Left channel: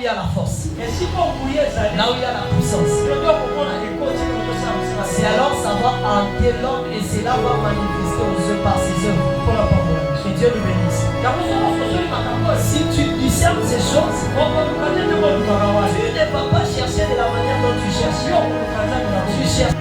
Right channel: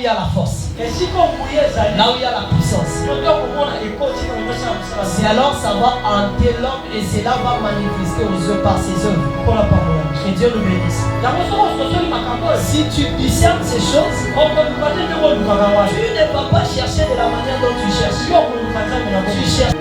il y a la force. Là où il y a la puissance. C'est alors ça va hanter l'homme et cela va manifester aux yeux par ses œuvres. Que Dieu nous bénisse. Si tu discernes ces choses, tu ne vas pas chercher de la manière dont tu cherches. Tu cherches.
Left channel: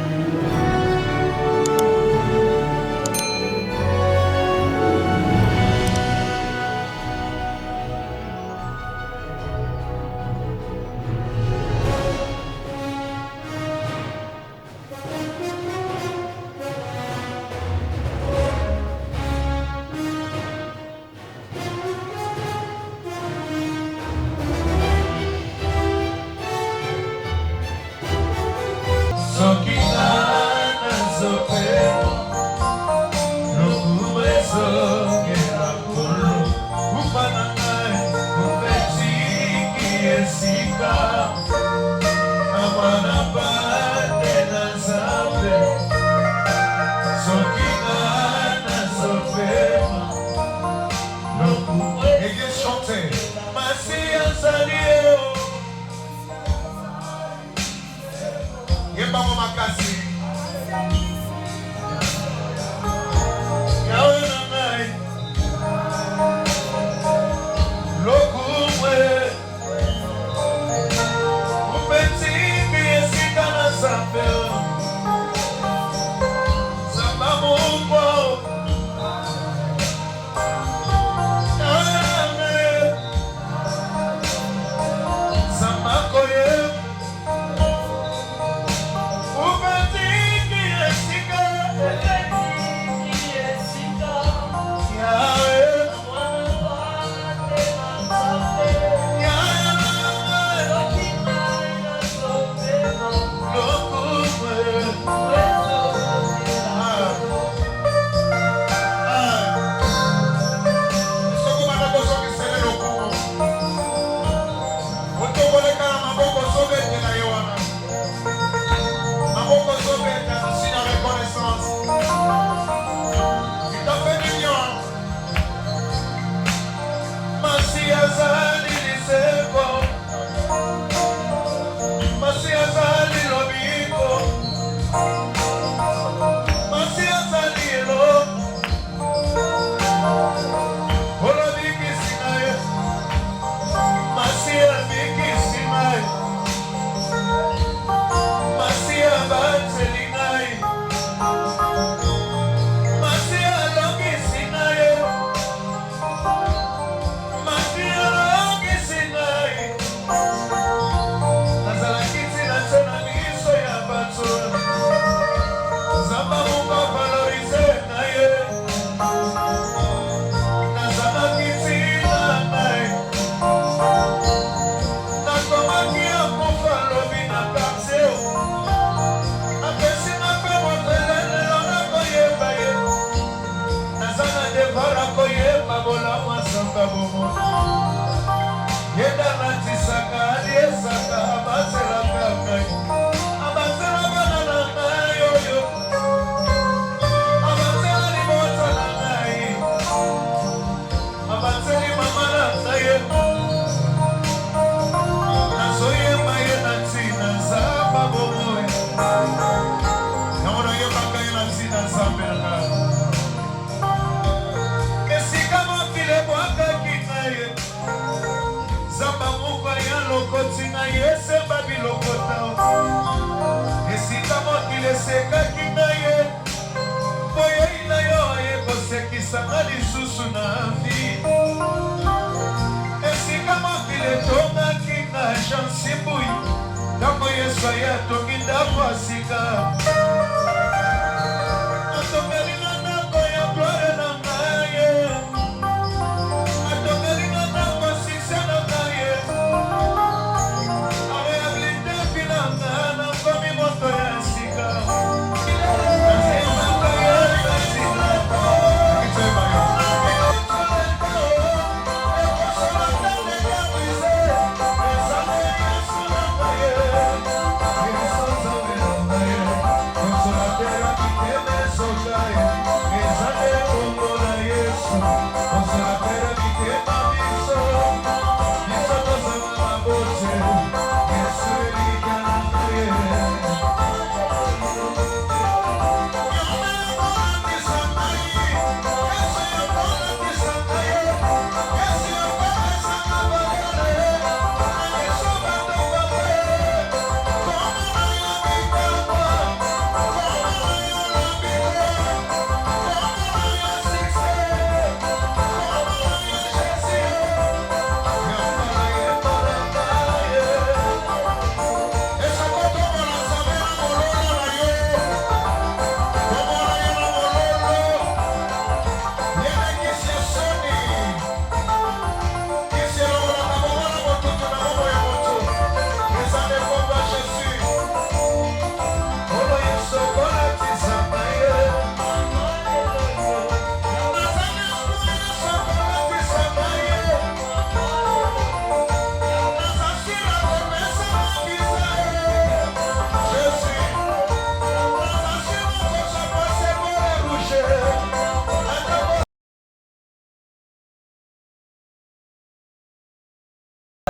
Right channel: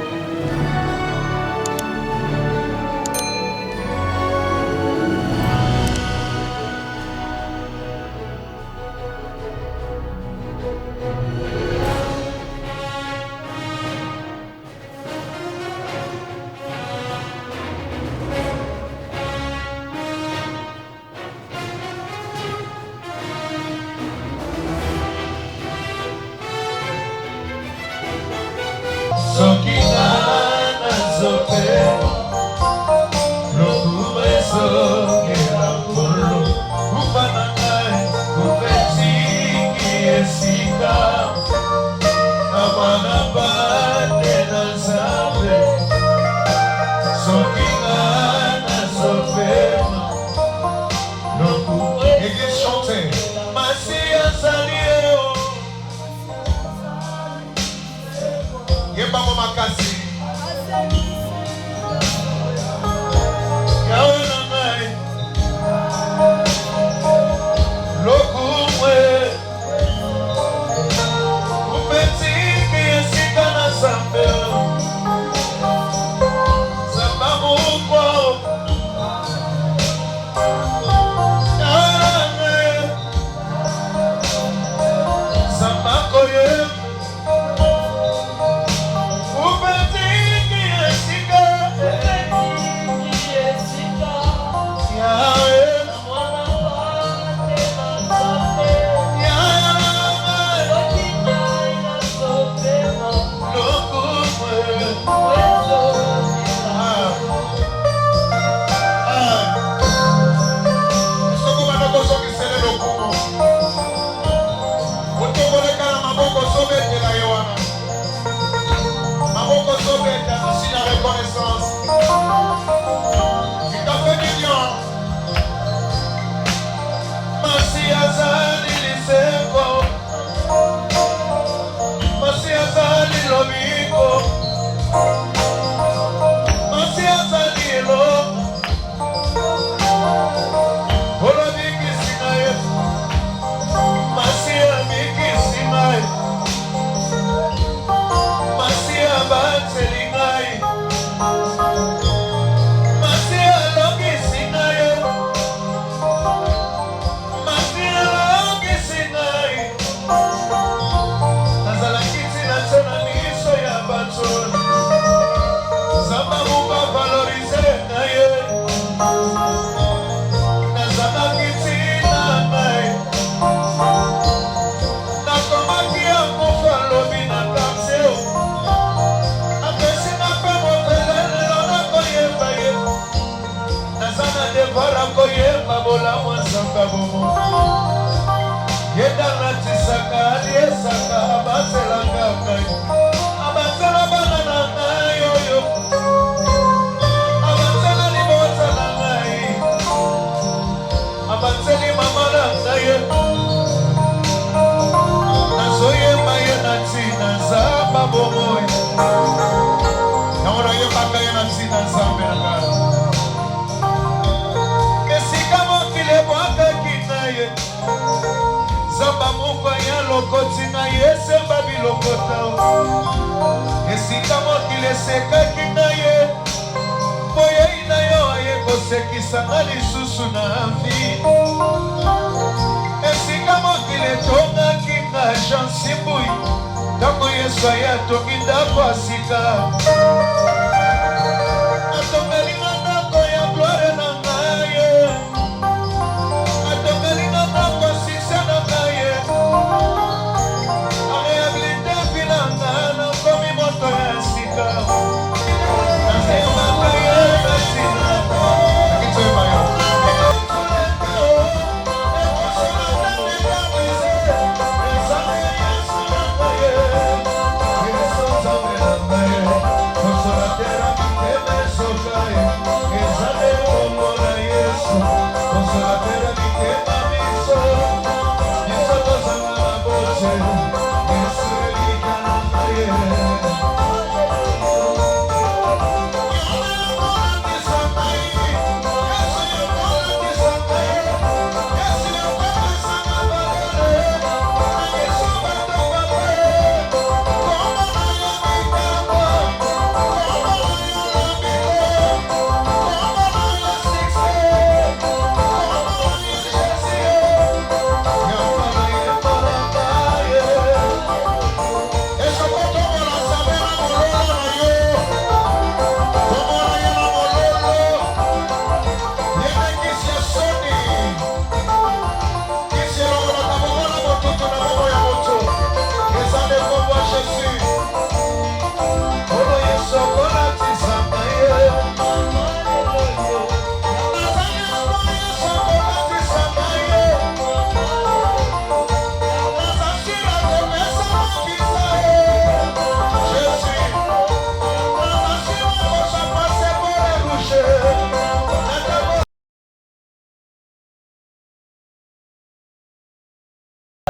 Consola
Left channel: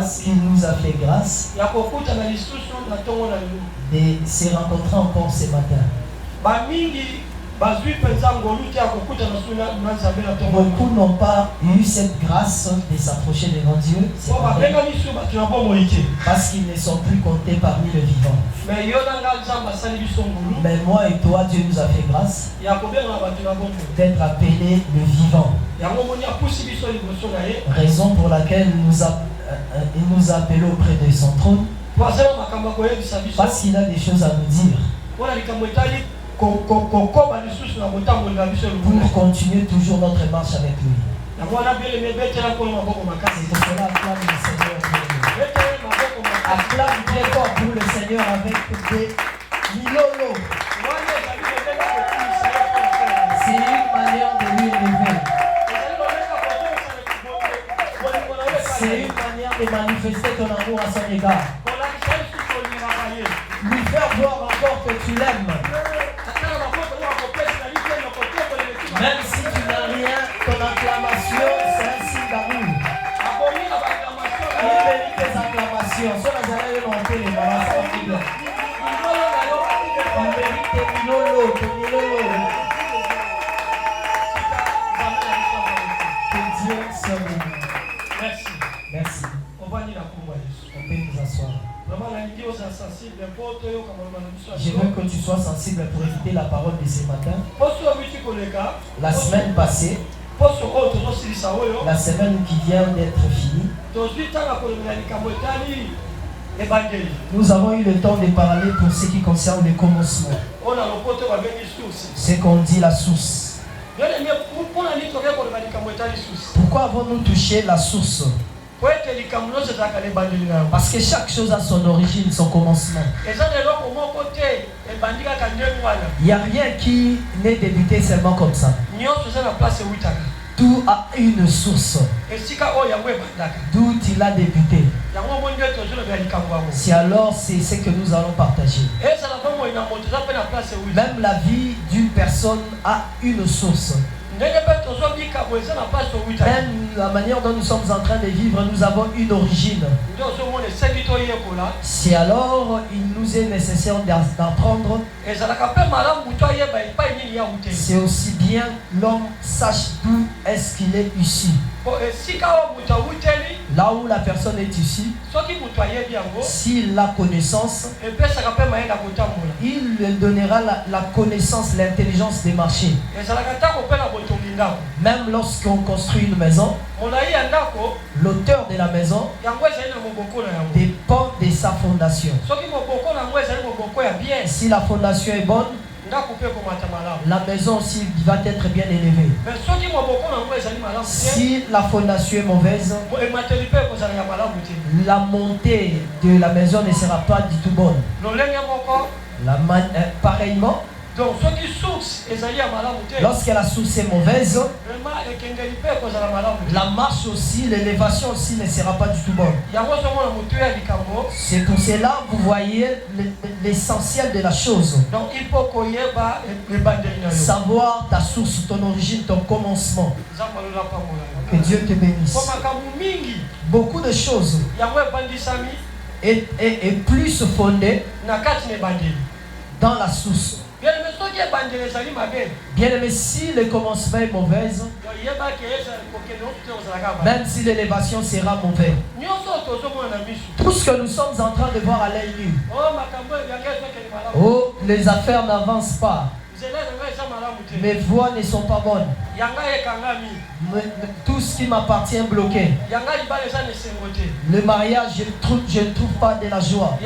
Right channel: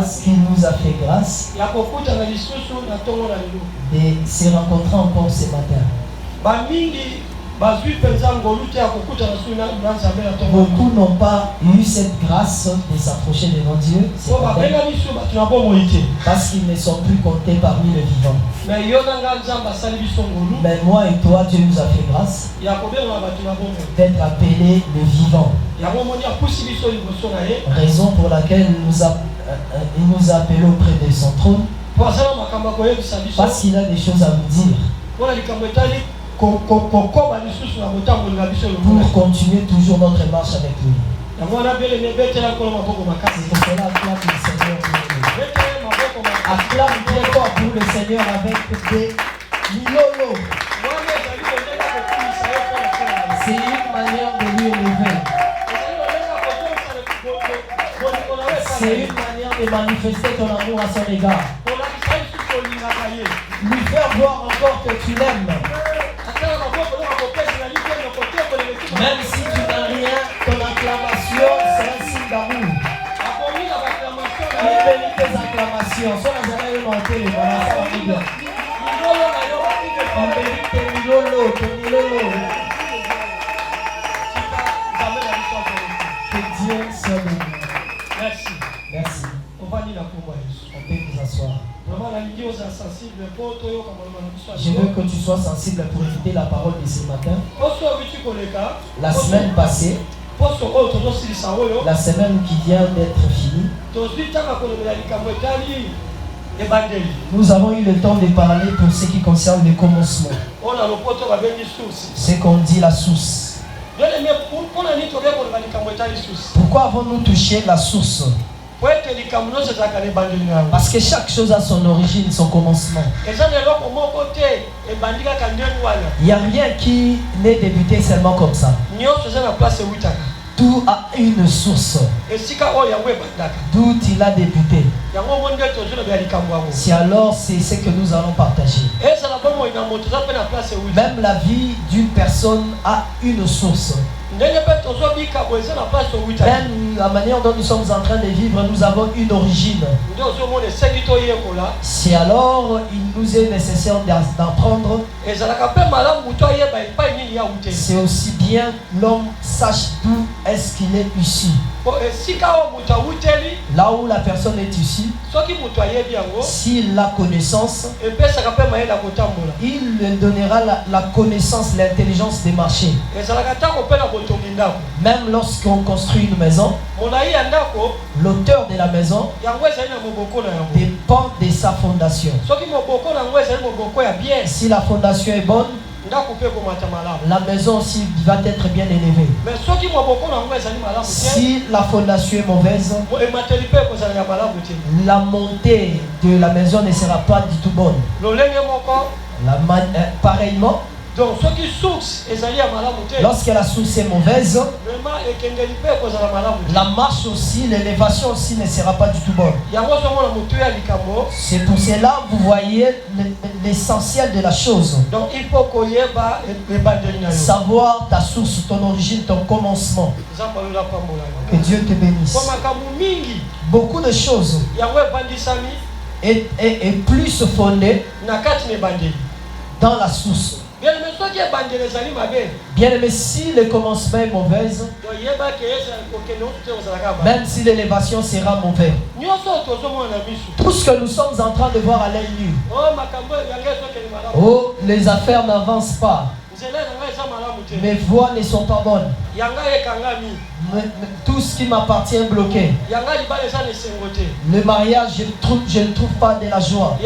Parce qu'il nous a fait grâce de se rencontrer encore ce matin. Beaucoup n'ont pas eu cette grâce de s'approcher de nos dieux parce qu'ils ne sont plus comptés parmi les vivants. Mais moi et toi, Dieu nous a fait grâce d'être appelés les vivants. Raison pour laquelle il nous a appelés auprès de son trône, parce qu'il a des choses à nous dire pour continuer toujours notre marche avec lui. C'est pour cela que le Seigneur acclame très fort pour le Seigneur avec des milolo. C'est une manière de lui élever. C'est une manière de manifester ton amour à son égard. Lui faire voir encore que tu l'aimes. Même si tu n'as rien, ton acclamation, c'est un signe d'amour. Il bénit tes acclamations. Ça, vous allez monter les acclamations. On bénit tes milolo, tes milolo. Que Dieu soit béni. Merci. Merci. On va dire la parole. On peut nous asseoir. Je veux que tu sois sensible pour écouter la parole de ce matin. La semaine passée, la semaine qui vient d'être finie, nous avons eu le temps de parler pour ce qui concerne le commencement. C'est qu'on dit la source. Pourquoi avons-nous touché la source? Parce que chaque chose a son origine, son commencement. Il n'y a rien qui n'est débuté seulement comme ça. Tout a une source. D'où il a débuté. Si alors c'est ce que nous allons partager. Même la vie d'une personne a une source. Même la manière dont nous sommes en train de vivre, nous avons une origine. Si alors il nous est nécessaire d'apprendre, c'est aussi bien l'homme sache d'où est-ce qu'il est issu. Là où la personne est issue, s'il a connaissance, il lui donnera la connaissance, l'intelligence des marchés. Même lorsqu'on construit une maison, l'auteur de la maison dépend de sa fondation. Si la fondation est bonne, la maison aussi va être bien élevée. Si la fondation est mauvaise, la montée de la maison ne sera pas du tout bonne. Pareillement, lorsque la source est mauvaise, la marche aussi, l'élévation aussi ne sera pas du tout bonne. C'est pour cela vous voyez l'essentiel de la chose. Savoir ta source, ton origine, ton commencement. Que Dieu te bénisse. Beaucoup de choses est plus fondée dans la source. Bien aimé, si le commencement est mauvais, même si l'élévation sera mauvaise, tout ce que nous sommes en train de voir à l'œil nu, oh, les affaires n'avancent pas, mes voies ne sont pas bonnes, tout ce qui m'appartient est bloqué, le mariage, je ne trouve pas de la joie,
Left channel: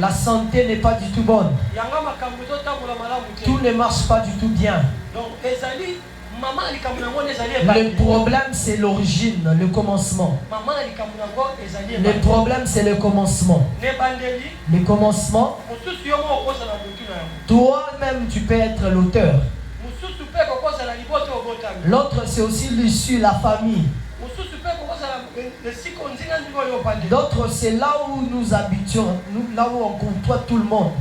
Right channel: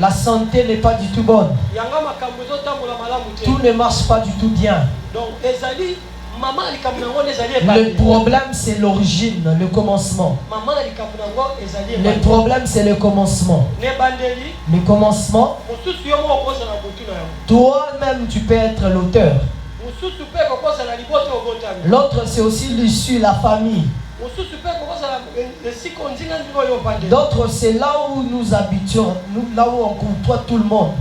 la santé n'est pas du tout bonne, tout ne marche pas du tout bien. Le problème c'est l'origine, le commencement. Le problème c'est le commencement. Le commencement, toi-même tu peux être l'auteur. L'autre c'est aussi l'issue, la famille. D'autres c'est là où nous habitons, là où on côtoie tout le monde.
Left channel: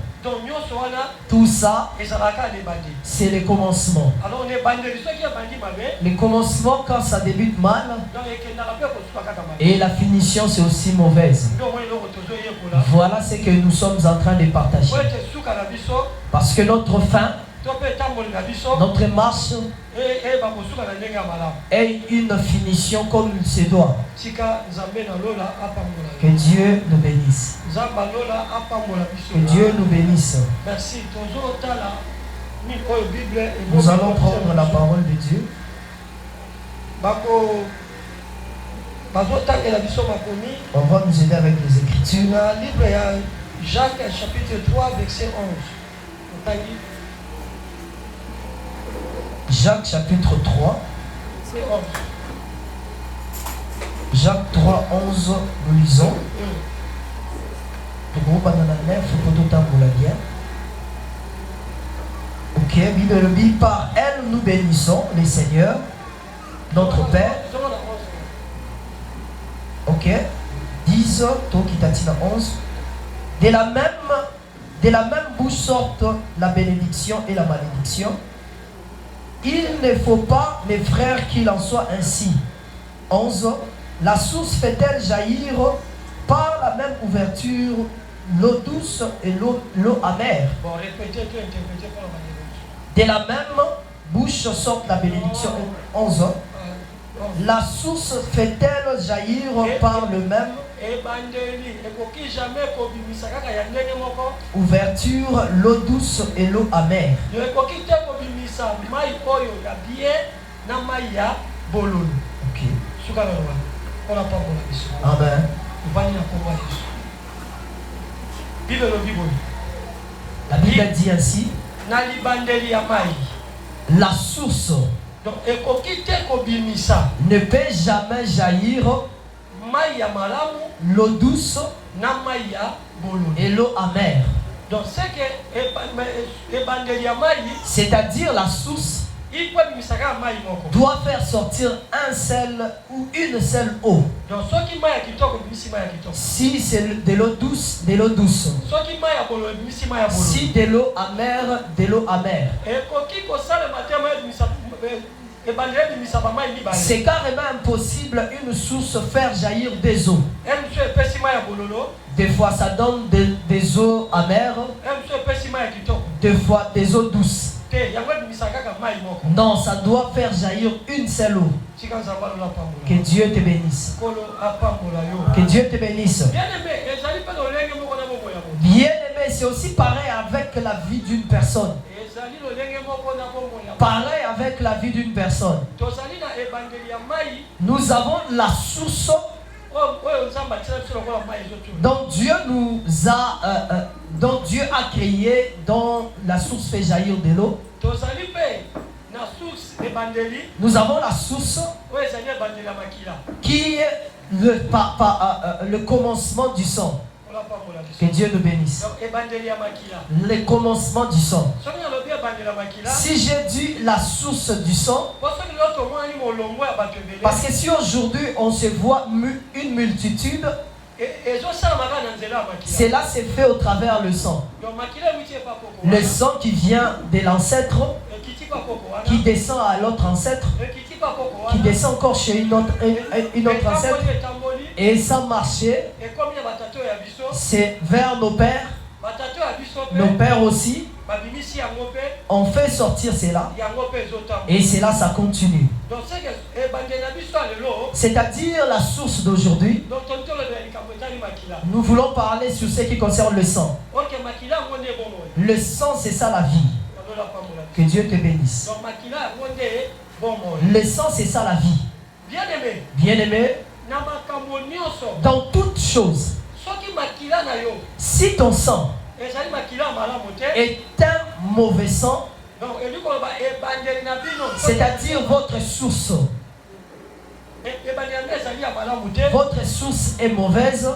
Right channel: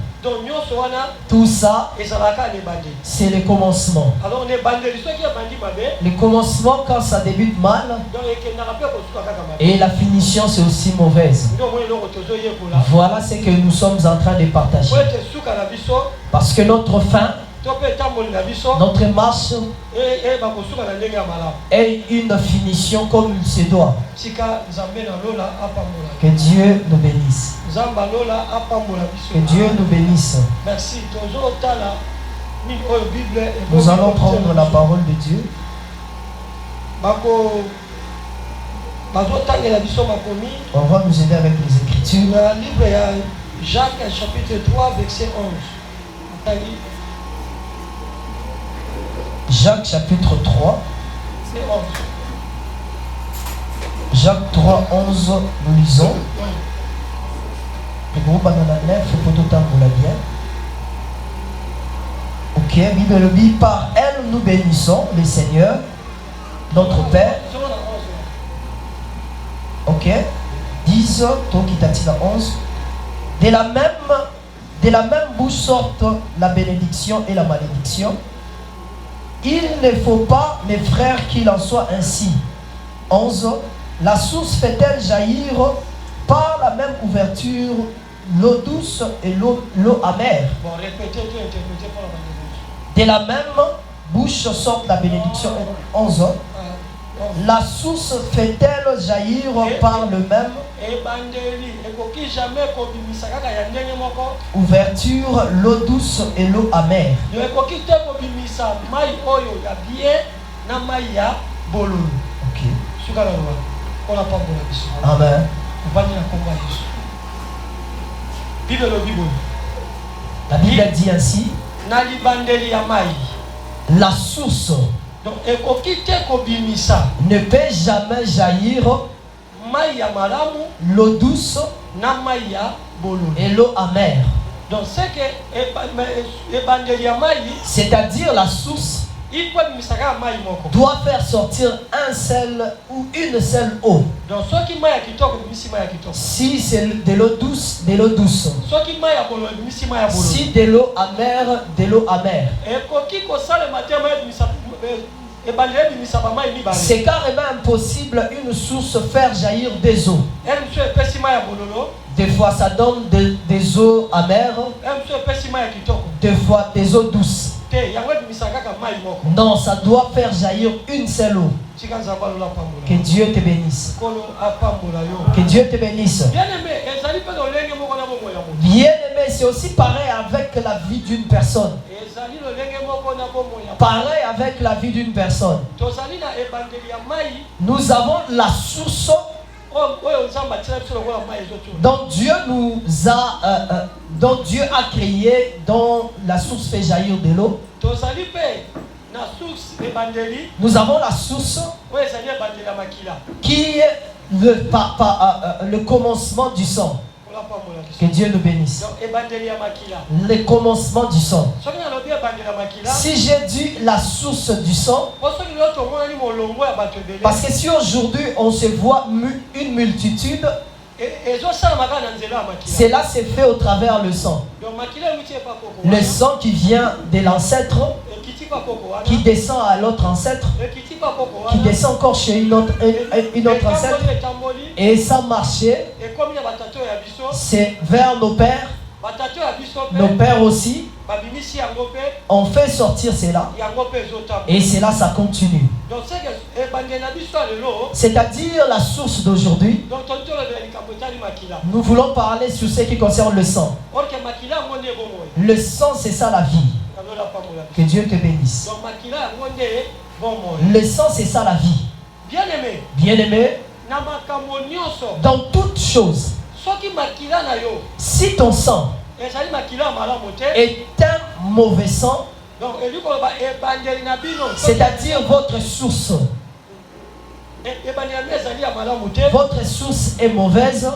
Tout ça, c'est le commencement. Le commencement, quand ça débute mal, et la finition, c'est aussi mauvaise. Voilà ce que nous sommes en train de partager. Parce que notre fin, notre marche est une finition comme il se doit. Que Dieu nous bénisse. Que Dieu nous bénisse. Merci. Nous allons prendre la parole de Dieu. On va nous aider avec les Écritures. Jacques chapitre 3 verset 11. Jacques chapitre 3. Jacques 3, 11, nous lisons. Le groupe Banana 9, pour tout temps pour la bien. Ok, Bible dit, par elle nous bénissons le Seigneur, notre Père. Ok, 10, Tokitatina 11. De la même bouche sortent la bénédiction et la malédiction. Il ne faut pas, mes frères, qu'il en soit ainsi. 11. La source fait-elle jaillir par la même ouverture l'eau douce et l'eau amère? De la même bouche sortent la bénédiction. 11. La source fait-elle jaillir par le même ouverture l'eau douce et l'eau amère? Ok. Amen. La Bible dit ainsi, la source ne peut jamais jaillir l'eau douce et l'eau amère. C'est-à-dire la source doit faire sortir un seul ou une seule eau. Si c'est de l'eau douce, de l'eau douce. Si de l'eau amère, de l'eau amère. C'est carrément impossible une source faire jaillir des eaux. Des fois ça donne des eaux amères, des fois des eaux douces. Non, ça doit faire jaillir une seule eau. Que Dieu te bénisse. Que Dieu te bénisse. Bien aimé, c'est aussi pareil avec la vie d'une personne. Pareil avec la vie d'une personne. Nous avons la source dont Dieu a créé, dont la source fait jaillir de l'eau. Nous avons la source qui est le commencement du sang. Que Dieu nous bénisse. Le commencement du sang. Si j'ai dit la source du sang, parce que si aujourd'hui on se voit une multitude, cela s'est fait au travers le sang. Le sang qui vient de l'ancêtre, qui descend à l'autre ancêtre, qui descend encore chez une autre ancêtre, et ça marchait. C'est vers nos pères. Nos pères aussi ont fait sortir cela. Et cela, ça continue. C'est-à-dire la source d'aujourd'hui. Nous voulons parler sur ce qui concerne le sang. Le sang, c'est ça la vie. Que Dieu te bénisse. Le sang, c'est ça la vie. Bien-aimé, dans toutes choses, si ton sang est un mauvais sang, c'est-à-dire votre source est mauvaise,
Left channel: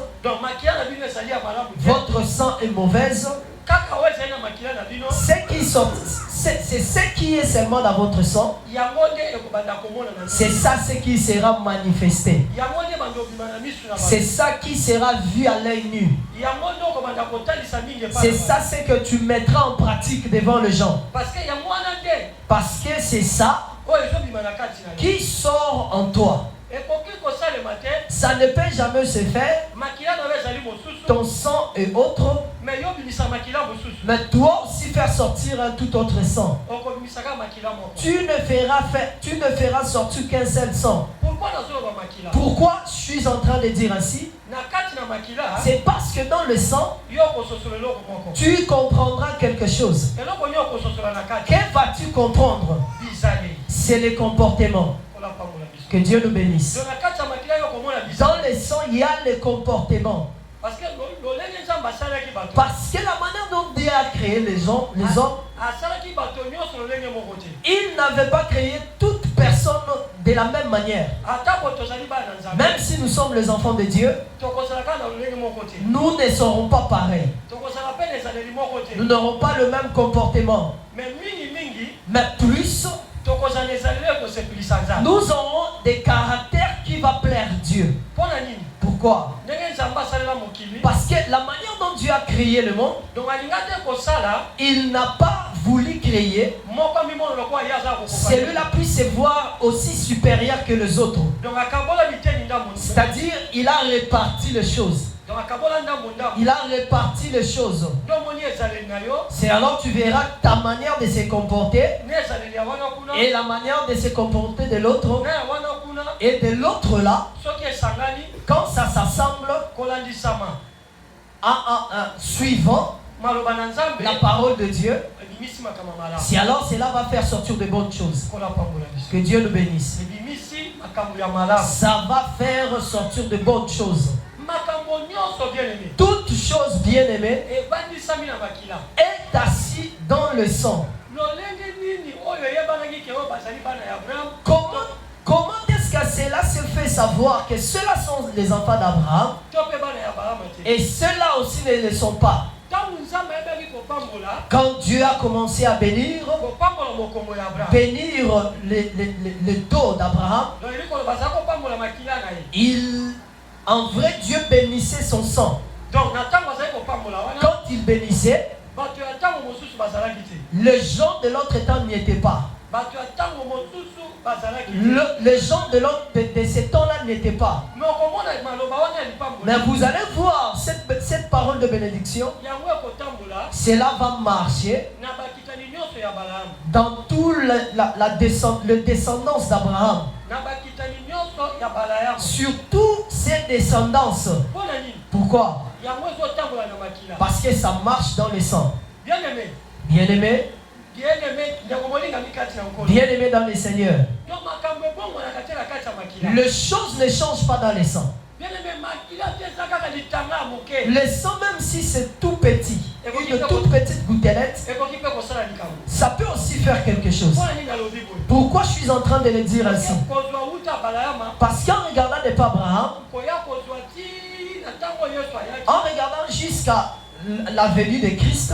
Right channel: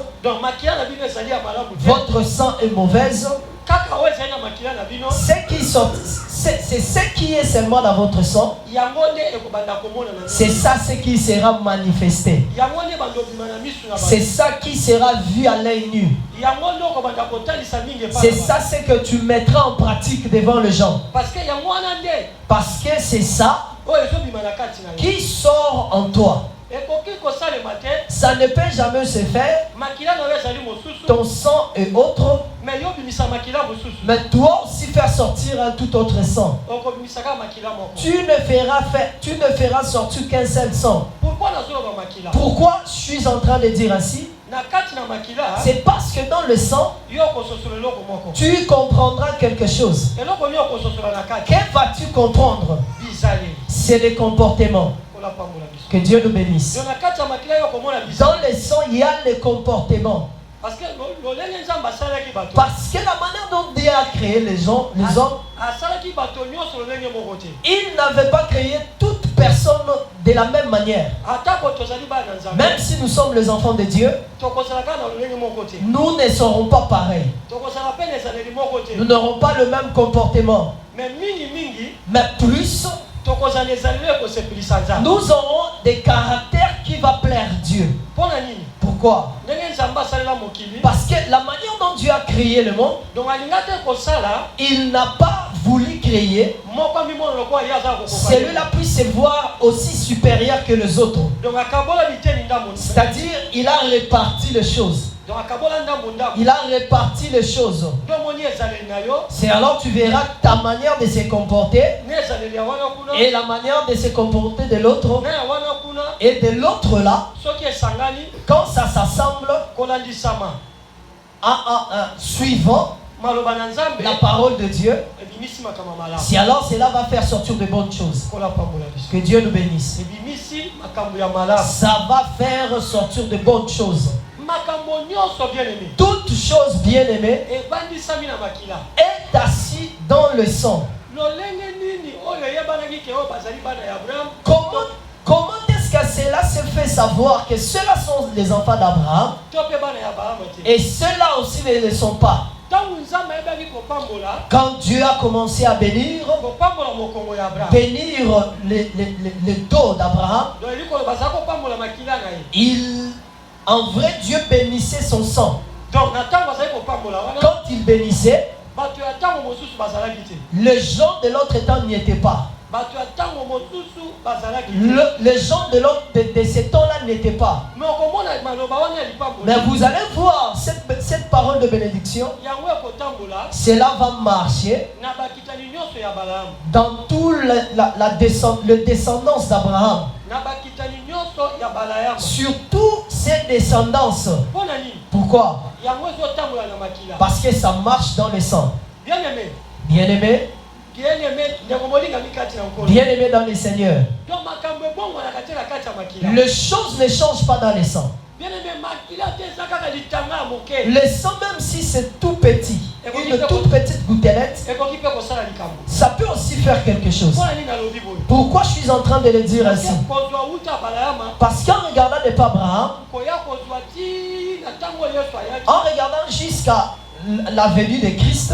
ce c'est ce qui est seulement dans votre sang. C'est ça ce qui sera manifesté. C'est ça qui sera vu à l'œil nu. C'est ça ce que tu mettras en pratique devant les gens. Parce que c'est ça qui sort en toi. Ça ne peut jamais se faire. Ton sang est autre. Mais toi aussi faire sortir un tout autre sang. Tu ne feras sortir qu'un seul sang. Pourquoi je suis en train de dire ainsi? C'est parce que dans le sang, tu comprendras quelque chose. Que vas-tu comprendre? C'est le comportement. Que Dieu nous bénisse. Dans le sang, il y a le comportement. Parce que la manière dont Dieu a créé les hommes, il n'avait pas créé toute personne de la même manière. Même si nous sommes les enfants de Dieu, nous ne serons pas pareils. Nous n'aurons pas le même comportement. Mais plus, nous aurons des caractères qui vont plaire à Dieu. Pourquoi? Parce que la manière dont Dieu a créé le monde, il n'a pas voulu créer celui-là puisse se voir aussi supérieur que les autres. C'est-à-dire, il a réparti les choses. Il a réparti les choses. C'est alors tu verras ta manière de se comporter et la manière de se comporter de l'autre. Et de l'autre là, quand ça s'assemble, suivant la parole de Dieu, si alors cela va faire sortir de bonnes choses. Que Dieu nous bénisse. Ça va faire sortir de bonnes choses. Toute chose bien aimée est assise dans le sang. Comment est-ce que cela se fait savoir que ceux-là sont les enfants d'Abraham et ceux-là aussi ne le sont pas? Quand Dieu a commencé à bénir le dos d'Abraham, en vrai, Dieu bénissait son sang. Quand il bénissait, les gens de l'autre temps n'y étaient pas. Les gens de ces temps-là n'étaient pas. Mais vous allez voir cette parole de bénédiction. Cela va marcher dans tout le descendance d'Abraham. Surtout ses descendances. Pourquoi? Parce que ça marche dans le sang. Bien-aimé. Bien-aimé dans le Seigneur. Les choses ne changent pas dans le sang. Le sang, même si c'est tout petit, une toute petite gouttelette, ça peut aussi faire quelque chose. Pourquoi je suis en train de le dire ainsi? Parce qu'en regardant de Abraham, en regardant jusqu'à la venue de Christ,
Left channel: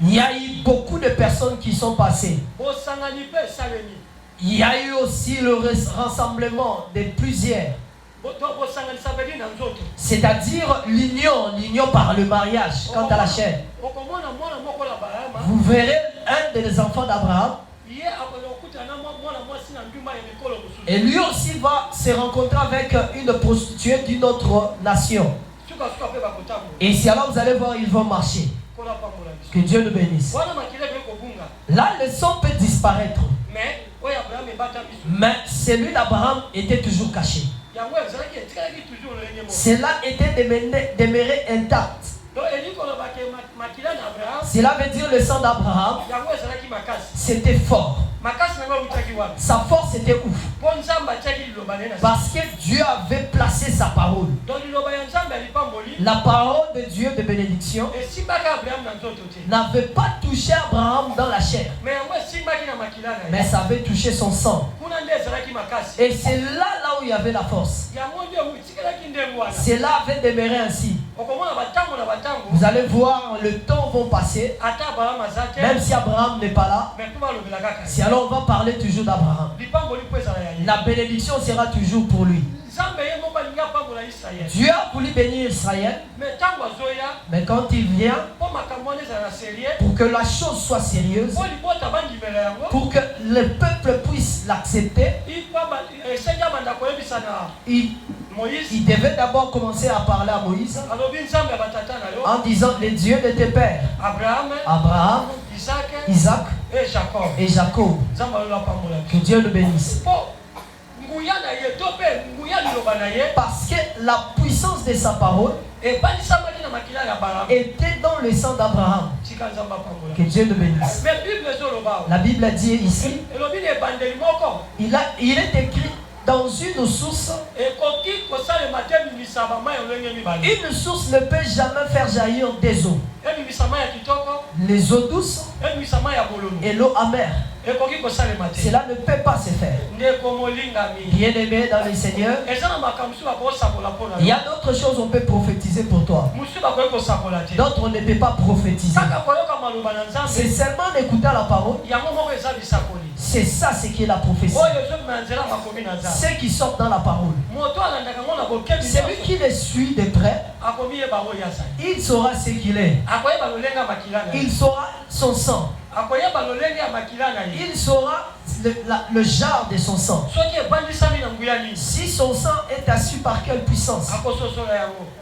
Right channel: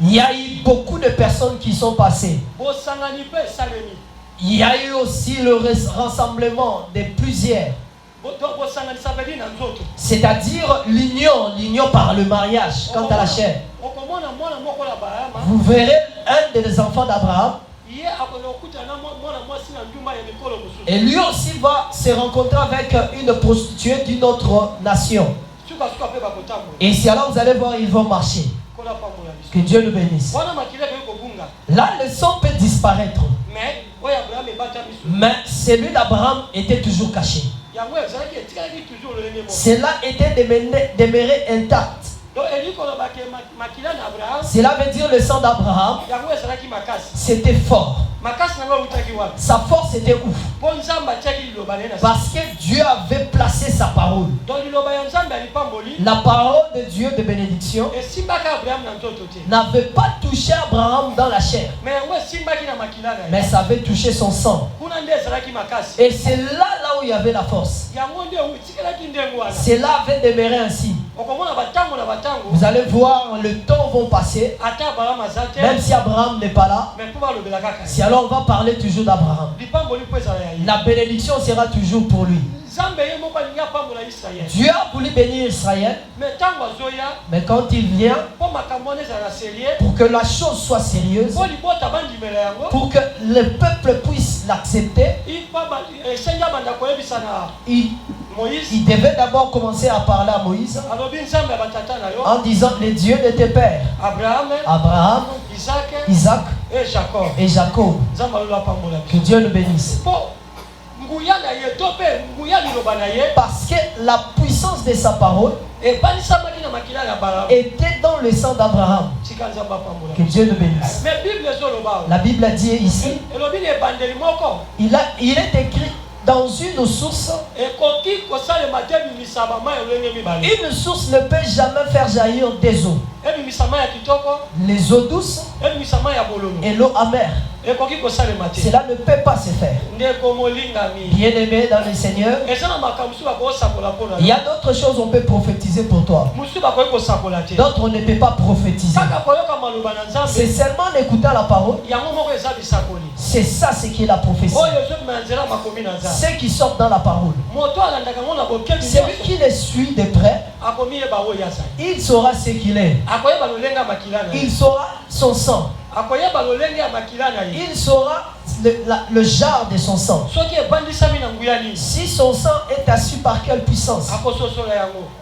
il y a eu beaucoup de personnes qui sont passées. Il y a eu aussi le rassemblement de plusieurs. C'est-à-dire l'union par le mariage, quant à la chair. Vous verrez un des enfants d'Abraham. Et lui aussi va se rencontrer avec une prostituée d'une autre nation. Et si alors vous allez voir, ils vont marcher. Que Dieu nous bénisse. Là, le sang peut disparaître. Mais celui d'Abraham était toujours caché. Cela était demeuré intact. Cela veut dire le sang d'Abraham, c'était fort. Sa force était ouf. Parce que Dieu avait placé sa parole. La parole de Dieu de bénédiction n'avait pas touché Abraham dans la chair. Mais ça avait touché son sang. Et c'est là où il y avait la force. Cela avait demeuré ainsi. Vous allez voir, le temps va passer. Même si Abraham n'est pas là, si alors on va parler toujours d'Abraham. La bénédiction sera toujours pour lui. Dieu a voulu bénir Israël, mais quand il vient, pour que la chose soit sérieuse, pour que le peuple puisse l'accepter, il devait d'abord commencer à parler à Moïse en disant les dieux de tes pères, Abraham, Isaac et Jacob. Que Dieu le bénisse. Parce que la puissance de sa parole était dans le sang d'Abraham. Que Dieu le bénisse. La Bible a dit ici, il est écrit dans une source. Une source ne peut jamais faire jaillir des eaux. Les eaux douces et l'eau amère. Cela ne peut pas se faire. Bien-aimé dans le Seigneur, il y a d'autres choses qu'on peut prophétiser pour toi. D'autres on ne peut pas prophétiser. C'est seulement en écoutant la parole. C'est ça ce qui est la prophétie. Ceux qui sortent dans la parole. Celui qui les suit de près, il saura ce qu'il est. Il saura son sang. Il saura le genre de son sang. Si son sang est assis par quelle puissance,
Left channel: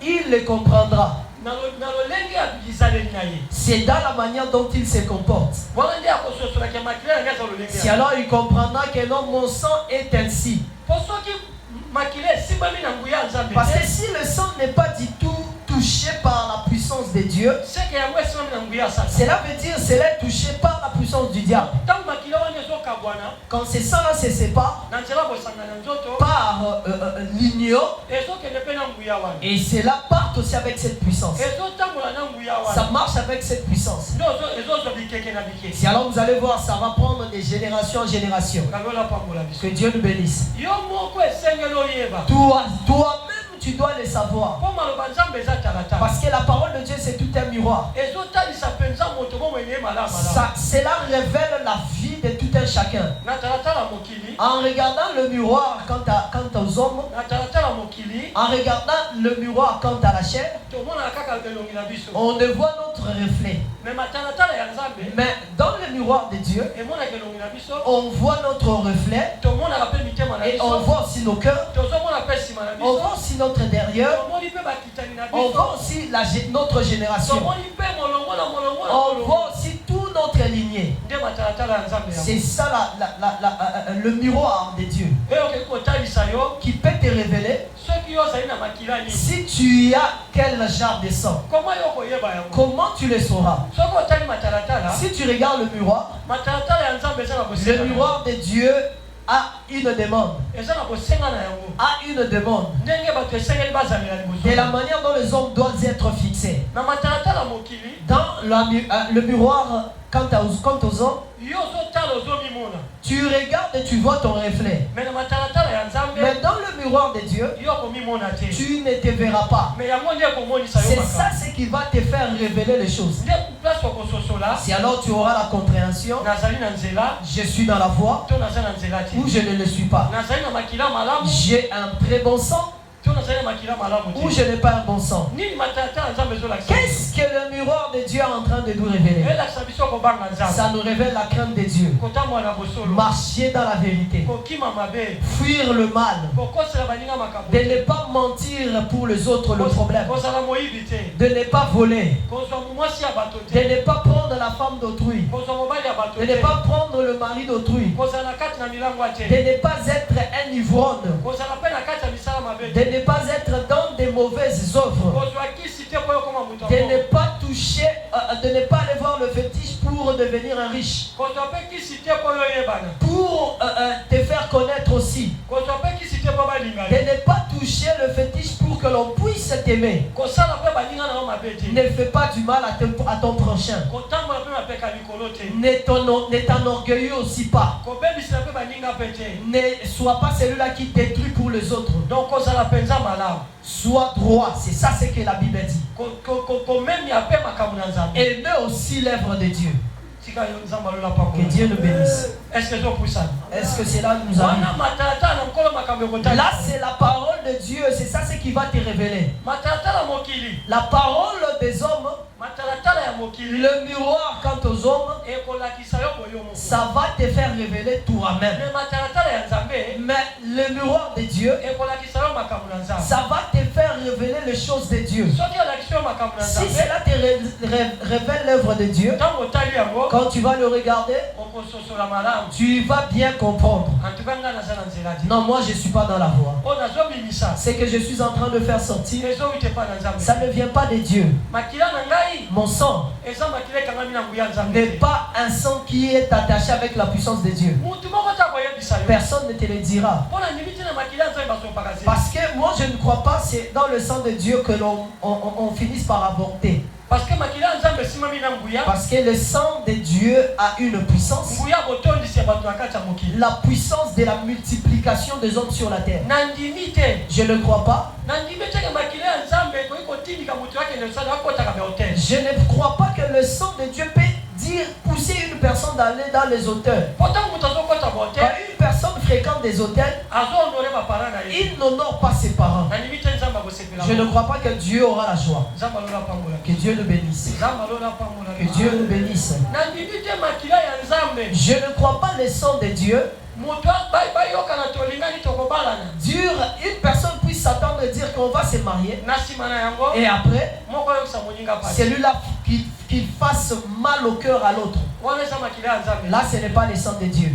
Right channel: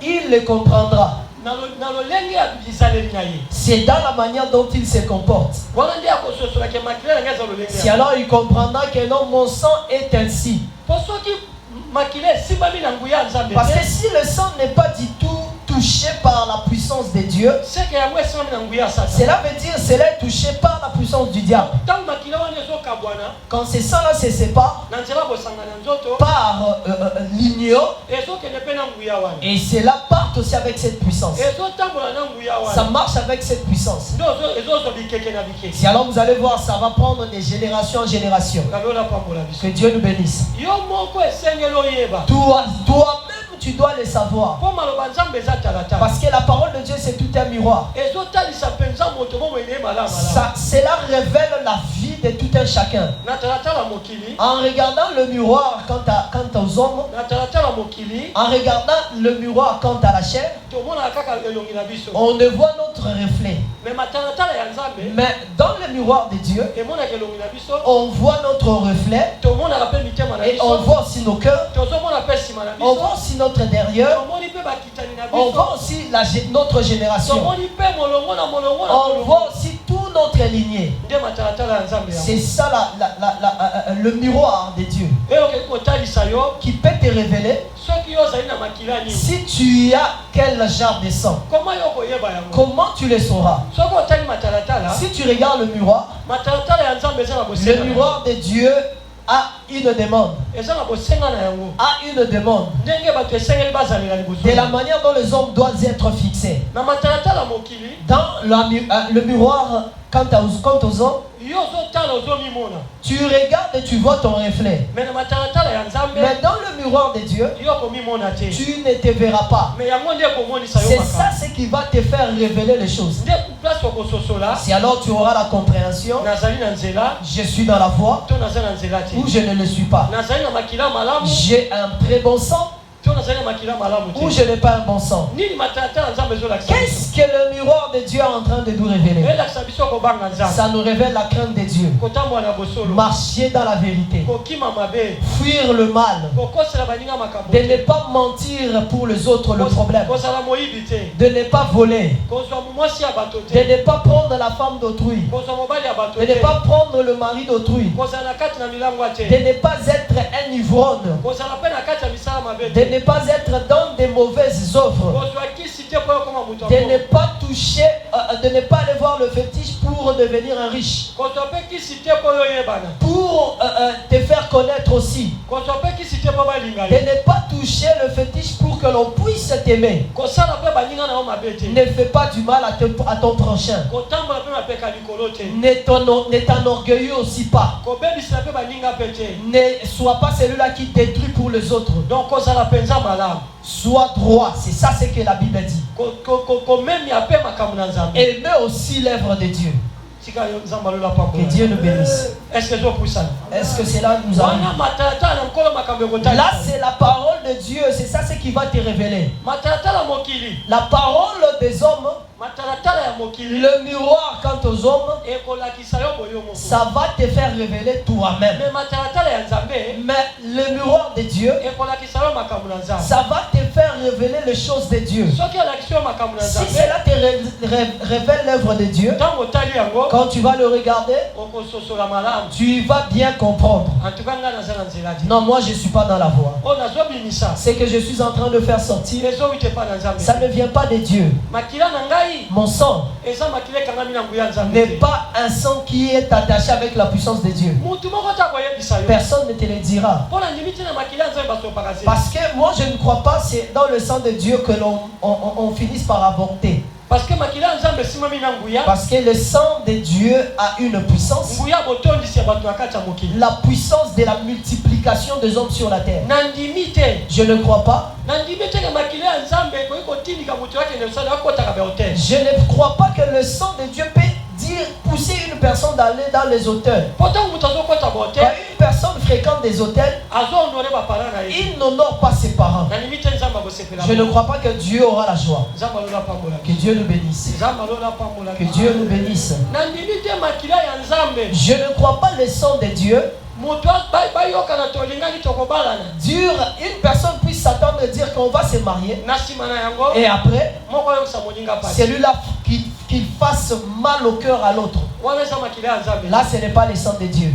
il le comprendra. C'est dans la manière dont il se comporte. Si alors il comprendra que non, mon sang est ainsi. Parce que si le sang n'est pas du tout touché par la puissance de Dieu, cela veut dire que cela est touché par la puissance du diable. Quand ce sang-là se sépare par l'union, et cela part aussi avec cette puissance. Ça marche avec cette puissance. Si alors vous allez voir, ça va prendre des générations en génération. Que Dieu nous bénisse. Toi-même, tu dois le savoir. Parce que la parole de Dieu, c'est tout un miroir. Cela révèle la vie de tout un chacun. En regardant le miroir quant aux hommes, en regardant le miroir quant à la chair, on ne voit notre reflet. Mais dans le miroir de Dieu, on voit notre reflet et on voit aussi nos cœurs, on voit aussi notre intérieur, on voit aussi notre génération, on voit aussi tout notre lignée. C'est ça le miroir de Dieu qui peut te révéler si tu as quel genre de sang. Comment tu le sauras? Si tu regardes le miroir de Dieu a une demande. A une demande. De la manière dont les hommes doivent être fixés. Dans le miroir, quant aux hommes, tu regardes et tu vois ton reflet. Mais dans le miroir de Dieu, tu ne te verras pas. C'est ça ce qui va te faire révéler les choses. Si alors tu auras la compréhension, je suis dans la voie ou je ne le suis pas. J'ai un très bon sang ou je n'ai pas un bon sang. Qu'est-ce que le miroir de Dieu est en train de nous révéler? Ça nous révèle la crainte de Dieu. Marcher dans la vérité. Fuir le mal. De ne pas mentir pour les autres le problème. De ne pas voler. De ne pas prendre la femme d'autrui. De ne pas prendre le mari d'autrui. De ne pas être un ivrogne. De ne pas être dans des mauvaises œuvres. De ne pas toucher, de ne pas aller voir le fétiche pour devenir un riche. Pour te faire connaître aussi. De ne pas toucher le fétiche pour que l'on puisse t'aimer. Ne fais pas du mal à ton prochain. Ne t'enorgueillis aussi pas. Ne sois pas celui-là qui détruit pour les autres. Sois droit, c'est ça ce que la Bible dit. Aimez aussi l'œuvre de Dieu. Que Dieu nous bénisse. Est-ce que c'est pour ça? Est-ce que cela nous arrive? Là, c'est la parole de Dieu. C'est ça ce qui va te révéler. La parole des hommes, le miroir quant aux hommes, ça va te faire révéler toi-même. Mais le miroir de Dieu, ça va te faire révéler les choses de Dieu. Si cela te révèle l'œuvre de Dieu, quand tu vas le regarder, tu vas bien comprendre. Non, moi je ne suis pas dans la voie. C'est que je suis en train de faire sortir, ça ne vient pas de Dieu. Mon sang n'est pas un sang qui est attaché avec la puissance de Dieu. Personne ne te le dira. Parce que moi je ne crois pas c'est dans le sang de Dieu que on finisse par avorter. Parce que le sang de Dieu a une puissance. La puissance de la multiplication des hommes sur la terre. Je ne crois pas. Je ne crois pas que le sang de Dieu peut pousser une personne d'aller dans les hauteurs. Quand une personne fréquente des hôtels, il n'honore pas ses parents. Je ne crois pas que Dieu aura la joie. Que Dieu nous bénisse. Que Dieu nous bénisse. Je ne crois pas le sang de Dieu. Une personne puisse s'attendre de dire qu'on va se marier et après celui-là qu'il fasse mal au cœur à l'autre. Là ce n'est pas le sang de Dieu.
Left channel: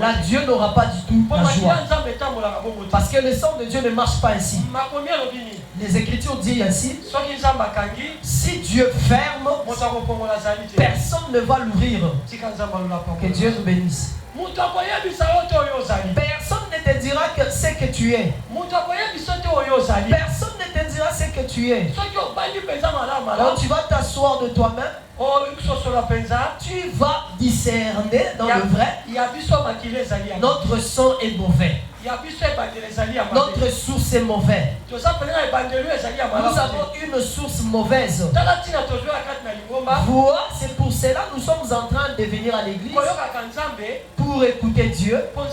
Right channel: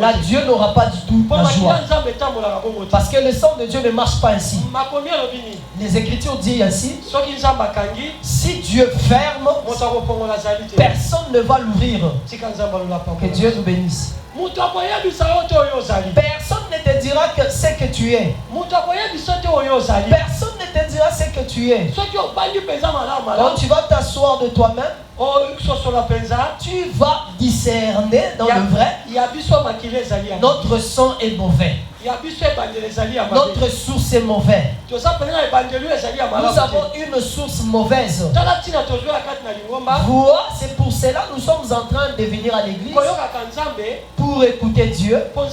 Là Dieu n'aura pas du tout la joie. Parce que le sang de Dieu ne marche pas ainsi. Les Écritures disent ainsi: si Dieu ferme, personne ne va l'ouvrir. Que Dieu nous bénisse. Personne ne te dira que c'est que tu es. Personne ne te dira ce que tu es. Quand tu vas t'asseoir de toi-même, tu vas discerner dans le vrai. Notre sang est mauvais. Notre source est mauvaise. Nous avons une source mauvaise. Voilà, c'est pour cela que nous sommes en train de venir à l'église pour écouter Dieu, pour que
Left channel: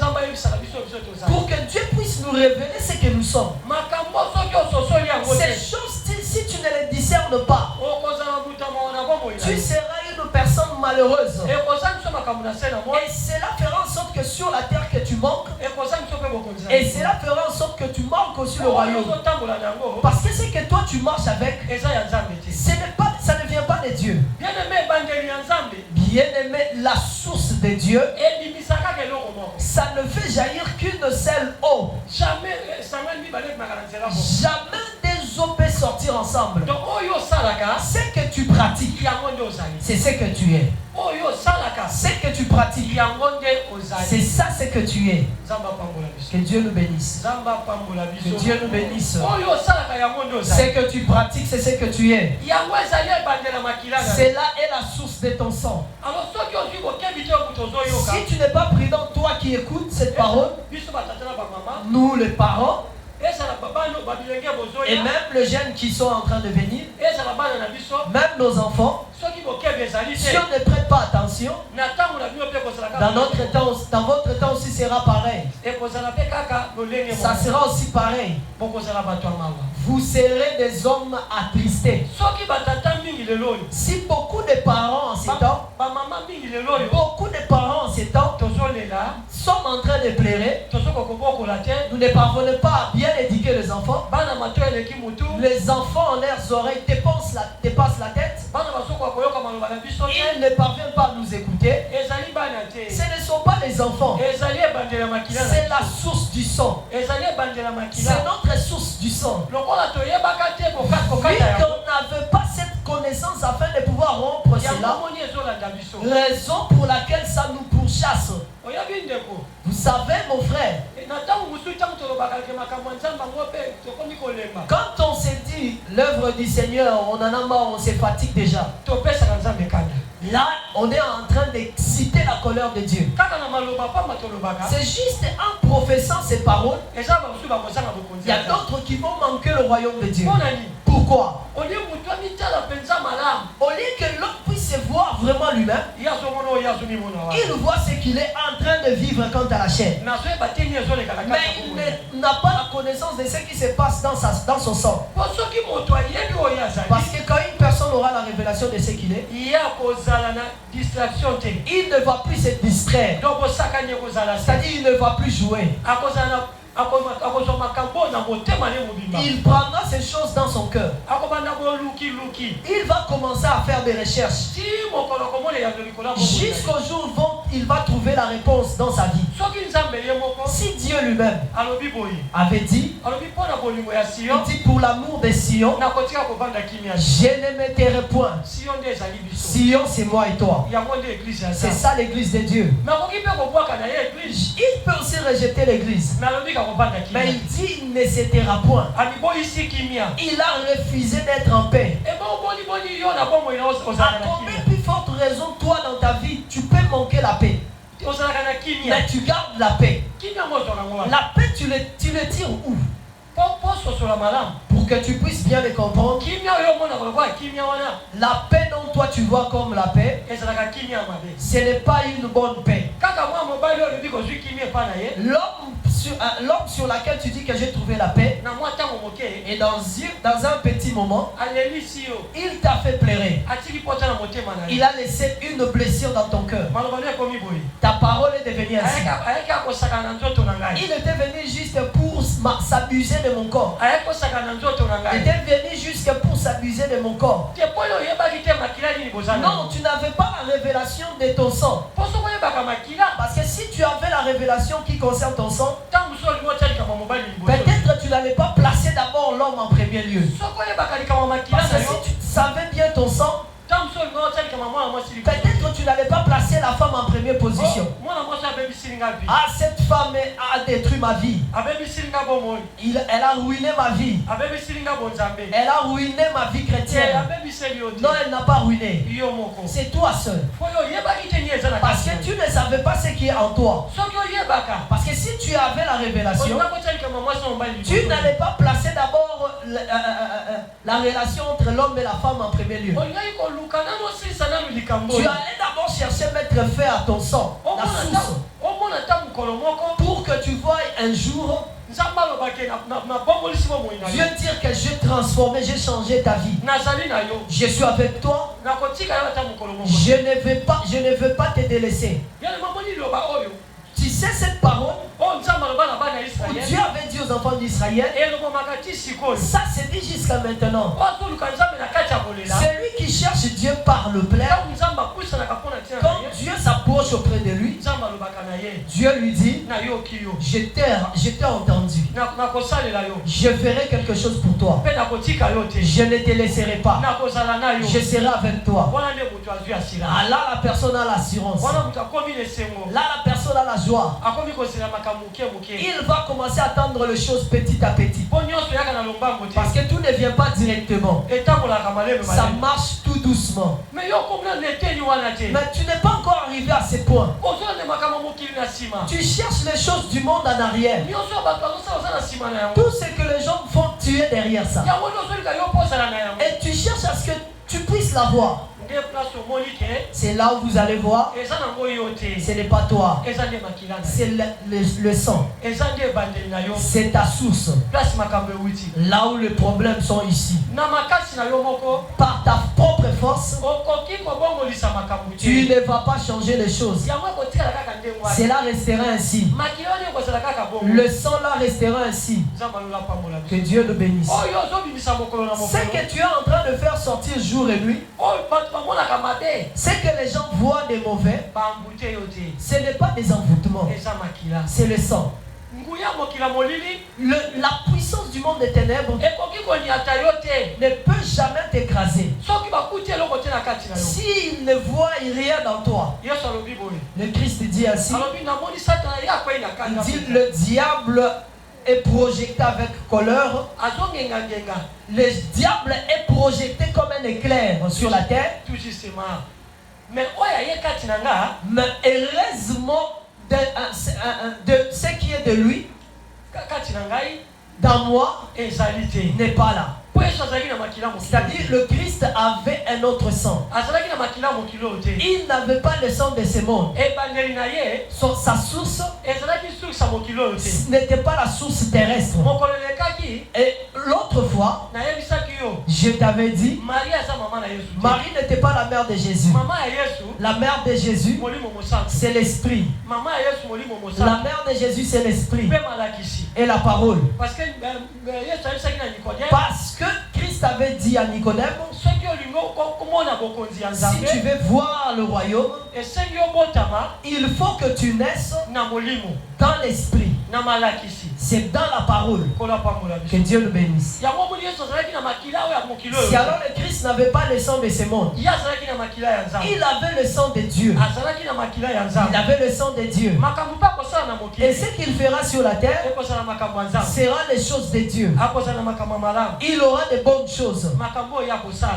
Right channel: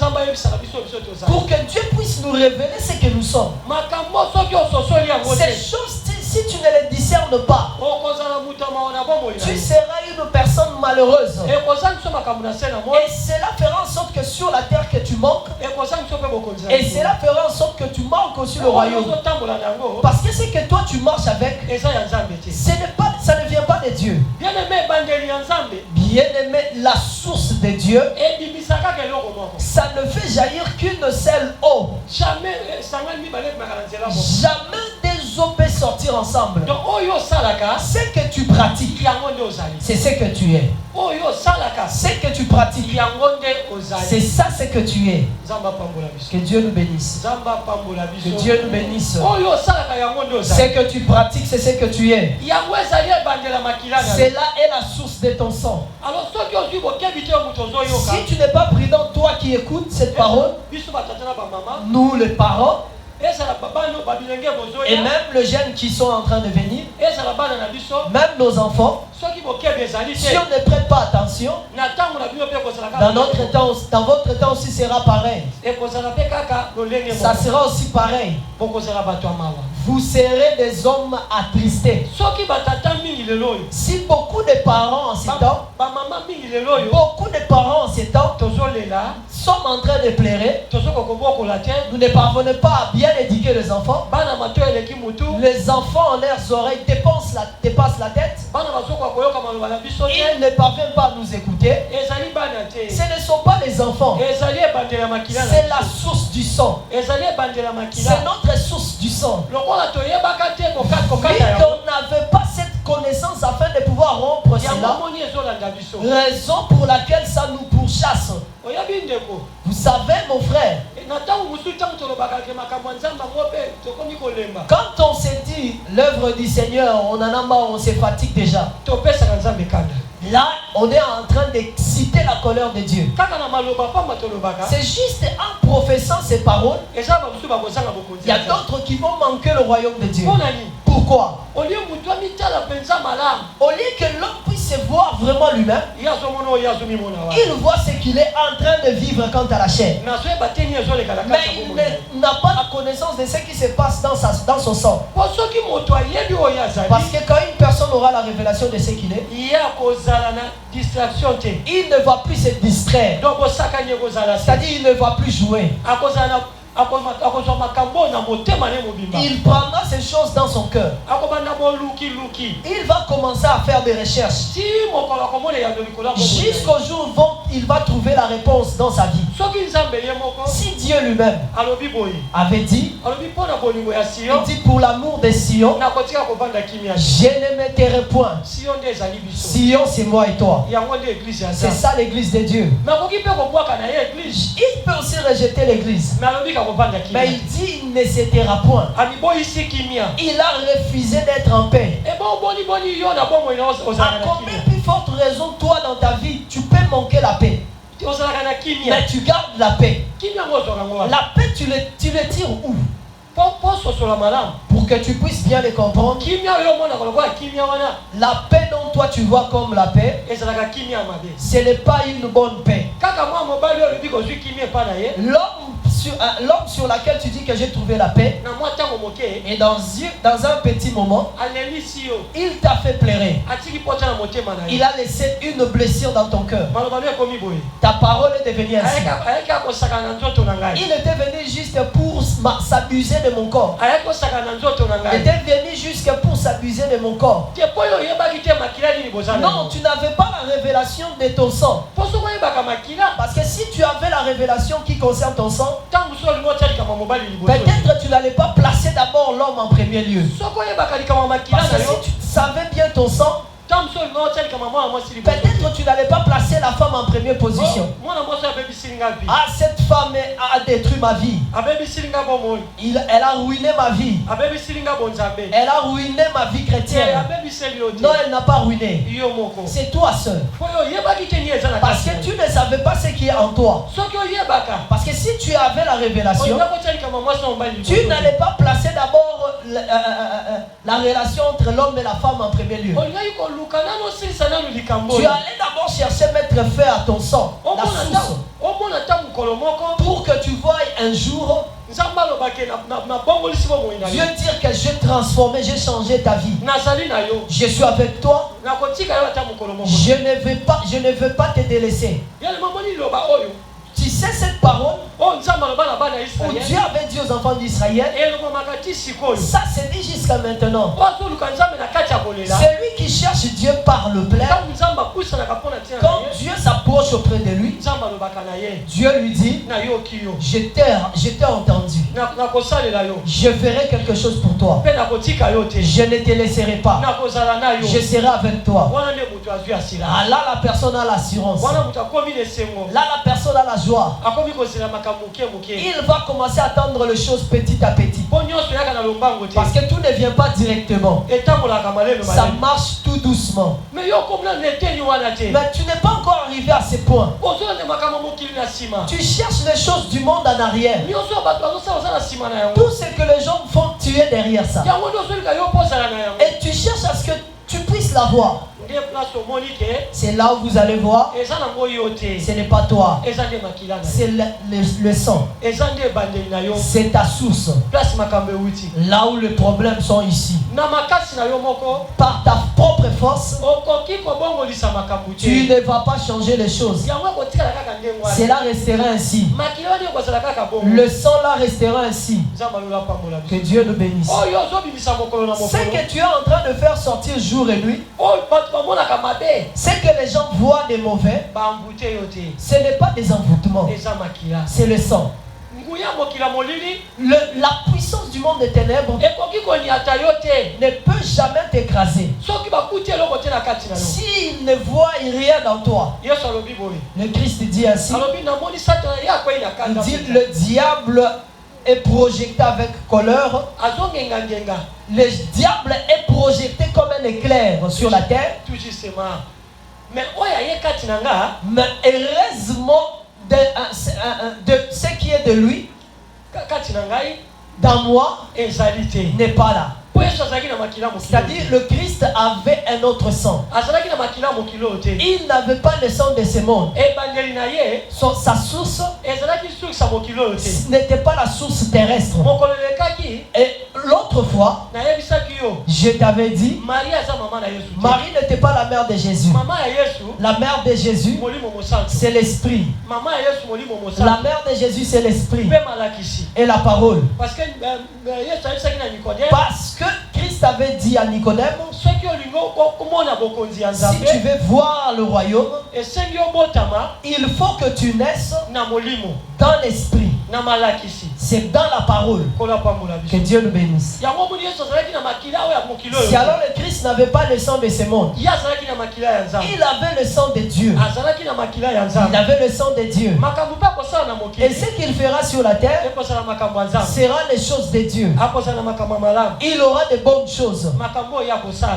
Dieu puisse nous révéler ce que nous sommes. Ces choses, si tu ne les discernes pas, tu seras une personne malheureuse. Et cela fera en sorte que sur la terre que tu manques, et cela fera en sorte que tu manques aussi le royaume. Parce que c'est que toi tu marches avec, ça ne vient pas de Dieu. Bien-aimé, la source de Dieu, ça ne fait jaillir qu'une seule eau. Jamais des eaux peuvent sortir ensemble. Ce que tu pratiques, c'est ce que tu es. Ce que tu pratiques, c'est ça ce que tu es. Que Dieu nous bénisse. Que Dieu nous bénisse. Ce que tu pratiques, c'est ce que tu es. Cela est la source de ton sang. Si tu n'es pas prudent, toi qui écoutes cette parole, nous les parents, et même les jeunes qui sont en train de venir, même nos enfants, si on ne prête pas attention, dans votre temps aussi sera pareil. Ça sera aussi pareil. Vous serez des hommes attristés. Si beaucoup de parents en ces temps, sont en train de pleurer, nous ne parvenons pas à bien éduquer les enfants. Les enfants en leurs oreilles dépassent la tête. Ils ne parviennent pas à nous écouter. Ce ne sont pas les enfants. C'est la source du sang. C'est notre source du sang. Oui, qu'on n'avait pas cette connaissance afin de pouvoir rompre cela. Raison pour laquelle ça nous pourchasse. Vous savez, mon frère, quand on s'est dit l'œuvre du Seigneur, on en a marre, on se fatigue déjà. Là, on est en train de citer la colère de Dieu. C'est juste en professant ces paroles, il y a d'autres qui vont manquer le royaume de Dieu. Pourquoi? Au lieu que l'homme puisse se voit vraiment lui-même. Il voit ce qu'il est en train de vivre quant à la chair. Mais il n'a pas la connaissance de ce qui se passe dans son sang. Parce que quand une personne aura la révélation de ce qu'il est, il ne va plus se distraire. C'est-à-dire il ne va plus jouer. Il prendra ces choses dans son cœur. Il va commencer à faire des recherches. Jusqu'au jour où il va trouver la réponse dans sa vie. Si Dieu lui-même avait dit, il dit pour l'amour de Sion, je ne me tairai point. Sion, c'est moi et toi. C'est ça l'église de Dieu. Il peut aussi rejeter l'église. Mais il dit il ne se taira point. Il a refusé d'être en paix. À combien plus forte raison, toi dans ta vie, tu peux manquer la paix. Mais tu gardes la paix. La paix, tu le tires où? Pour que tu puisses bien le comprendre. La paix dont toi tu vois comme la paix, ce n'est pas une bonne paix. L'homme sur laquelle tu dis que j'ai trouvé la paix, et dans un petit moment, il t'a fait pleurer. Il a laissé une blessure dans ton cœur. Ta parole est devenue ainsi. Il était venu juste pour s'abuser de mon corps. Il était venu juste pour s'abuser de mon corps. Non, tu n'avais pas la révélation de ton sang. Parce que si tu avais la révélation qui concerne ton sang, peut-être tu n'allais pas placer d'abord l'homme en premier lieu. Parce que si tu savais bien ton sang, peut-être tu n'allais pas placer la femme en première position. Ah, cette femme a détruit ma vie. Elle a ruiné ma vie. Elle a ruiné ma vie chrétienne. Non, elle n'a pas ruiné. C'est toi seul. Parce que tu ne savais pas ce qui est en toi. Parce que si tu avais la révélation, tu n'allais pas placer d'abord la relation entre l'homme et la femme en premier lieu. Tu allais d'abord chercher à mettre fin à ton sang, la source, pour que tu voies un jour Dieu dire que j'ai transformé, j'ai changé ta vie. Je suis avec toi. Je ne veux pas te délaisser. Tu sais cette parole où Dieu avait dit aux enfants d'Israël, ça c'est dit jusqu'à maintenant. Celui qui cherche Dieu par le plein, quand Dieu s'approche auprès de lui, Dieu lui dit, je t'ai entendu. Je ferai quelque chose pour toi. Je ne te laisserai pas. Je serai avec toi. Ah, là la personne a l'assurance. Là la personne a la joie. Il va commencer à attendre les choses petit à petit. Parce que tout ne vient pas directement. Ça marche tout doucement. Mais tu n'es pas encore arrivé à ce point. Tu cherches les choses du monde en arrière. Tout ce que les gens font, tu es derrière ça. Et tu cherches à ce que tu puisses l'avoir. C'est là où vous allez voir. Ce n'est pas toi. C'est le sang. C'est ta source. Là où les problèmes sont ici. Par ta propre force, tu ne vas pas changer les choses. Cela restera ainsi. Le sang là restera ainsi. Que Dieu nous bénisse. Ce que tu es en train de faire sortir jour et nuit, c'est que les gens voient des mauvais. Ce n'est pas des envoûtements. C'est le sang. La puissance du monde des ténèbres ne peut jamais t'écraser s'il ne voit rien dans toi. Le Christ dit ainsi, il dit le diable est projeté avec colère. Le diable est projeté comme un éclair sur la terre. Mais heureusement de ce qui est de lui dans moi n'est pas là. C'est-à-dire le Christ avait un autre sang. Il n'avait pas le sang de ce monde. Sa source n'était pas la source terrestre. Et l'autre fois, je t'avais dit, Marie n'était pas la mère de Jésus. La mère de Jésus, c'est l'esprit. La mère de Jésus, c'est l'esprit. Et la parole. Parce que Christ avait dit à Nicodème, si tu veux voir le royaume, il faut que tu naisses dans l'esprit. C'est dans la parole. Que Dieu nous bénisse. Si alors le Christ n'avait pas le sang de ce monde, il avait le sang de Dieu. Il avait le sang de Dieu. Et ce qu'il fera sur la terre sera les choses de Dieu. Il aura de bonnes choses.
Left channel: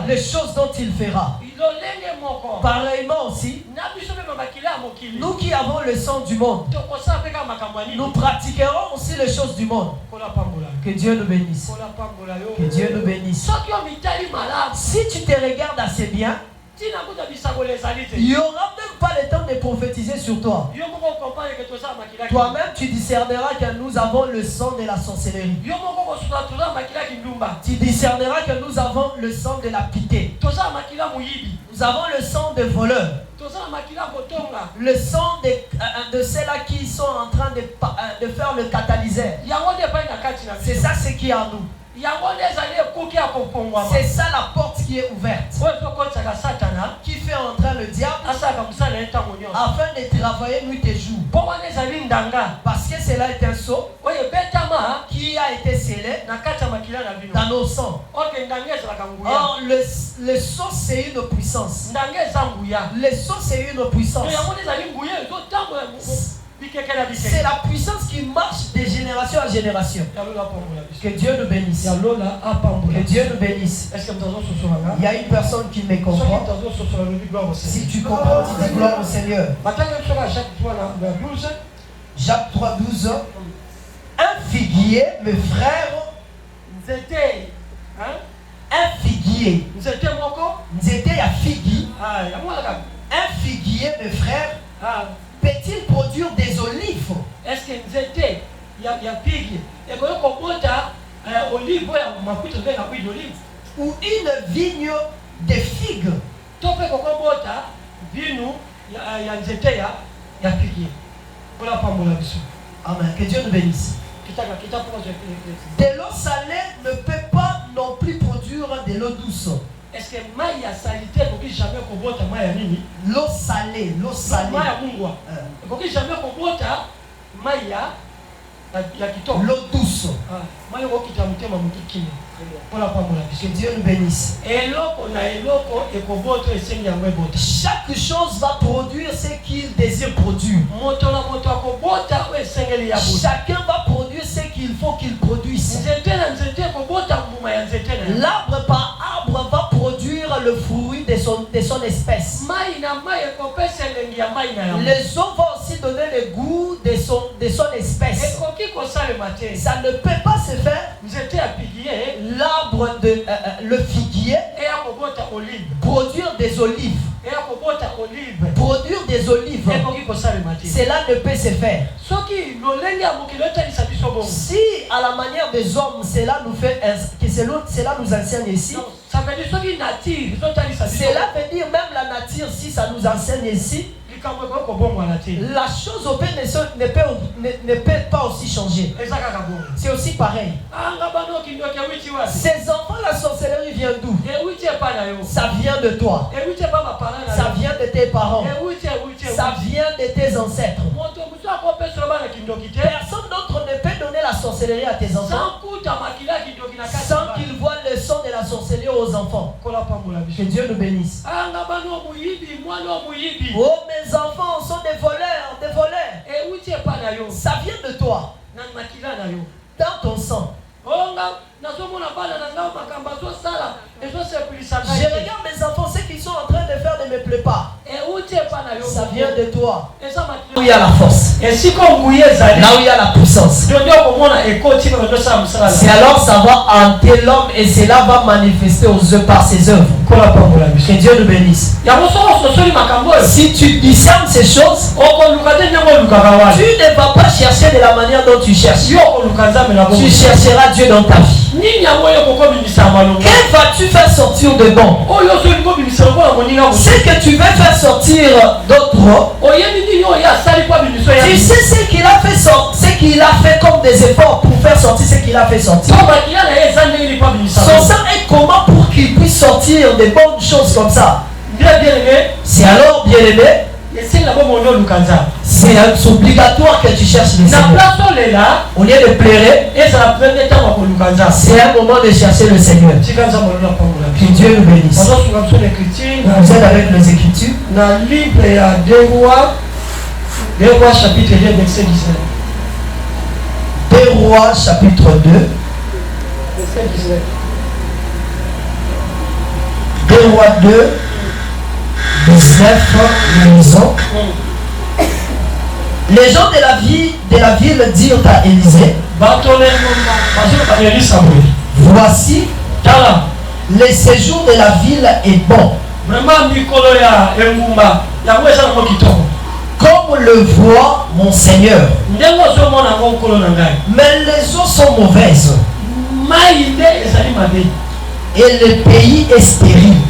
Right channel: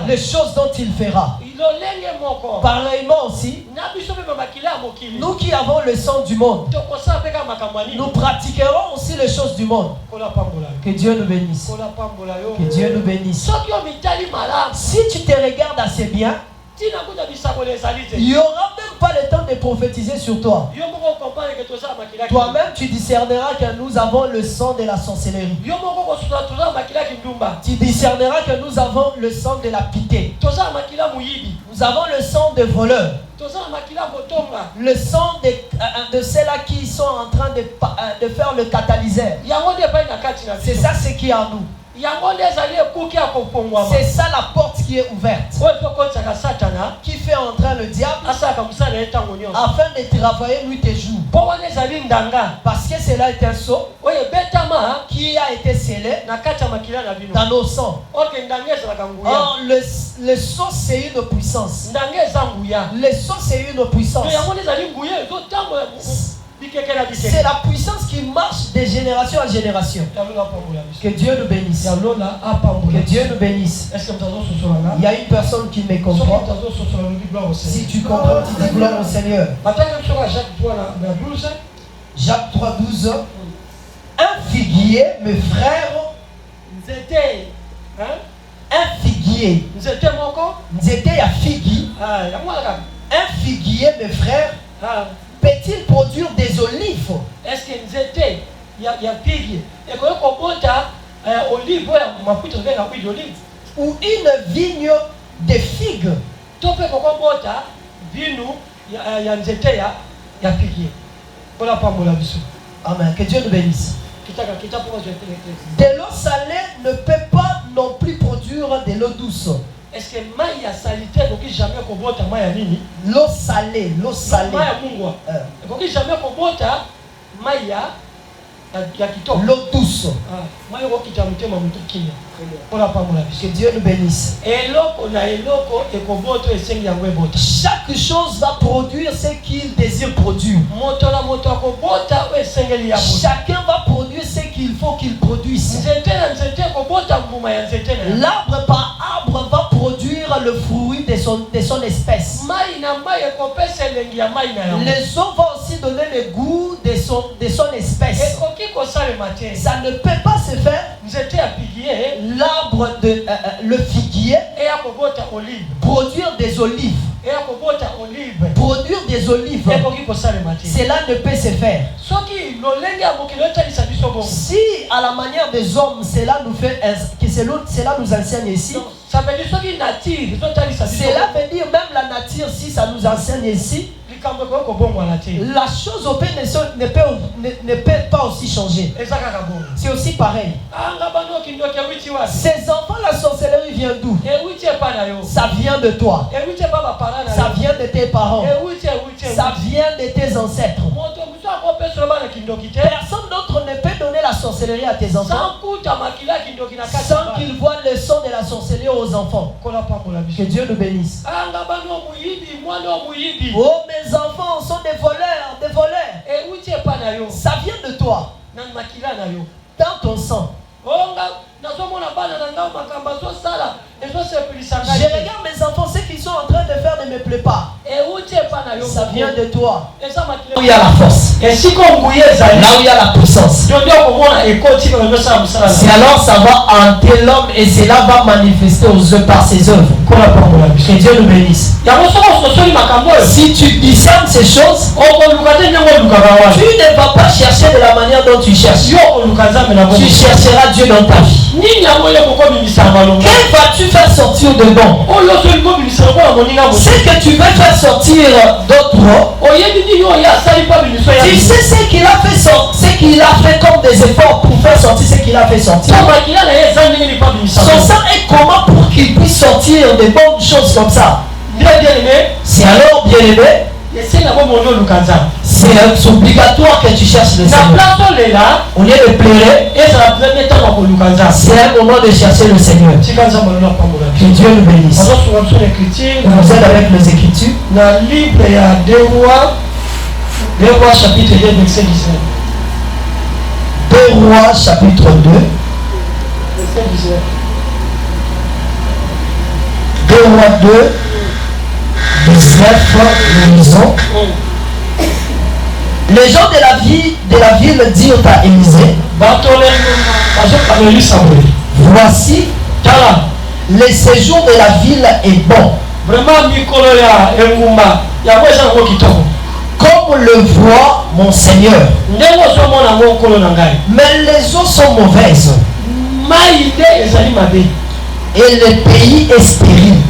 Les choses dont il fera. Pareillement aussi, nous qui avons le sang du monde, nous pratiquerons aussi les choses du monde. Que Dieu nous bénisse. Que Dieu nous bénisse. Si tu te regardes assez bien, il n'y aura même pas le temps de prophétiser sur toi. Toi-même, tu discerneras que nous avons le sang de la sorcellerie. Tu discerneras que nous avons le sang de la pitié. Nous avons le sang de voleurs. Le sang de ceux-là qui sont en train de faire le catalyseur. C'est ça ce qui est en nous. C'est ça la porte qui est ouverte, qui fait entrer le diable afin de travailler nuit et jour. Parce que cela est un sceau qui a été scellé dans nos sangs. Or, le sceau c'est une puissance. Le sceau c'est une puissance. C'est la puissance qui marche de génération en génération. Que Dieu nous bénisse. Que Dieu nous bénisse. Il y a une personne qui me comprend. Si tu comprends, tu dis gloire au Seigneur. Jacques 3:12. Un figuier, mes frères. Un figuier. C'était à figuier. Un figuier, mes frères. Peut-il produire des olives? Est-ce que c'était il y a figues et qu'on monte olive ou une vigne de figues? Amen. Que Dieu nous bénisse. De l'eau salée ne peut pas non plus produire de l'eau douce. Est-ce que l'eau salée, l'eau salée, l'eau douce. Que Dieu nous bénisse. Chaque chose va produire ce qu'il désire produire. Chacun va produire ce qu'il faut qu'il produise. L'arbre par arbre va produire le fruit de son espèce. Les eaux vont aussi donner le goût de son espèce. Ça ne peut pas se faire. L'arbre le figuier produire des olives. Produire des olives. Cela ne peut se faire. Si à la manière des hommes cela nous fait cela nous enseigne ici. Ça veut dire cela veut dire même la nature si ça nous enseigne ici. La chose au pays ne peut pas aussi changer. C'est aussi pareil. Ces enfants, la sorcellerie vient d'où? Ça vient de toi. Ça vient de tes parents. Ça vient de tes ancêtres. Personne d'autre ne peut donner la sorcellerie à tes enfants sans qu'ils voient le son de la sorcellerie aux enfants. Que Dieu nous bénisse. Oh, mes enfants sont des voleurs, des voleurs. Ça vient de toi. Dans ton sang. Je regarde mes enfants, ce qu'ils sont en train de faire ne me plaît pas. Ça vient de toi. Là où il y a la force. Là où il y a la puissance. C'est alors ça va hanter l'homme et cela va manifester aux œuvres par ses œuvres. Que Dieu nous bénisse. Si tu discernes ces choses, tu ne vas pas chercher de la manière dont tu cherches. Tu chercheras Dieu dans ta vie. Que vas-tu faire sortir de bon? Ce que tu veux faire sortir d'autres, tu sais ce qu'il a fait sortir, ce qu'il a fait comme des efforts pour faire sortir ce qu'il a fait sortir. Son sang est comment pour qu'il puisse sortir des bonnes choses comme ça? C'est alors, bien aimé, c'est obligatoire que tu cherches le Seigneur. Au lieu de pleurer, c'est un moment de chercher le Seigneur. Que Dieu nous bénisse. On vous aide avec les Écritures. Dans le livre, il y a 2 Rois chapitre 2, verset 19. 2 Rois chapitre 2, verset 19. 2 Rois 2, 19, nous lisons. Les gens de la ville dirent à Élisée, voici, le séjour de la ville est bon, comme le voit mon Seigneur, mais les eaux sont mauvaises et le pays est stérile.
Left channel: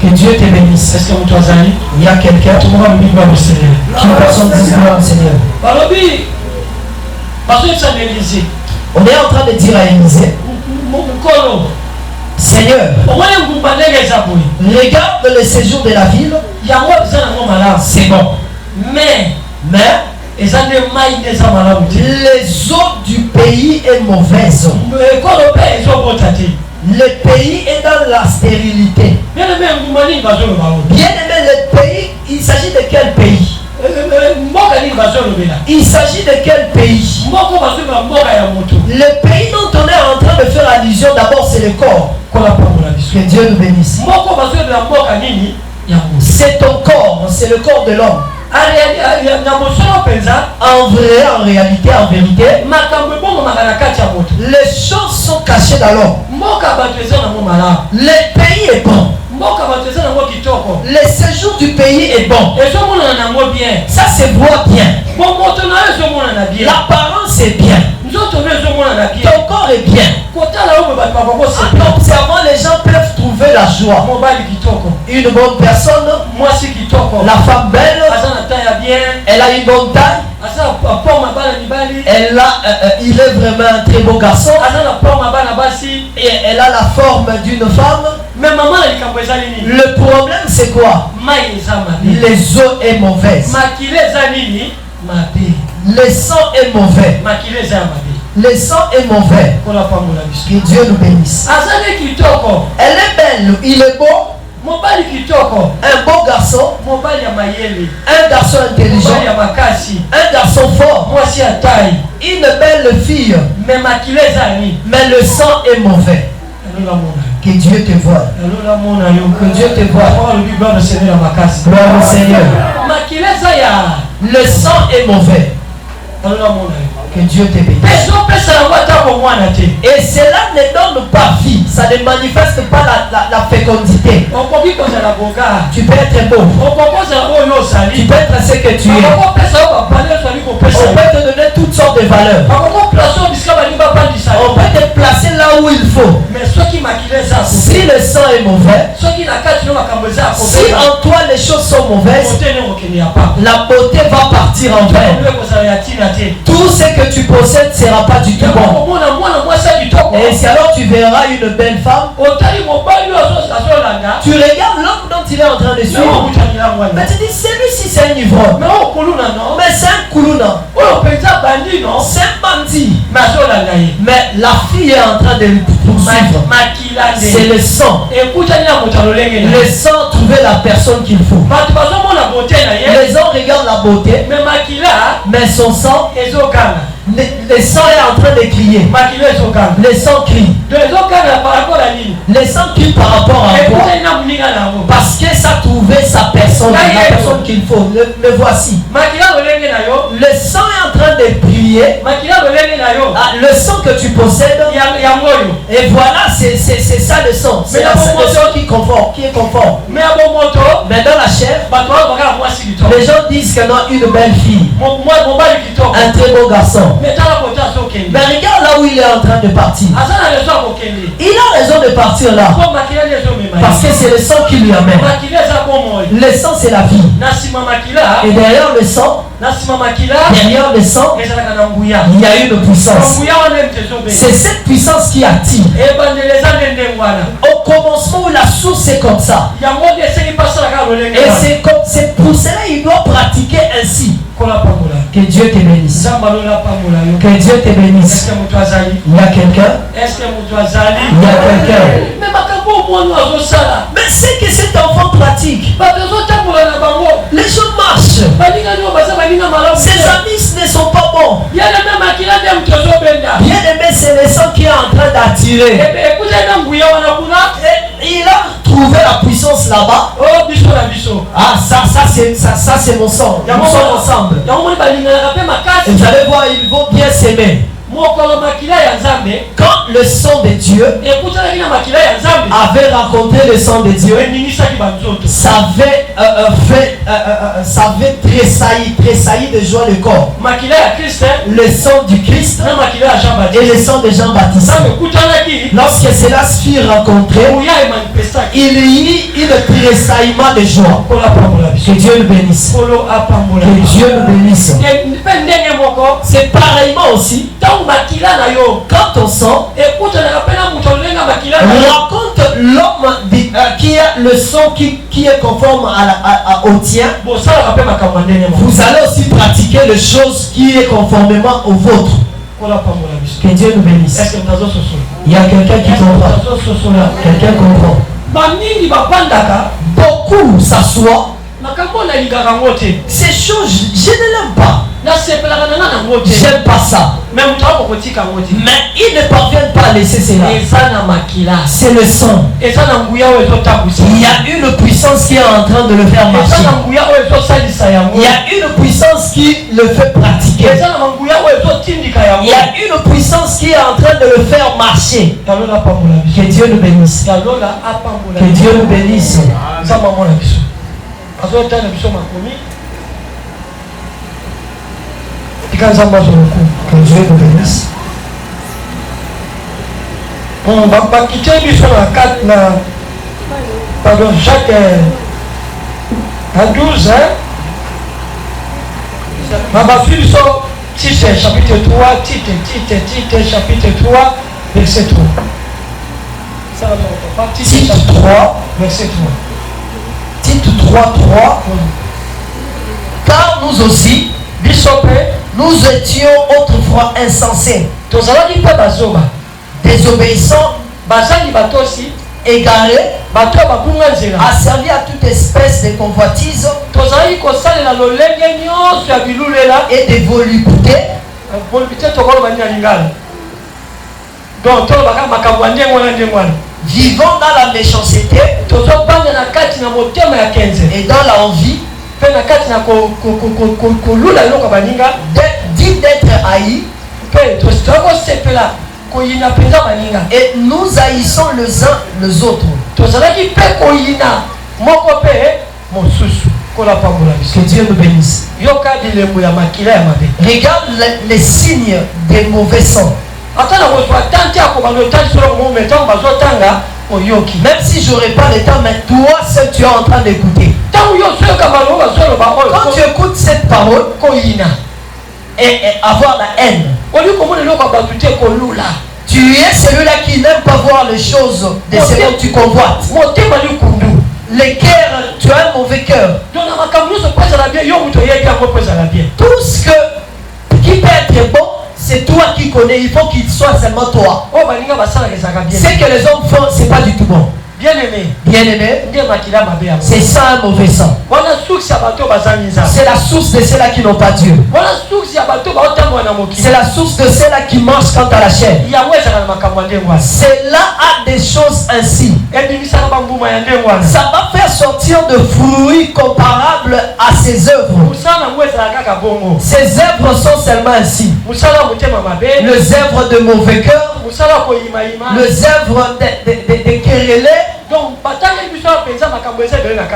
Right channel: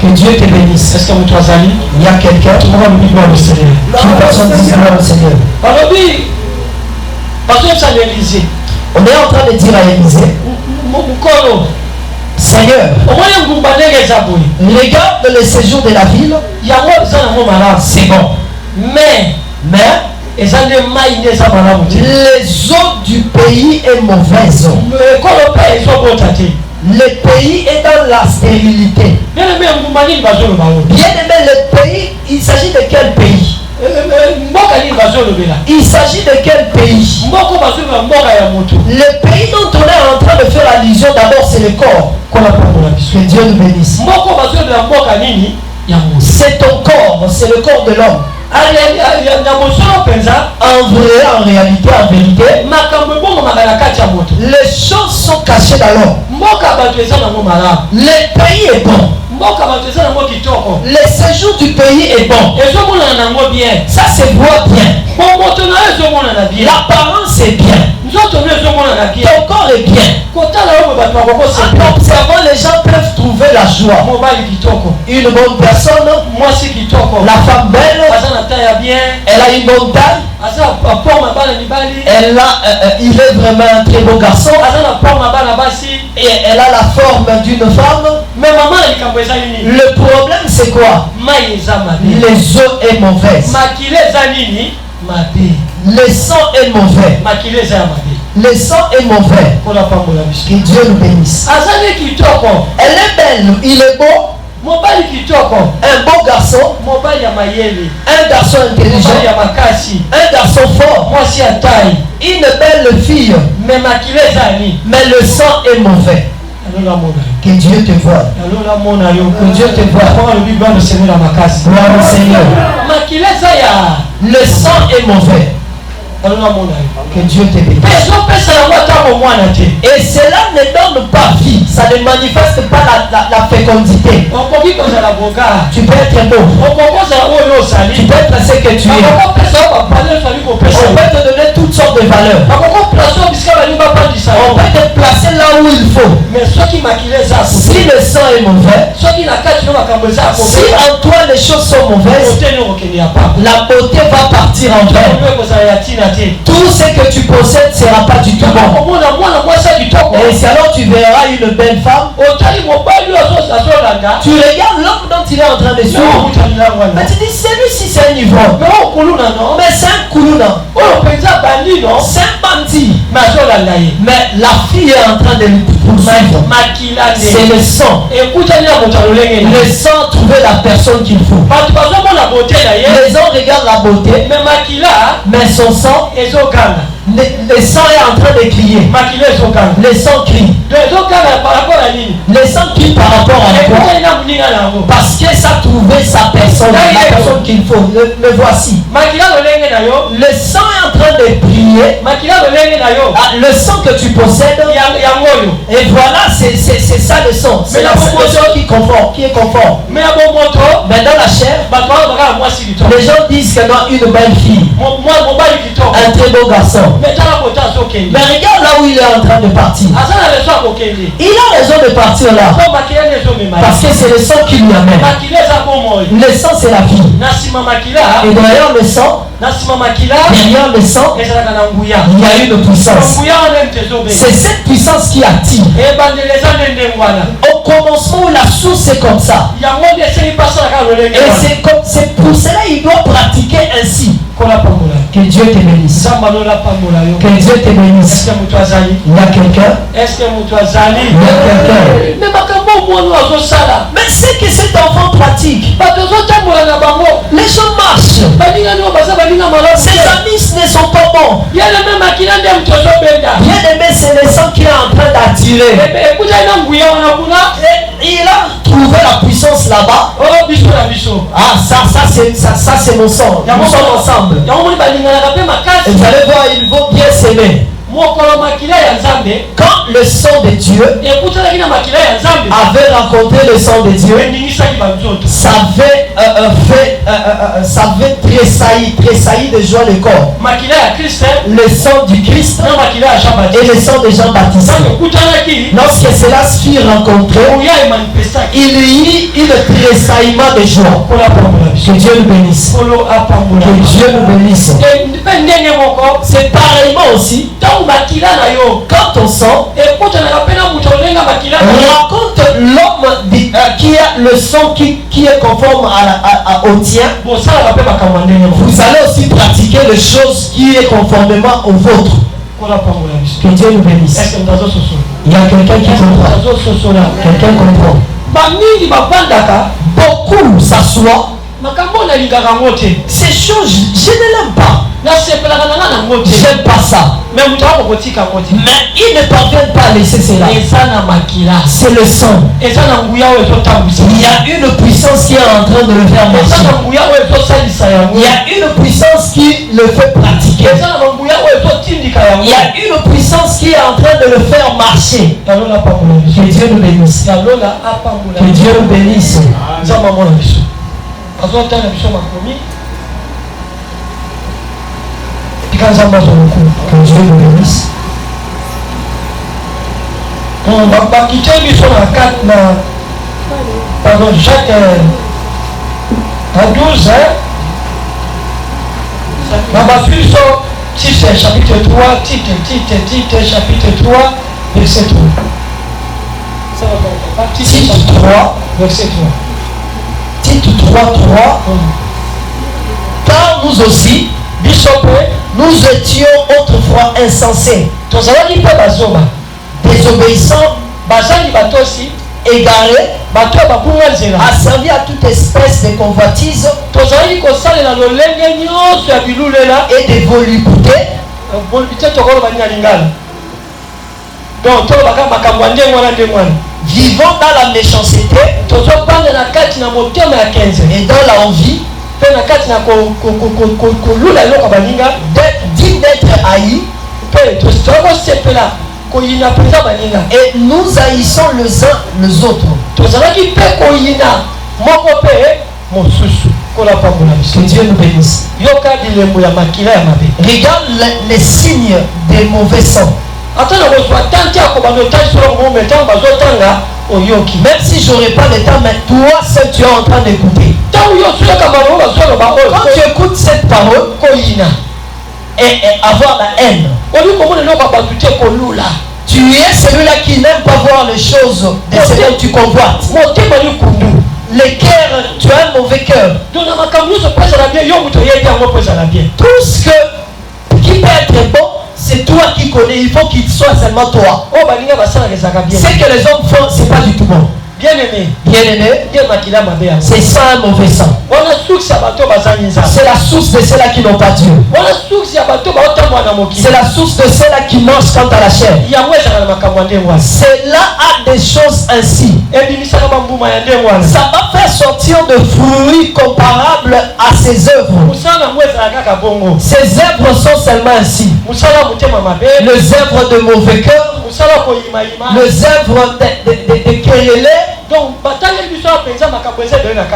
Que Dieu te bénisse. Est-ce que vous avez il y a quelqu'un qui personne dit gloire au Seigneur. On est en train de dire à Élisée, Seigneur, regarde le séjour de la ville, c'est bon. Mais les eaux du pays est mauvaise. Le pays est dans la stérilité. Bien aimé, le pays, il s'agit de quel pays? Il s'agit de quel pays? Le pays dont on est en train de faire allusion d'abord, c'est le corps. Que Dieu nous bénisse. C'est ton corps, c'est le corps de l'homme. En réalité, les choses sont cachées dans l'homme. Le pays est bon. Le séjour du pays est bon. Ça se voit bien. L'apparence est bien. Ton corps est bien. En observant, les gens peuvent trouver la joie. Une bonne personne, la femme belle, elle a une bonne taille. Il est vraiment un très beau garçon. Et elle a la forme d'une femme. Le problème c'est quoi? Les eaux est mauvaise. Le sang est mauvais. Le sang est mauvais. Que Dieu nous bénisse. Elle est belle, il est beau. Un beau garçon, un garçon intelligent, un garçon fort, une belle fille, mais le sang est mauvais. Que Dieu te voie. Que Dieu te voie. Gloire au Seigneur. Le sang est mauvais. Que Dieu te bénisse. Et cela ne donne pas vie. Ça ne manifeste pas la fécondité. Tu peux être beau. Tu peux être ce que tu es. On peut te donner toutes sortes de valeurs. On peut te placer là où il faut. Si le sang est mauvais, si en toi les choses sont mauvaises, la beauté va partir en vain. Tout ce que tu possèdes ne sera pas du tout bon. Et c'est alors tu verras une belle femme. Tu regardes l'homme dont il est en train de suivre. Mais tu dis, celui-ci c'est un ivrogne. Mais c'est un koulouna. C'est un bandit. Mais la fille est en train de le poursuivre. C'est le sang. Le sang trouver la personne qu'il faut. Les gens regardent la beauté, mais son sang Le sang est en train de crier. Le sang crie. Le sang crie par rapport à quoi? Parce que ça a trouvé sa personne, la personne qu'il faut. Le voici. Le sang est en train de prier. Le sang que tu possèdes. Et voilà, c'est ça le sang. C'est le sang qui est conforme. Mais dans la chair, les gens disent qu'elle a une belle fille, un très beau garçon. Mais regarde là où il est en train de partir. Il a raison de partir là. Parce que c'est le sang qui lui amène. Le sang, c'est la vie. Et derrière le sang, il y a une puissance. C'est cette puissance qui attire. Au commencement, la source est comme ça. Et c'est pour cela qu'il doit pratiquer ainsi. Que Dieu te bénisse. Que Dieu te bénisse. Il y a quelqu'un? Il y a quelqu'un? Mais c'est que cet enfant pratique. Les gens marchent. Ses amis ne sont pas bons. Bien aimé, c'est le sang qui est en train d'attirer. Il a trouvé la puissance là-bas. Ah, ça c'est mon sang. Nous sommes ensemble. Et vous allez voir, il faut bien s'aimer. Quand le sang de Dieu avait rencontré le sang de Dieu, ça avait tressailli de joie le corps. Le sang du Christ et le sang de Jean-Baptiste. Lorsque cela fut rencontré, il y eut le tressaillement de joie. Que Dieu nous bénisse. Que Dieu nous bénisse. C'est pareillement aussi. Quand on sent, raconte l'homme qui a le sang qui est conforme au tien. Vous allez aussi pratiquer les choses qui est conformément au vôtre. Que Dieu nous bénisse. Il y a quelqu'un qui comprend. Quelqu'un comprend. Beaucoup s'assoient. Ces choses, je ne l'aime pas. J'aime pas ça. Mais ils ne parviennent pas à laisser cela. C'est le sang. Il y a une puissance qui est en train de le faire marcher. Il y a une puissance qui le fait pratiquer. Il y a une puissance qui est en train de le faire marcher. Que Dieu nous bénisse. Que Dieu nous bénisse. Que Dieu nous bénisse. Jacques 12, chapitre 3, titre, chapitre 3, verset 3. Titre 3, verset 3. Titre 3. Car nous aussi, nous étions autrefois insensés, désobéissants, égarés, asservis à toute espèce de convoitise et de volupté, vivant dans la méchanceté et dans l'envie, dit d'être haï, et nous haïssons les uns les autres. Que Dieu nous bénisse. Regarde les signes des mauvais sang. Même si j'aurais pas le temps, mais toi seul tu es en train d'écouter. Quand tu écoutes cette parole et avoir la haine, tu es celui-là qui n'aime pas voir les choses de ce dont tu convoites. Les cœurs, tu as un mauvais cœur. Tout ce qui peut être bon, c'est toi qui connais. Il faut qu'il soit seulement toi. Ce que les hommes font, c'est pas du tout bon. Bien-aimé, c'est ça un mauvais sang. C'est la source de ceux-là qui n'ont pas Dieu. C'est la source de ceux-là qui mangent quant à la chair. Cela a des choses ainsi. Ça va faire sortir de fruits comparables à ses œuvres. Ses œuvres sont seulement ainsi. Les œuvres de mauvais cœur, les œuvres de querellés.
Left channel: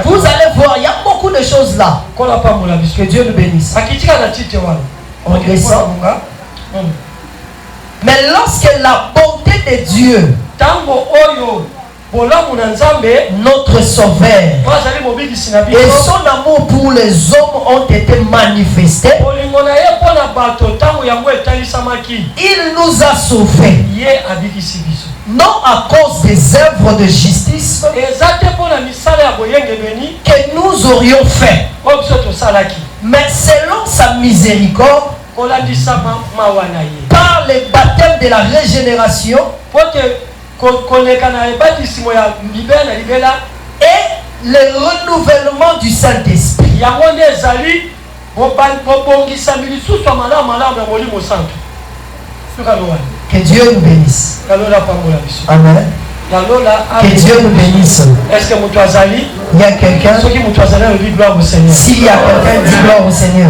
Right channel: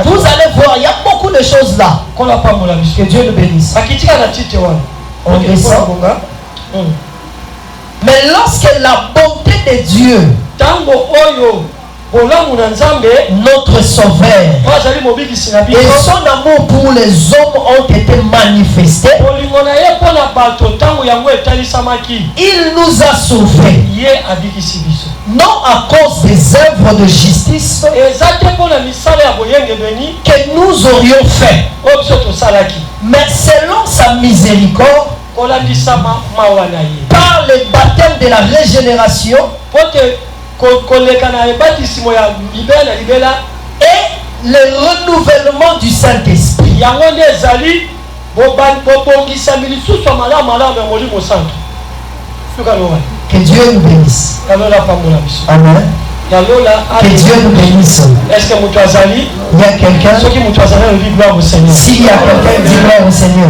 Vous allez voir, il y a beaucoup de choses là. Que Dieu nous bénisse. On descend. Mais lorsque la bonté de Dieu, notre Sauveur, et son amour pour les hommes ont été manifestés, il nous a sauvés. Non à cause des œuvres de justice que nous aurions fait, mais selon sa miséricorde, par le baptême de la régénération et le renouvellement du Saint-Esprit. Que Dieu nous bénisse. Amen. Que Dieu nous bénisse. Est-ce que il y a quelqu'un? S'il y a quelqu'un, dis gloire au Seigneur.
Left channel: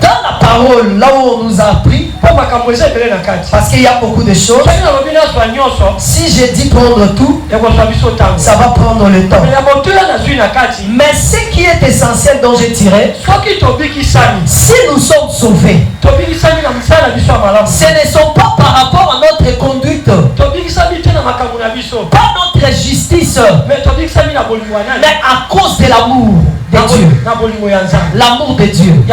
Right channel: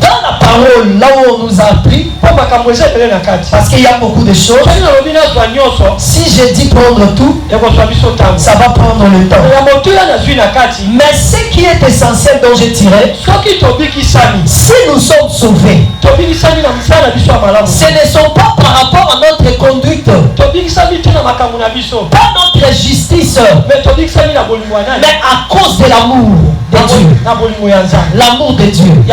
Dans la parole, là où on nous a appris, parce qu'il y a beaucoup de choses. Si je dis prendre tout, ça va prendre le temps. Mais ce qui est essentiel dont j'ai tiré, si nous sommes sauvés, ce ne sont pas par rapport à notre conduite, pas notre justice, mais à cause de l'amour de Dieu. L'amour de Dieu.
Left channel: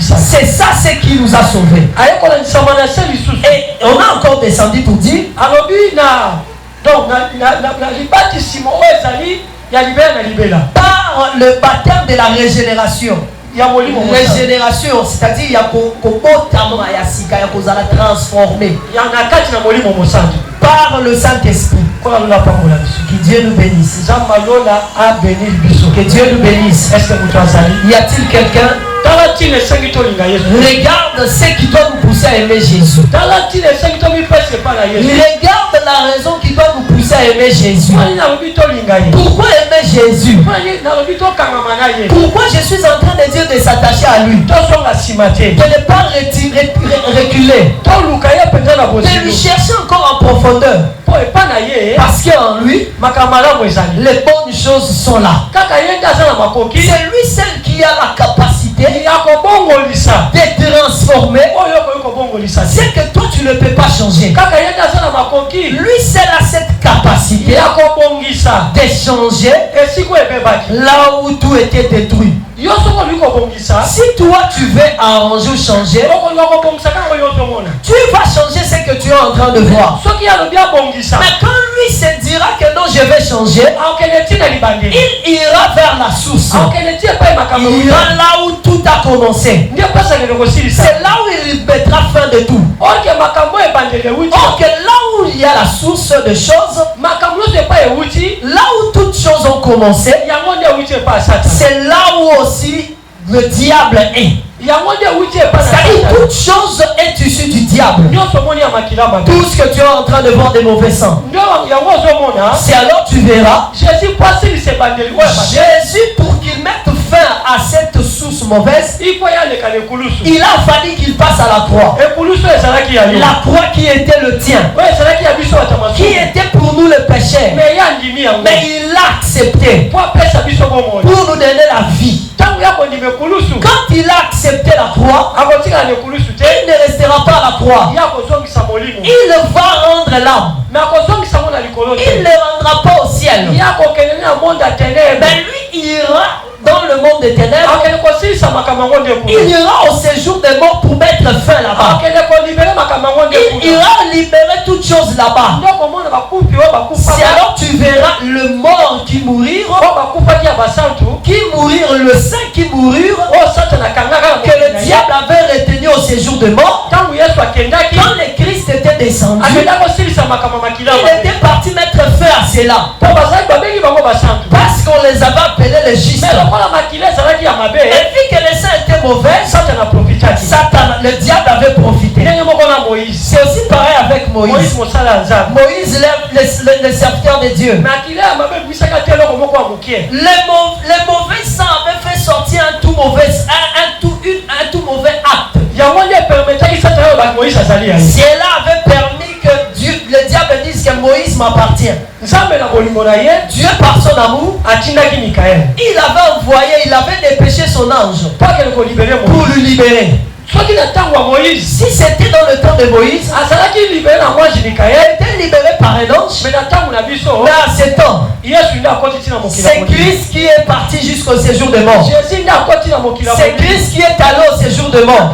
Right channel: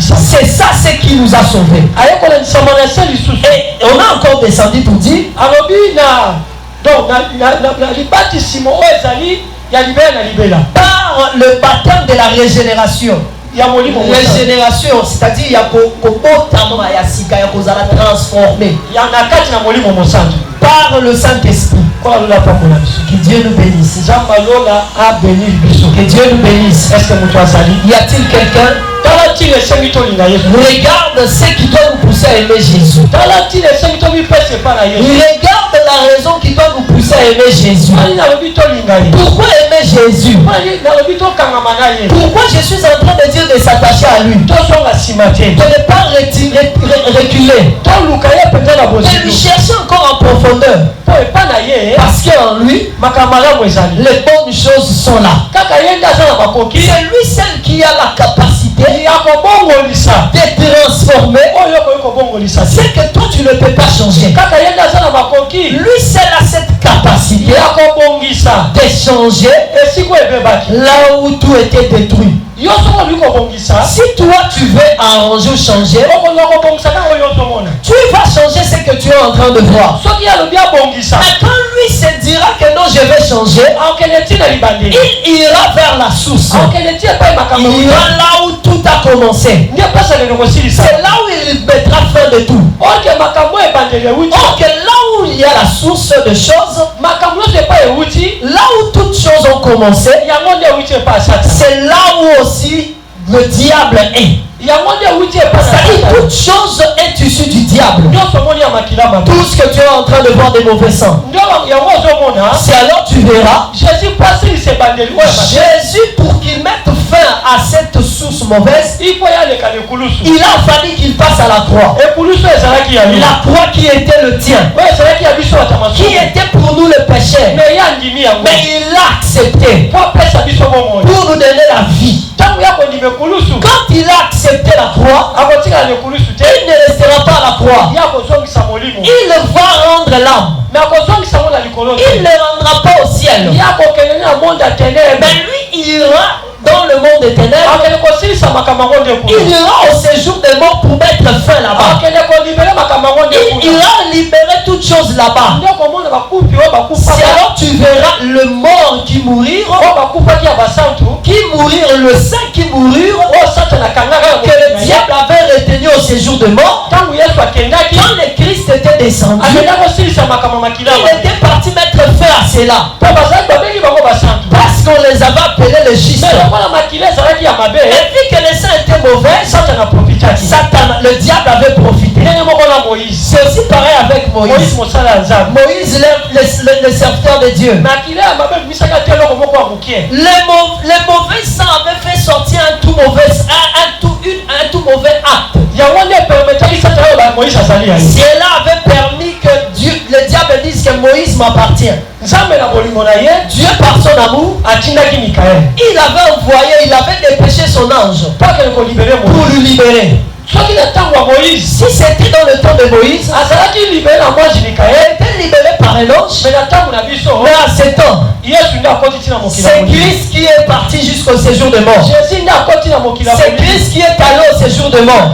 C'est ça ce qui nous a sauvés. Et on a encore descendu pour dire par le baptême de la régénération. Régénération, c'est-à-dire il y a transformé par le Saint-Esprit. Que Dieu nous bénisse. Que Dieu nous bénisse. Y a-t-il quelqu'un? Regarde ce qui doit nous pousser à aimer Jésus. Regarde la raison qui doit nous pousser à aimer Jésus. Pourquoi aimer Jésus? Pourquoi je suis en train de dire de s'attacher à lui? De ne pas reculer. De lui chercher encore en profondeur. Parce qu'en lui, les bonnes choses sont là. C'est lui seul qui a la capacité de transformer ce que toi tu ne peux pas changer. Lui seul a cette capacité de changer là où tout était détruit. Si toi tu veux arranger ou changer, tu vas changer ce que tu es en train de voir. Mais quand lui se dira que non, je vais changer, il ira vers la source. Il ira là où tout a commencé. C'est là où il mettra fin de tout. Or que là où il y a la source de choses, là où toutes choses ont commencé, c'est là où aussi le diable est. C'est-à-dire toute chose est issue du diable. Tout ce que tu es en train de voir des mauvais sangs, c'est alors tu verras Jésus, pour qu'il mette fin à cette source mauvaise, il a fallu qu'il passe à la croix. La croix qui était le tien, qui était pour nous le péché, mais il l'a accepté pour nous donner la vie. Quand il a accepté la croix, il ne restera pas à la croix. Il va rendre l'âme. Il ne rendra pas au ciel. Mais lui, il ira dans le monde des ténèbres. Il ira au séjour des morts pour mettre fin là-bas. Il ira libérer toutes choses là-bas. C'est alors tu verras le mort qui mourir, le saint qui mourut, que le diable avait retenu au séjour de mort. Quand le Christ était descendu, il était parti même cela. Parce qu'on les avait appelés les justes. Et vu que les saints étaient mauvais, Satan, le diable avait profité. C'est aussi pareil avec Moïse. Moïse, le serviteur de Dieu. Les mauvais sang avaient fait sortir un tout mauvais acte. Cela avait permis que Dieu, le diable dise que Moïse m'appartient. Dieu par son amour, il avait envoyé, il avait dépêché son ange pour le libérer. Si c'était dans le temps de Moïse, il était libéré par un ange. Mais à ce temps, c'est Christ qui est parti jusqu'au séjour de mort. C'est Christ qui est allé au séjour de mort.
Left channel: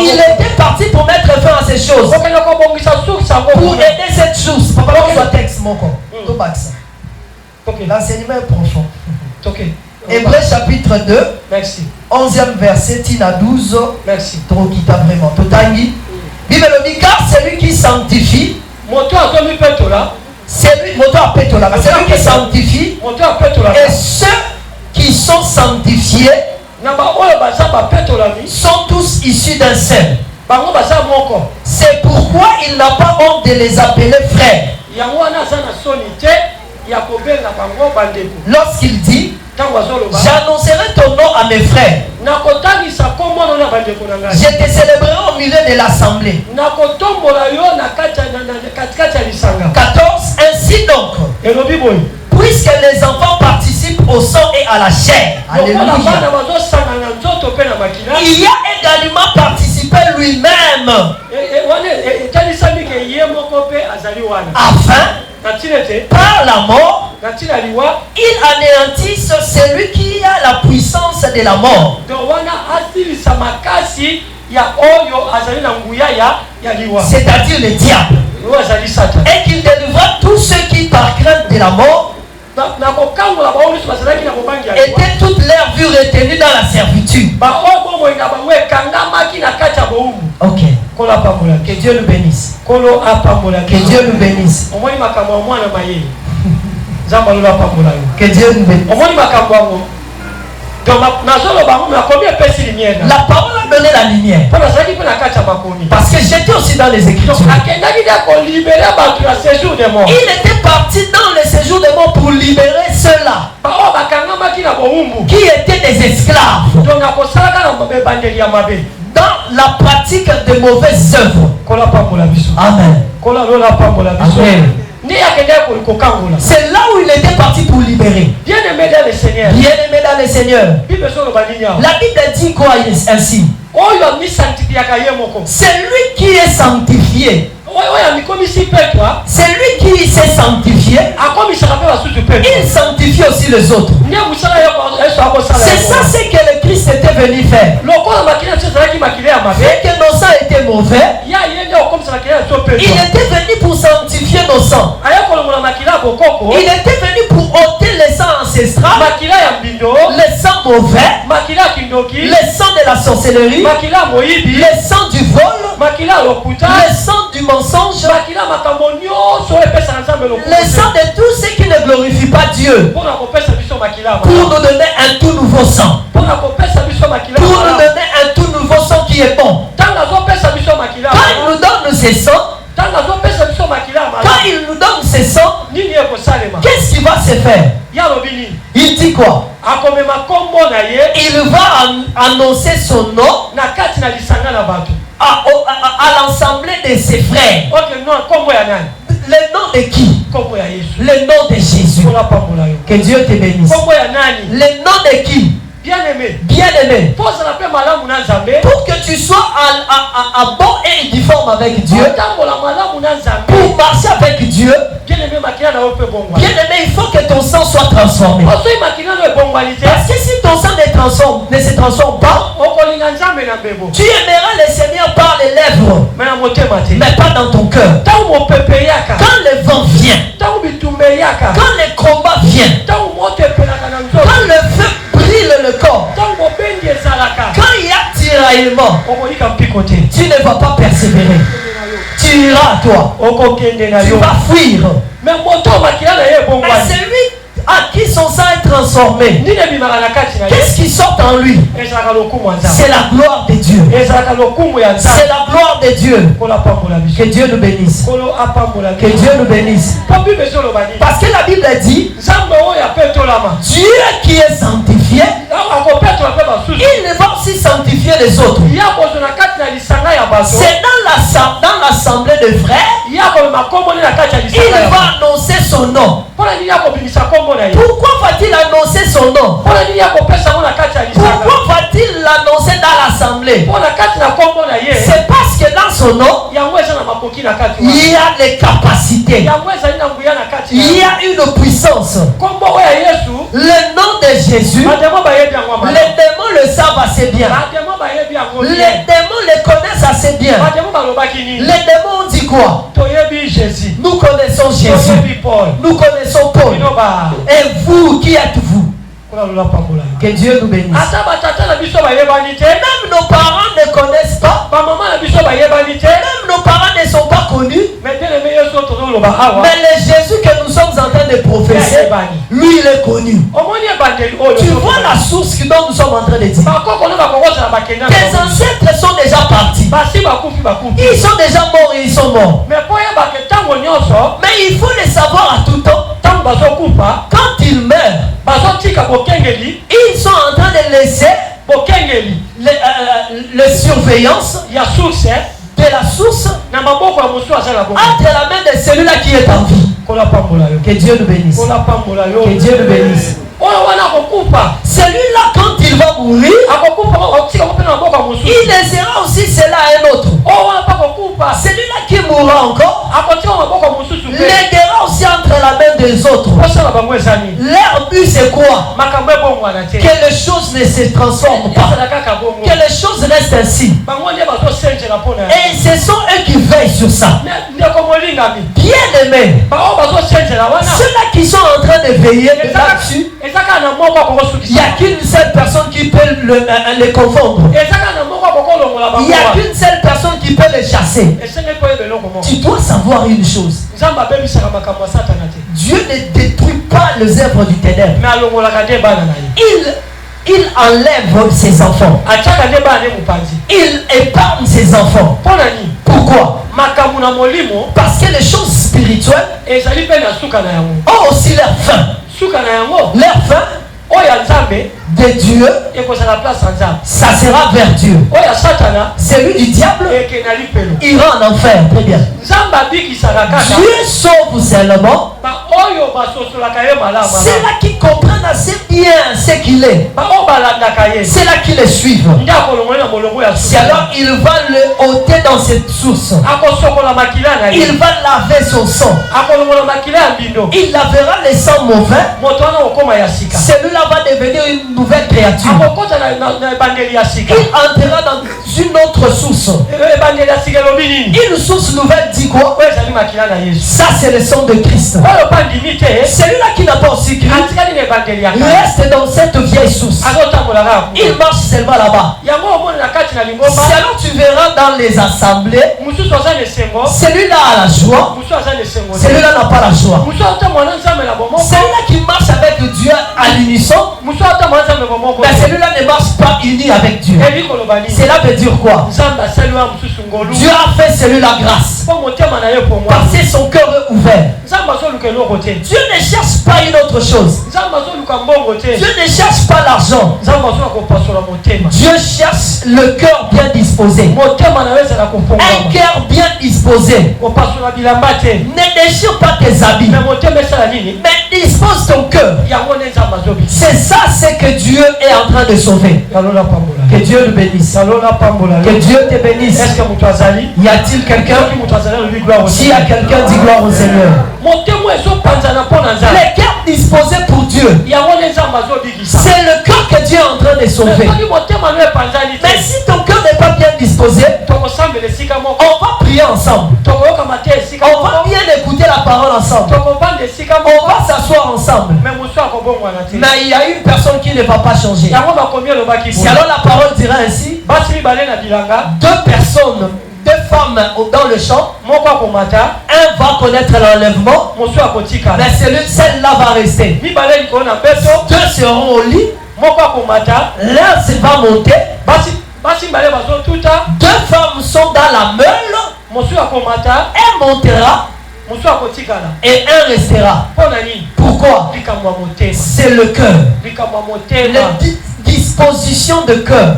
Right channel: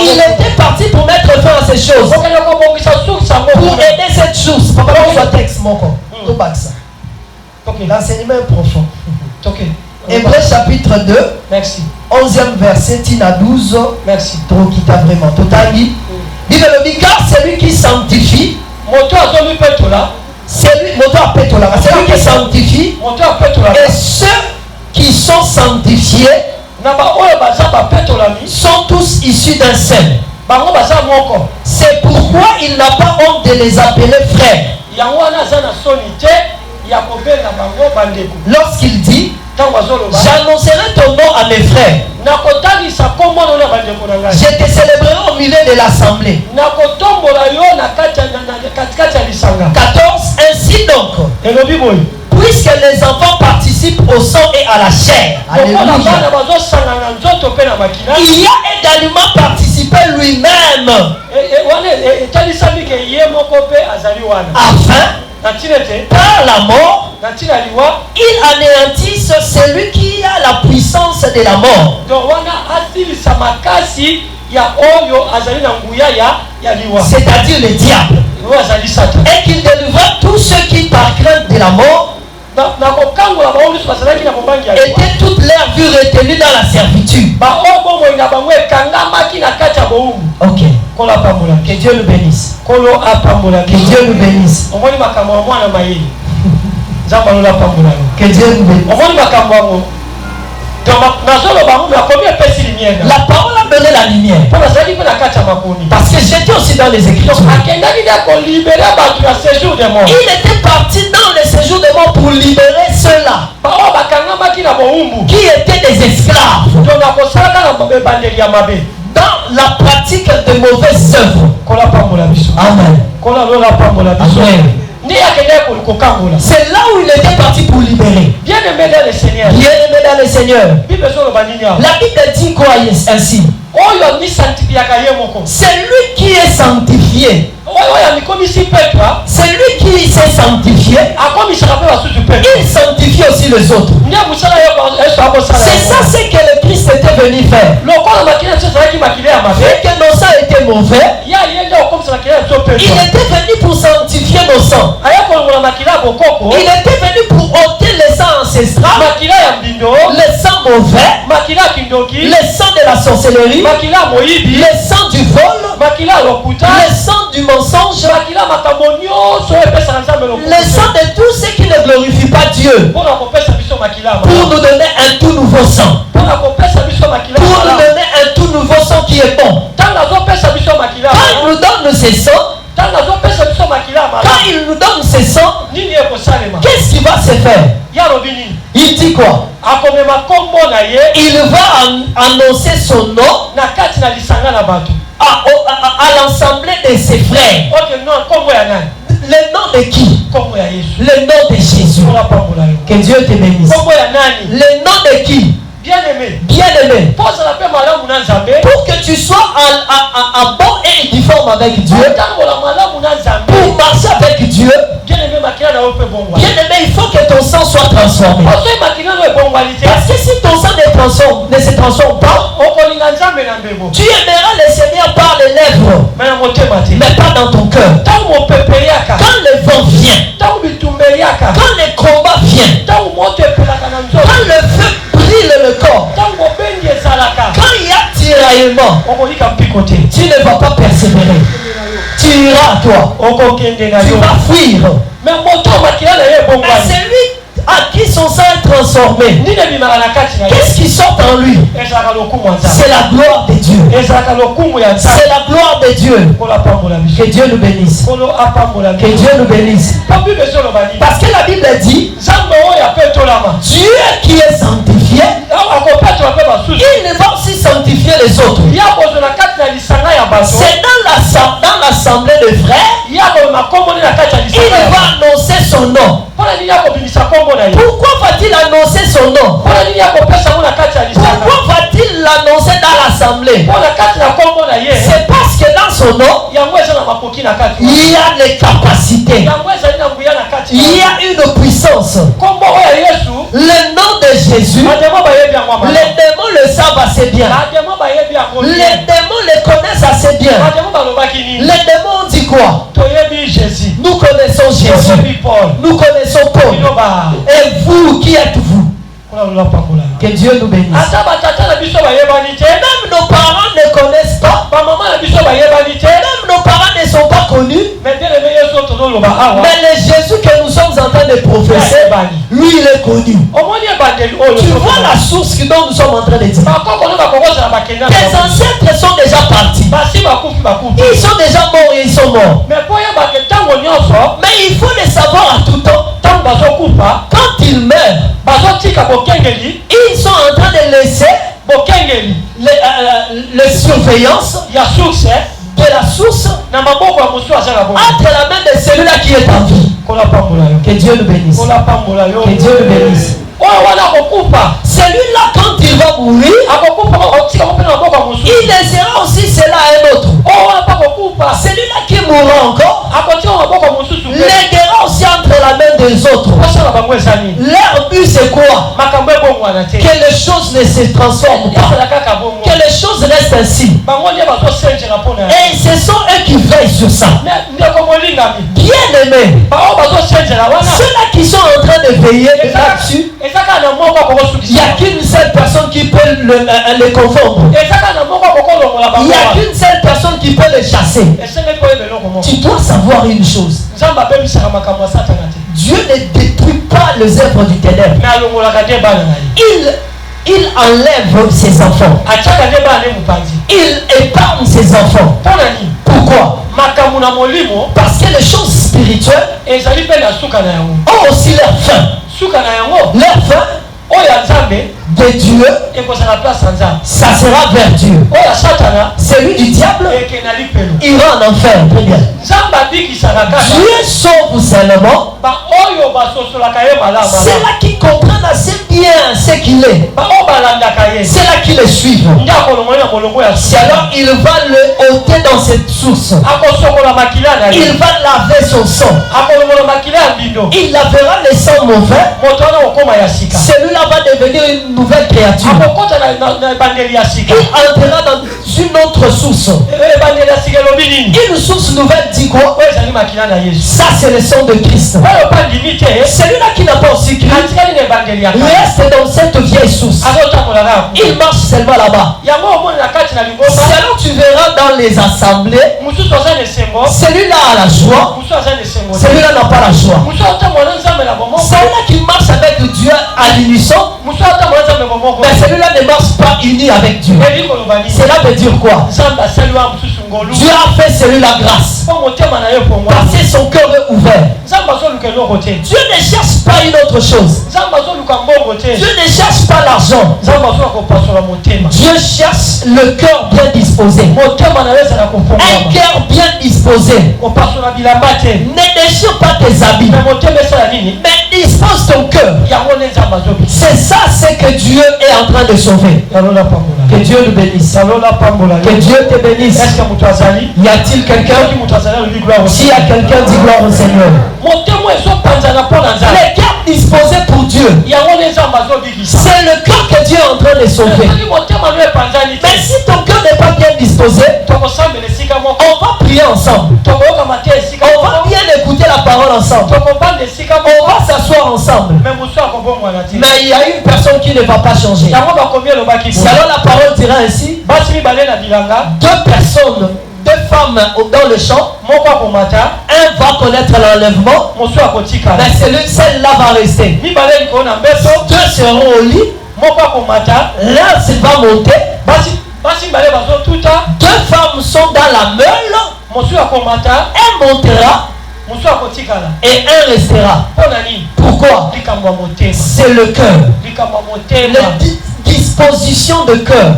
Il était parti pour mettre fin à ces choses, pour aider cette chose. Texte, mon l'enseignement est profond. Hébreux chapitre 2, merci. 11e verset, Tina 12. Merci. Trop vraiment. Totali. Bible dit car celui qui sanctifie, celui qui sanctifie, et ceux qui sont sanctifiés sont tous issus d'un seul. C'est pourquoi il n'a pas honte de les appeler frères. Lorsqu'il dit j'annoncerai ton nom à mes frères, je te célébrerai au milieu de l'assemblée. 14. Ainsi donc, puisque les enfants participent au sang et à la chair, alléluia, il y a également participé lui-même, afin par la mort, il anéantisse celui qui a la puissance de la mort, c'est-à-dire le diable, et qu'il délivra tous ceux qui par crainte de la mort étaient toute leur vue retenue dans la servitude. Ok. Que Dieu nous bénisse. Que Dieu nous bénisse. Que Dieu nous bénisse. La parole a donné la lumière. Parce que j'étais aussi dans les Écritures. Il était parti dans le séjour de mort pour libérer ceux-là qui étaient des esclaves dans la pratique de mauvaises œuvres. Amen. C'est là où il était parti pour libérer. Bien-aimé dans le Seigneur. La Bible dit quoi ainsi? C'est lui qui est sanctifié. C'est lui qui s'est sanctifié. Il sanctifie aussi les autres. C'est ça ce que le Christ était venu faire. Vu que nos sangs étaient mauvais, il était venu pour sanctifier nos sangs. Il était venu pour ôter les sangs ancestrales, les sangs mauvais, les sangs de la sorcellerie, les sangs du vol, les sangs du mensonge, les sangs de tout ce qui ne glorifie pas Dieu, pour nous donner un tout nouveau sang, pour nous donner un tout nouveau sang qui est bon. Quand il nous donne ces sangs, qu'est-ce qui va se faire? Il dit quoi? Il va annoncer son nom à l'assemblée de ses frères. Le nom de qui? Le nom de Jésus. Que Dieu te bénisse. Le nom de qui? Bien-aimé. Bien-aimé. Pour que tu sois en bon et uniforme avec Dieu, pour marcher avec Dieu, bien-aimé, il faut que ton sang soit transformé. Parce que si ton sang ne se transforme pas, tu aimeras le Seigneur par les lèvres, mais pas dans ton cœur. Quand le vent vient, quand le combat vient, quand le feu brille le corps, quand il y a tiraillement, tu ne vas pas persévérer. Tu iras toi. toi. Tu vas fuir. Mais celui à qui son sang est transformé, qu'est-ce qui sort en lui? C'est la gloire de Dieu. C'est la gloire de Dieu. Que Dieu nous bénisse. Que Dieu nous bénisse. Parce que la Bible dit, Dieu qui est sanctifié, il va aussi sanctifier les autres. C'est dans l'assemblée de frères, il va annoncer son nom. Pourquoi va-t-il annoncer son nom? Pourquoi va-t-il l'annoncer dans l'assemblée? C'est parce que dans son nom, il y a les capacités, il y a une puissance. Le nom de Jésus, les démons le savent assez bien. Les démons le connaissent assez bien. Les démons ont dit quoi? Nous connaissons Jésus. Nous connaissons Paul. Et vous, qui êtes-vous? Que Dieu nous bénisse. Même nos parents ne connaissent pas. Même nos parents ne sont pas connus. Mais le Jésus que nous sommes en train de professer, lui il est connu. Tu vois la source dont nous sommes en train de dire. Tes ancêtres sont déjà partis. Ils sont déjà morts et ils sont morts. Mais il faut les savoir à tout temps. Quand ils meurent, ils sont en train de laisser les surveillances de la source entre la main de celui-là qui est en vie. Que Dieu nous bénisse. Que Dieu nous bénisse. Celui-là, quand il va mourir, il laissera aussi cela à un autre. Celui-là qui mourra encore, l'aidera aussi entre la main des autres. Leur but c'est quoi? Que les choses ne se transforment pas. Que les choses restent ainsi. Et ce sont eux qui veillent sur ça. Bien aimés, ceux-là qui sont en train de veiller là-dessus, il n'y a qu'une seule personne qui peut les confondre. Il n'y a qu'une seule personne qui peut les chasser. Tu dois savoir une chose. Dieu ne détruit pas les œuvres du ténèbre. Il enlève ses enfants. Il épargne ses enfants. Pourquoi? Parce que les choses spirituelles ont aussi leur fin. Leur fin de Dieu, ça sera vers Dieu. Celui du diable ira en enfer. Dieu sauve seulement c'est là qui comprennent assez bien ce qu'il est. C'est là qu'ils le suivent. C'est alors il va le ôter dans cette source. Il va laver son sang. Il lavera le sang mauvais. Celui-là va devenir une nouvelle créature. Il entrera dans une autre source. Une source nouvelle dit quoi? Ça c'est le sang de Christ. Celui-là qui n'a pas aussi cru reste dans cette vieille source. Il marche seulement là-bas. C'est alors tu verras dans les assemblées, celui-là a la joie, celui-là n'a pas la joie. Celui-là qui marche avec Dieu à l'unisson, mais celui-là ne marche pas uni avec Dieu. Cela veut dire quoi? Dieu a fait celui-là grâce parce que son cœur est ouvert. Dieu ne cherche pas une autre chose. Dieu ne cherche pas l'argent. Dieu cherche le cœur bien disposé. Un cœur bien disposé. Ne déchire pas tes habits, mais dispose ton cœur. C'est ça, c'est que Dieu est en train de sauver. Que Dieu le bénisse. Que Dieu te bénisse. Y a-t-il quelqu'un? S'il y a quelqu'un, dis gloire au Seigneur. Les cœurs disposés pour Dieu, c'est le cœur que Dieu est en train de sauver. Mais si ton cœur n'est pas bien disposé, on va prier ensemble. On va bien écouter la parole ensemble. On va s'asseoir ensemble. Mais il y a une personne qui ne va pas changer. Si alors la parole dira ainsi, deux deux femmes dans le champ. Un va connaître l'enlèvement, mais celle-là va rester. Deux seront au lit. L'un va monter. Deux femmes sont dans la meule. Un montera et un restera. Pourquoi? C'est le cœur. Les dispositions de cœur.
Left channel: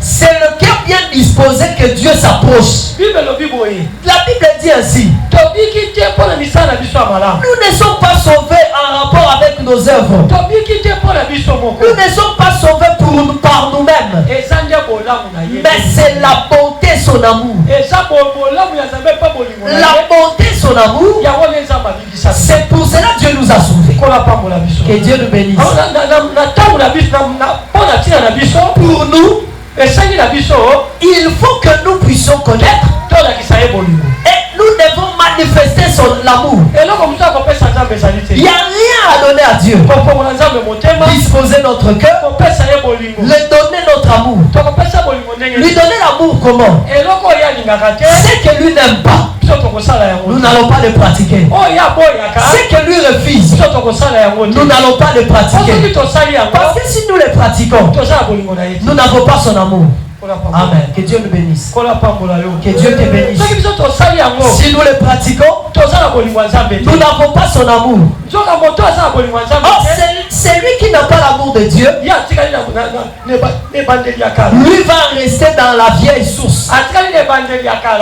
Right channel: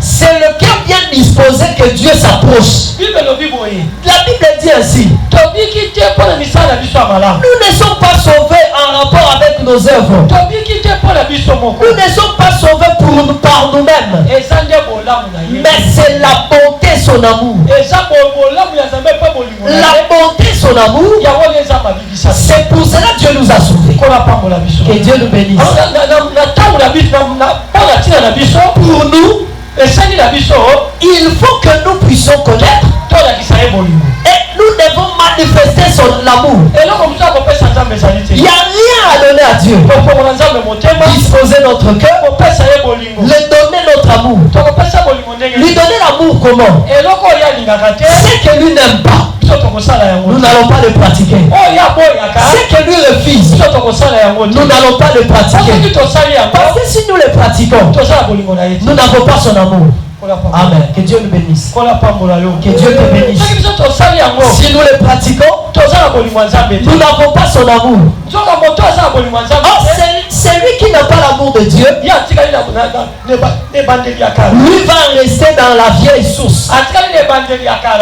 C'est le cœur bien disposé que Dieu s'approche. La Bible dit ainsi: nous ne sommes pas sauvés en rapport avec nos œuvres. Nous ne sommes pas sauvés par nous-mêmes. Mais c'est la bonté, son amour. La bonté, son amour. C'est pour cela que Dieu nous a sauvés. Que Dieu nous bénisse. Pour nous, il faut que nous puissions connaître. Et nous devons manifester son amour. Il n'y a rien à donner à Dieu. Disposer notre cœur, lui donner notre amour. Lui donner l'amour comment? C'est que lui n'aime pas, nous n'allons pas le pratiquer. C'est que lui refuse, nous n'allons pas le pratiquer. Parce que si nous le pratiquons, nous n'avons pas son amour. Amen. Que Dieu nous bénisse. Que Dieu te bénisse. Si nous le pratiquons, nous n'avons pas son amour. Oh, c'est lui qui n'a pas l'amour de Dieu. Lui va rester dans la vieille source.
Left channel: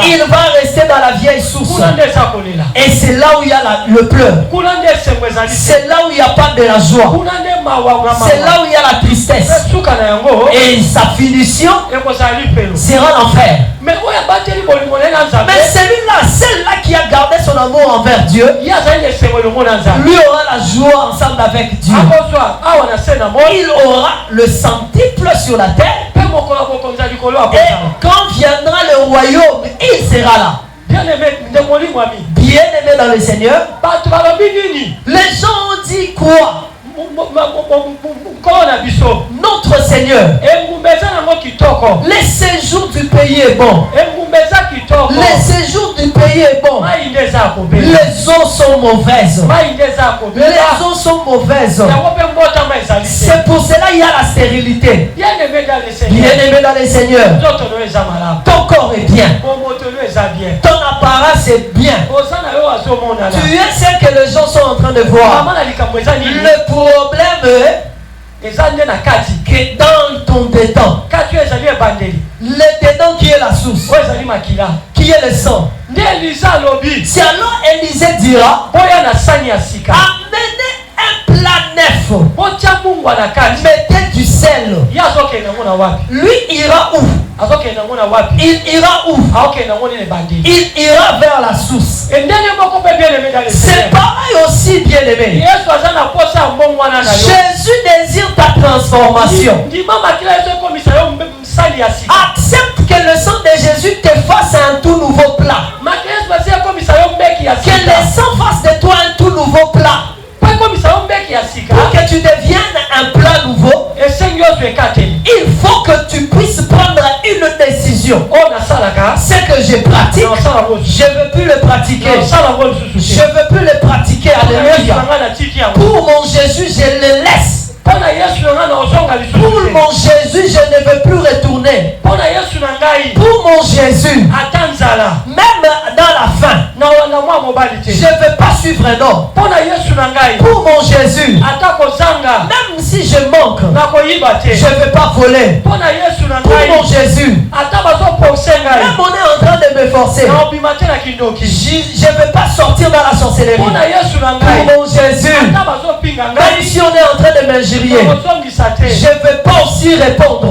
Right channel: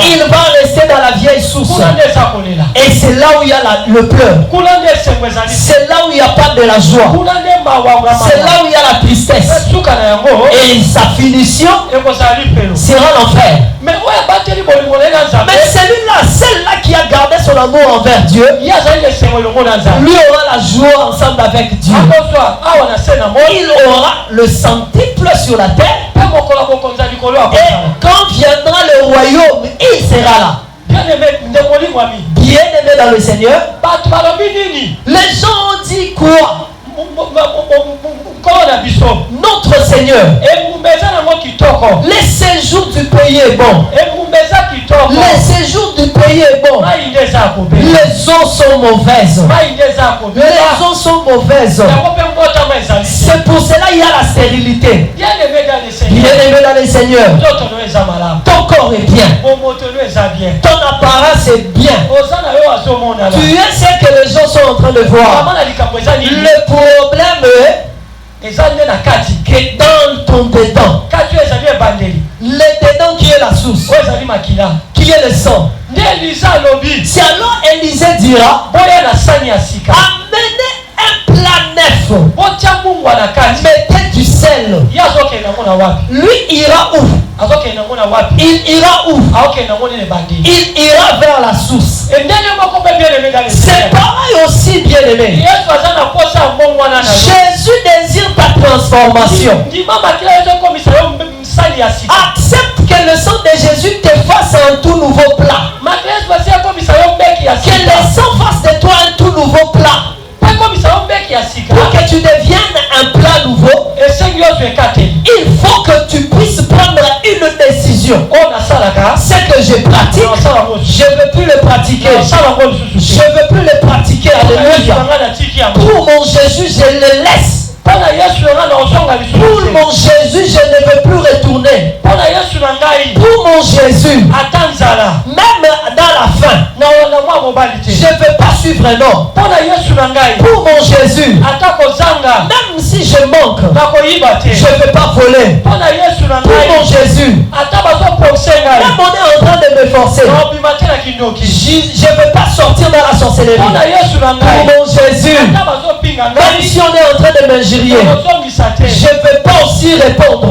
Il va rester dans la vieille source. Et c'est là où il y a le pleur. C'est là où il n'y a pas de la joie. C'est là où il y a la tristesse. Et sa finition sera l'enfer. Mais celui-là, celle-là qui a gardé son amour envers Dieu, lui aura la joie ensemble avec Dieu. Il aura le centuple sur la terre. Et quand viendra le royaume, il sera là. Bien-aimé dans le Seigneur, les gens ont dit quoi? Notre Seigneur, les séjours du pays est bon. Les séjours du pays est bon. Les eaux sont mauvaises. Les eaux sont mauvaises. C'est pour cela qu'il y a la stérilité. Bien-aimé dans le Seigneur, ton corps est bien. Ton apparence est bien. Tu es ce que les gens sont en train de voir. Le problème est que dans ton dédon, le dédon qui est la source, qui est le sang, c'est alors Élisée dira: amenez un plat neuf, mettez du sel. Lui ira où? Il ira où? Il ira vers la source. C'est pareil aussi, bien-aimé. Jésus désire ta transformation. Accepte que le sang de Jésus te fasse un tout nouveau plat. Que le sang fasse de toi un tout nouveau plat. Pour que tu deviennes un plat nouveau, il faut que tu puisses prendre une décision. Ce que je pratique, je ne veux plus le pratiquer. Je ne veux plus le pratiquer. Alléluia. Pour mon Jésus, je le laisse. Pour mon Jésus, je ne veux plus retourner. Pour mon Jésus, même dans la faim, je ne veux pas suivre un homme. Pour mon Jésus, même si je manque, je ne veux pas voler. Pour mon Jésus, même on est en train de me forcer, je ne veux pas sortir dans la sorcellerie. Pour mon Jésus, même si on est en train de m'injurier, je ne veux pas aussi répondre.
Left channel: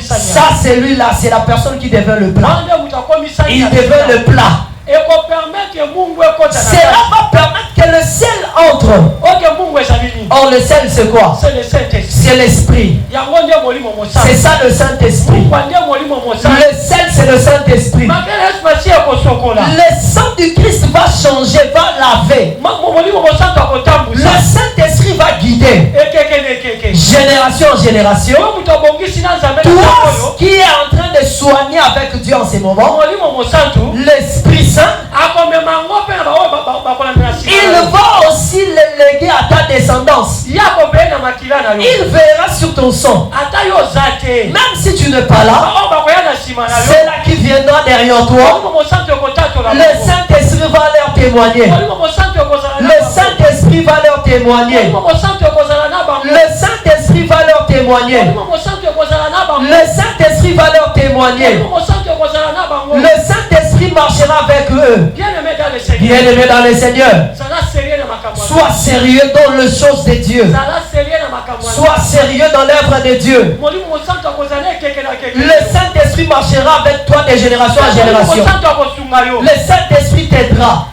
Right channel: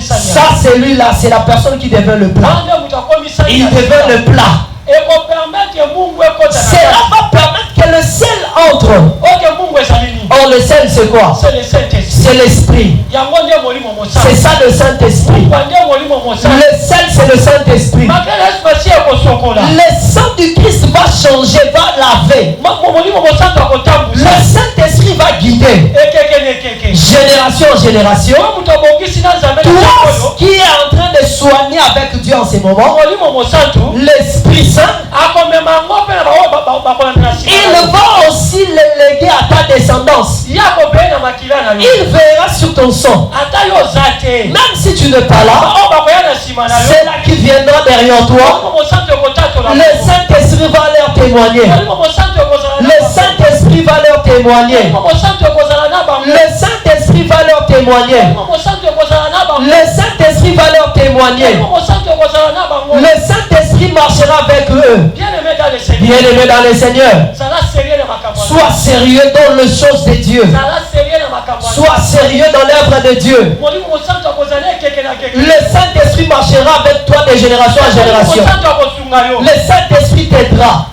Ça, c'est lui-là, c'est la personne qui devient le plat. Il devient le plat. Cela va permettre que le sel entre. Or, le sel, c'est quoi? C'est l'esprit. C'est ça le Saint-Esprit. Le sel, c'est le Saint-Esprit. Le sang du Christ va changer, va laver. Le Saint-Esprit va guider. Génération en génération. Toi qui est en train de soigner avec Dieu moments, l'Esprit Saint, il va aussi les léguer à ta descendance. Il verra sur ton sang. Même si tu n'es pas là, c'est là qui viendra derrière toi. Le Saint-Esprit va leur témoigner. Le Saint-Esprit va leur témoigner. Le Saint-Esprit va leur témoigner. Le Saint-Esprit va leur témoigner. Le Saint-Esprit marchera avec eux. Bien-aimés dans le Seigneur, sois sérieux dans les choses de Dieu. Sois sérieux dans l'œuvre de Dieu. Le Saint-Esprit marchera avec toi de génération en génération. Le Saint-Esprit t'aidera.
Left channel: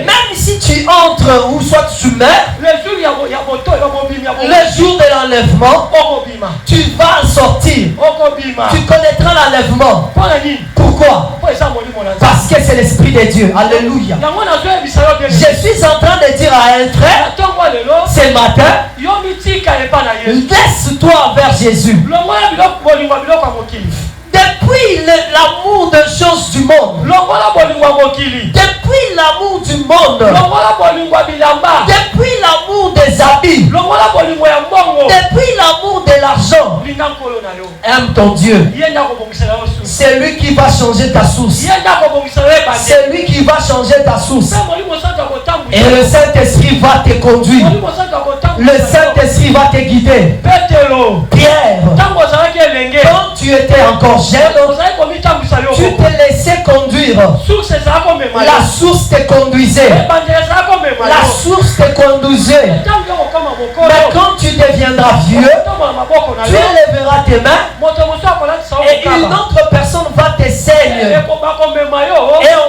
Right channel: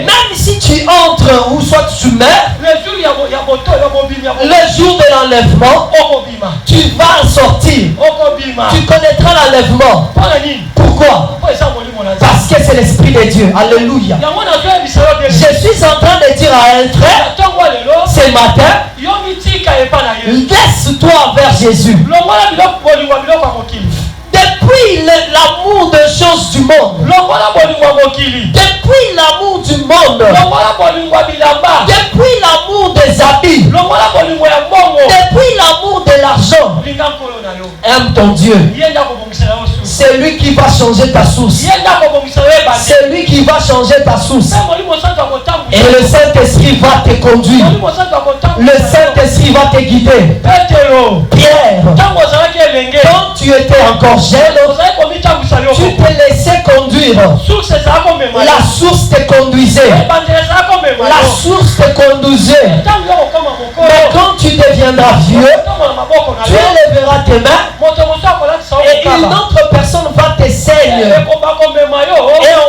Même si tu entres ou soit tu meurs, le jour de l'enlèvement, tu vas sortir. Tu connaîtras l'enlèvement. Pourquoi? Parce que c'est l'Esprit de Dieu. Alléluia. Je suis en train de dire à un frère ce matin, laisse-toi vers Jésus. Depuis l'amour de choses du monde, depuis l'amour du monde, depuis l'amour des habits, depuis l'amour de l'argent, aime ton Dieu. C'est lui qui va changer ta source. C'est lui qui va changer ta source. Et le Saint-Esprit va te conduire. Le Saint-Esprit va te guider. Pierre, quand tu étais encore jeune, tu te laissais conduire. La source te conduisait. La source te conduisait. Mais quand tu deviendras vieux, tu élèveras tes mains et une autre personne va te saigner. Et on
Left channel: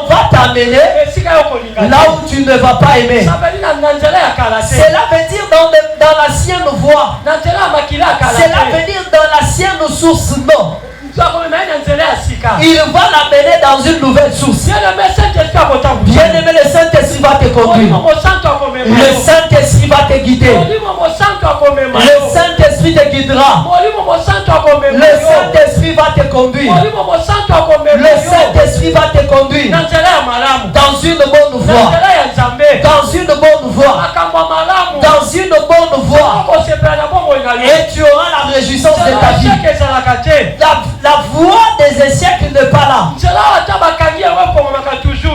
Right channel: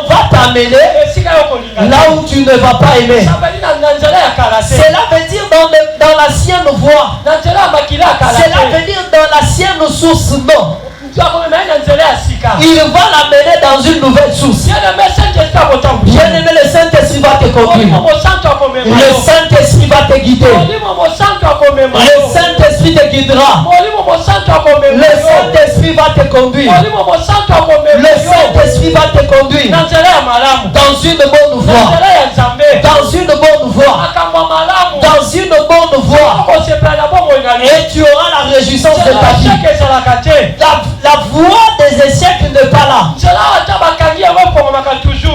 va t'amener là où tu ne vas pas aimer. Cela veut dire dans l'ancienne voie. Cela veut dire dans l'ancienne source, non. Il va l'amener dans une nouvelle source. Bien-aimé, le Saint-Esprit va te conduire. Le Saint-Esprit va te guider. Le Saint-Esprit te guidera. Le Saint-Esprit va te conduire. Le Saint-Esprit va te conduire dans une bonne voie. Dans une bonne voie. Dans une bonne voie. Et tu auras la réjouissance de ta vie. La voie des échecs n'est pas là.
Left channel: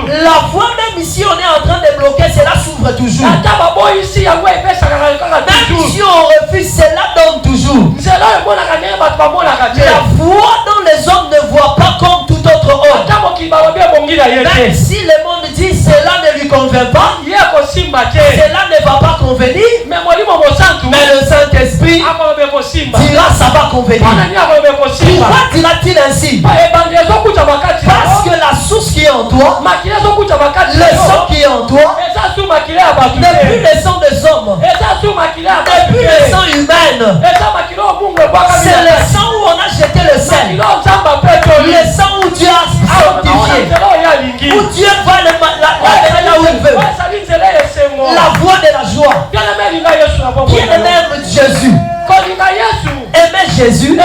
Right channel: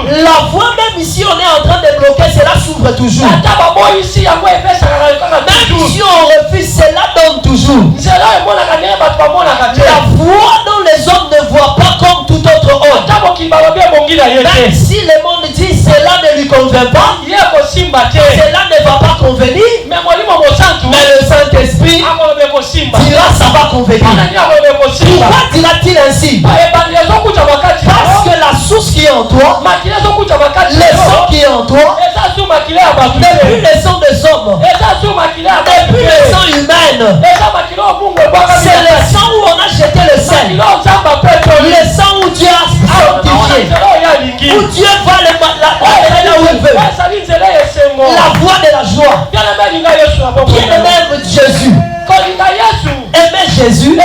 La voie, même si on est en train de bloquer, cela s'ouvre toujours. Même si on refuse, cela donne toujours. La voie dont les hommes ne voient pas comme tout autre homme. Même si le monde dit cela ne lui convient pas, cela ne va pas convenir, mais le Saint-Esprit dira ça va convenir. Pourquoi dira-t-il ainsi? Parce que la source qui est en toi, le sang qui est en toi, depuis le sang des hommes, depuis le sang humain, c'est le sang où on a jeté le sel, le sang où Dieu a sanctifié, où Dieu va le là où il veut. La voie de la joie. Bien-aimé Jésus. Aimer Jésus,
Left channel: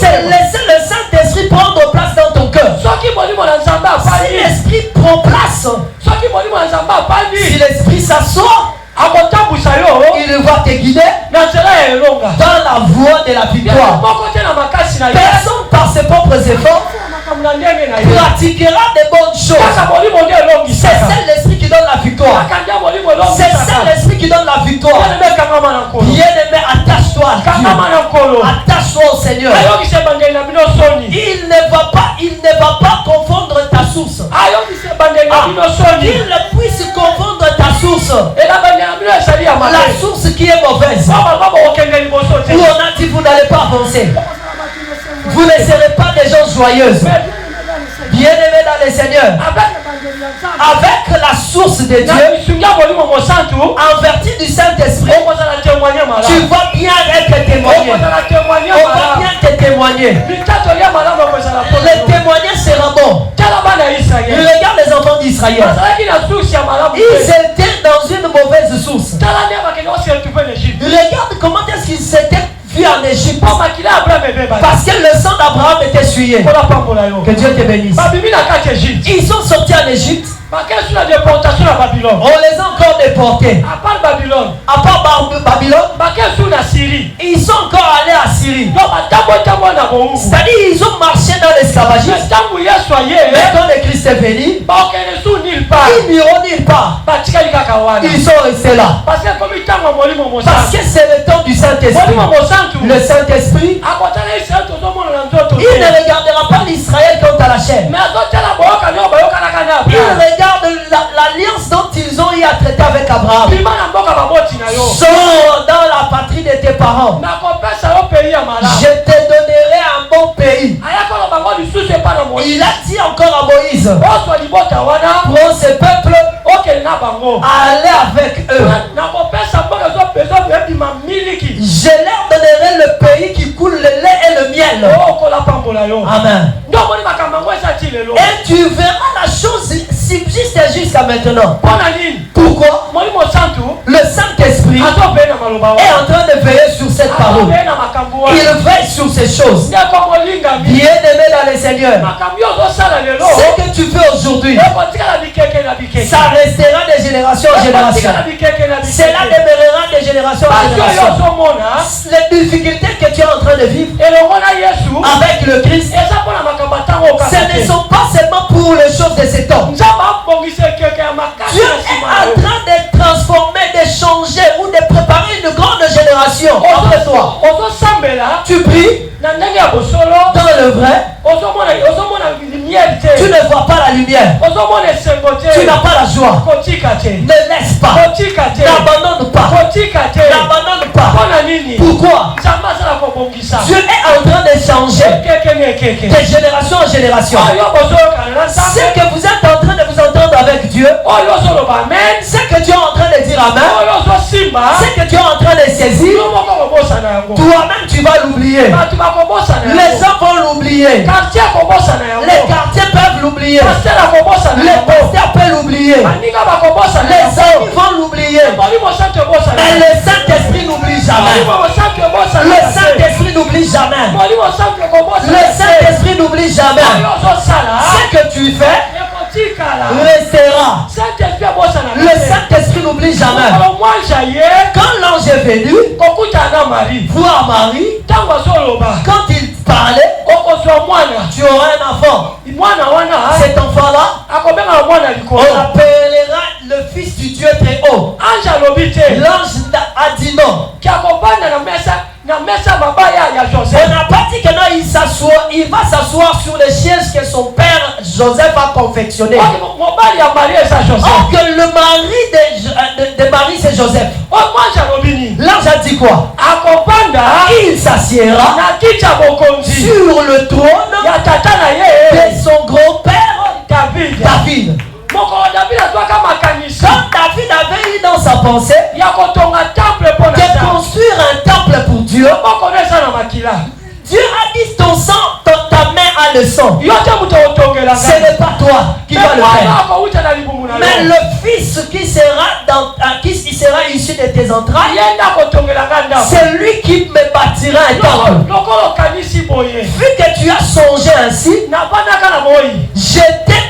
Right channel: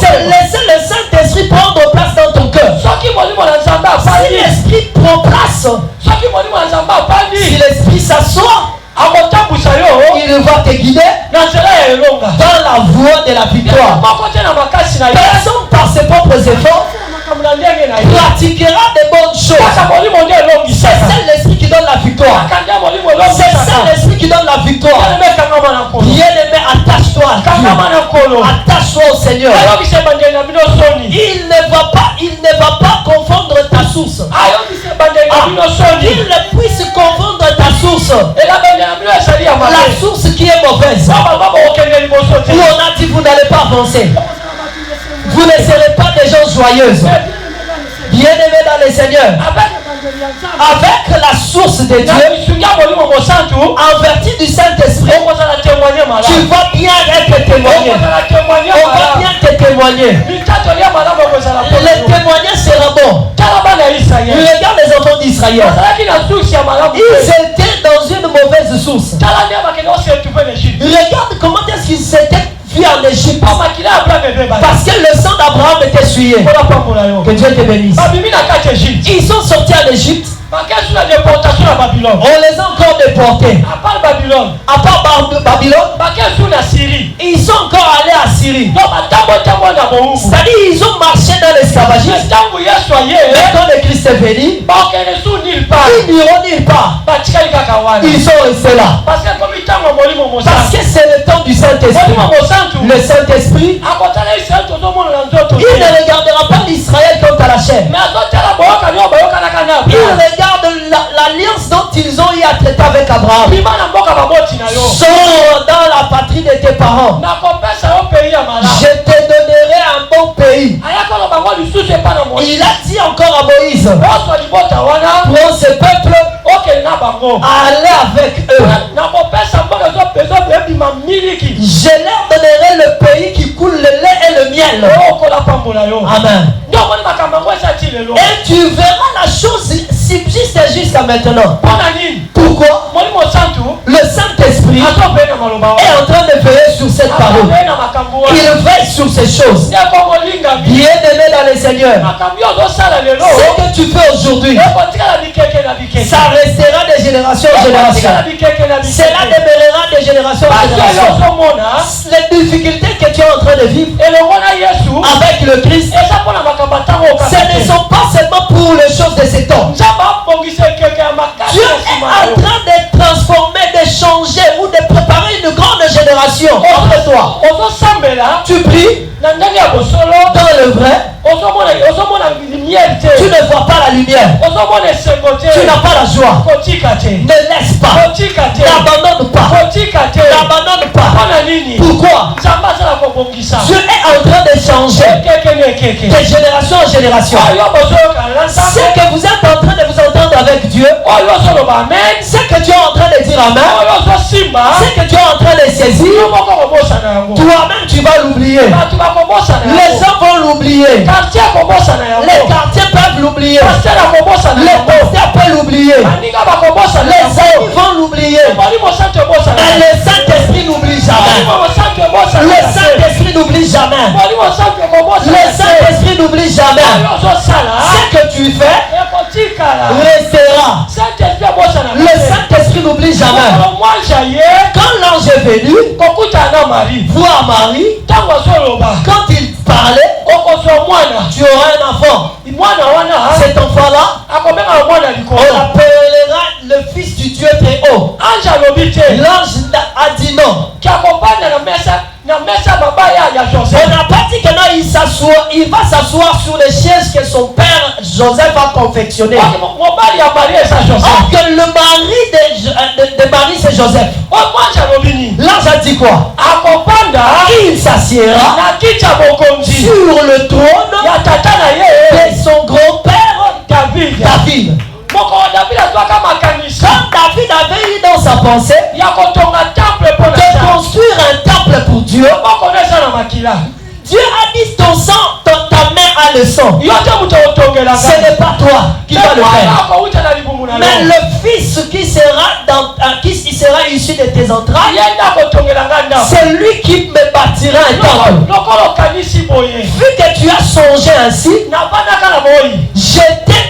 c'est laisser le Saint-Esprit prendre place dans ton cœur. Si l'Esprit prend place, si l'Esprit s'assoit, il va te guider dans la voie de la victoire. Personne par ses propres efforts pratiquera des bonnes choses. C'est ça l'Esprit qui donne la victoire. C'est ça l'Esprit qui donne la victoire. Bien-aimé, attache-toi à Dieu. Attache-toi au Seigneur. Il ne va pas confondre ta source. Qu'il ne puisse confondre ta source. La source qui est mauvaise. Où on a dit vous n'allez pas avancer. Vous ne serez pas des gens joyeuses. Bien-aimés dans le Seigneur, avec la source de Dieu, en vertu du Saint-Esprit, tu vas bien être témoigné. On va bien te témoigner. Le témoignage sera bon. Regarde les enfants d'Israël. Ils étaient dans une mauvaise source. Regarde comment est-ce qu'ils s'étaient vus en Égypte. Parce que le sang d'Abraham était essuyé. Que Dieu te bénisse. Ils sont sortis en Égypte. On les a encore déportés. À part Babylone. Ils sont encore allés à Syrie. C'est-à-dire ils ont marché dans l'esclavagisme. Mais quand le Christ est venu, ils n'iront nulle part. Ils sont restés là. Parce que c'est le temps du Saint-Esprit. Le Saint-Esprit, il ne regardera pas l'Israël comme à la chair. Il regarde l'alliance dont ils ont eu à traiter avec Abraham. Sors dans la patrie de tes parents. Je te donnerai un bon pays. Il a dit encore à Moïse, prends ce peuple, allez avec eux. Je leur donnerai le pays qui coule le lait et le miel. Amen. Et tu verras la chose subsiste jusqu'à maintenant. Pourquoi? Le Saint-Esprit est en train de veiller sur cette parole. Il veille sur ces choses. Bien-aimé dans le Seigneur, ce que tu fais aujourd'hui, ça restera de génération en génération. Cela demeurera de génération en génération. Les difficultés que tu es en train de vivre avec le Christ, ce ne sont pas seulement pour les choses de cet homme. Dieu est en train de transformer, de changer ou de préparer une grande génération entre toi. Tu pries dans le vrai. Tu ne vois pas la lumière. Tu n'as pas la joie. Ne laisse pas. N'abandonne pas. N'abandonne pas. Pourquoi? Dieu est en train de changer de génération en génération. C'est que vous êtes en train de vous entendre avec Dieu. C'est que Dieu est en train de dire Amen. C'est que Dieu est en train de saisir. Toi-même tu vas l'oublier. Les gens vont l'oublier. Les quartiers peuvent l'oublier. Les pasteurs peuvent l'oublier. Les amis vont l'oublier. Mais le Saint-Esprit n'oublie jamais. Le Saint-Esprit n'oublie jamais. Le Saint-Esprit n'oublie jamais. Ce que tu fais restera. Le Saint-Esprit n'oublie jamais. Quand l'ange est venu voir Marie, quand il parlait, tu auras un enfant. Cet enfant-là, on l'appellera le fils du Dieu très haut. L'ange a dit non. On n'a pas dit que non, il va s'asseoir sur les chaises que son père Joseph a confectionné. Or que le mari de Marie c'est Joseph. L'ange a dit quoi? Il s'assiera sur le trône de son grand-père David. Quand David avait eu dans sa pensée de construire un temple pour Dieu, Dieu a dit ton sang, ta main a le sang. Ce n'est pas toi qui vas le faire. Mais le fils qui sera issu de tes entrailles, c'est lui qui me bâtira un temple. Vu que tu as songé ainsi, j'étais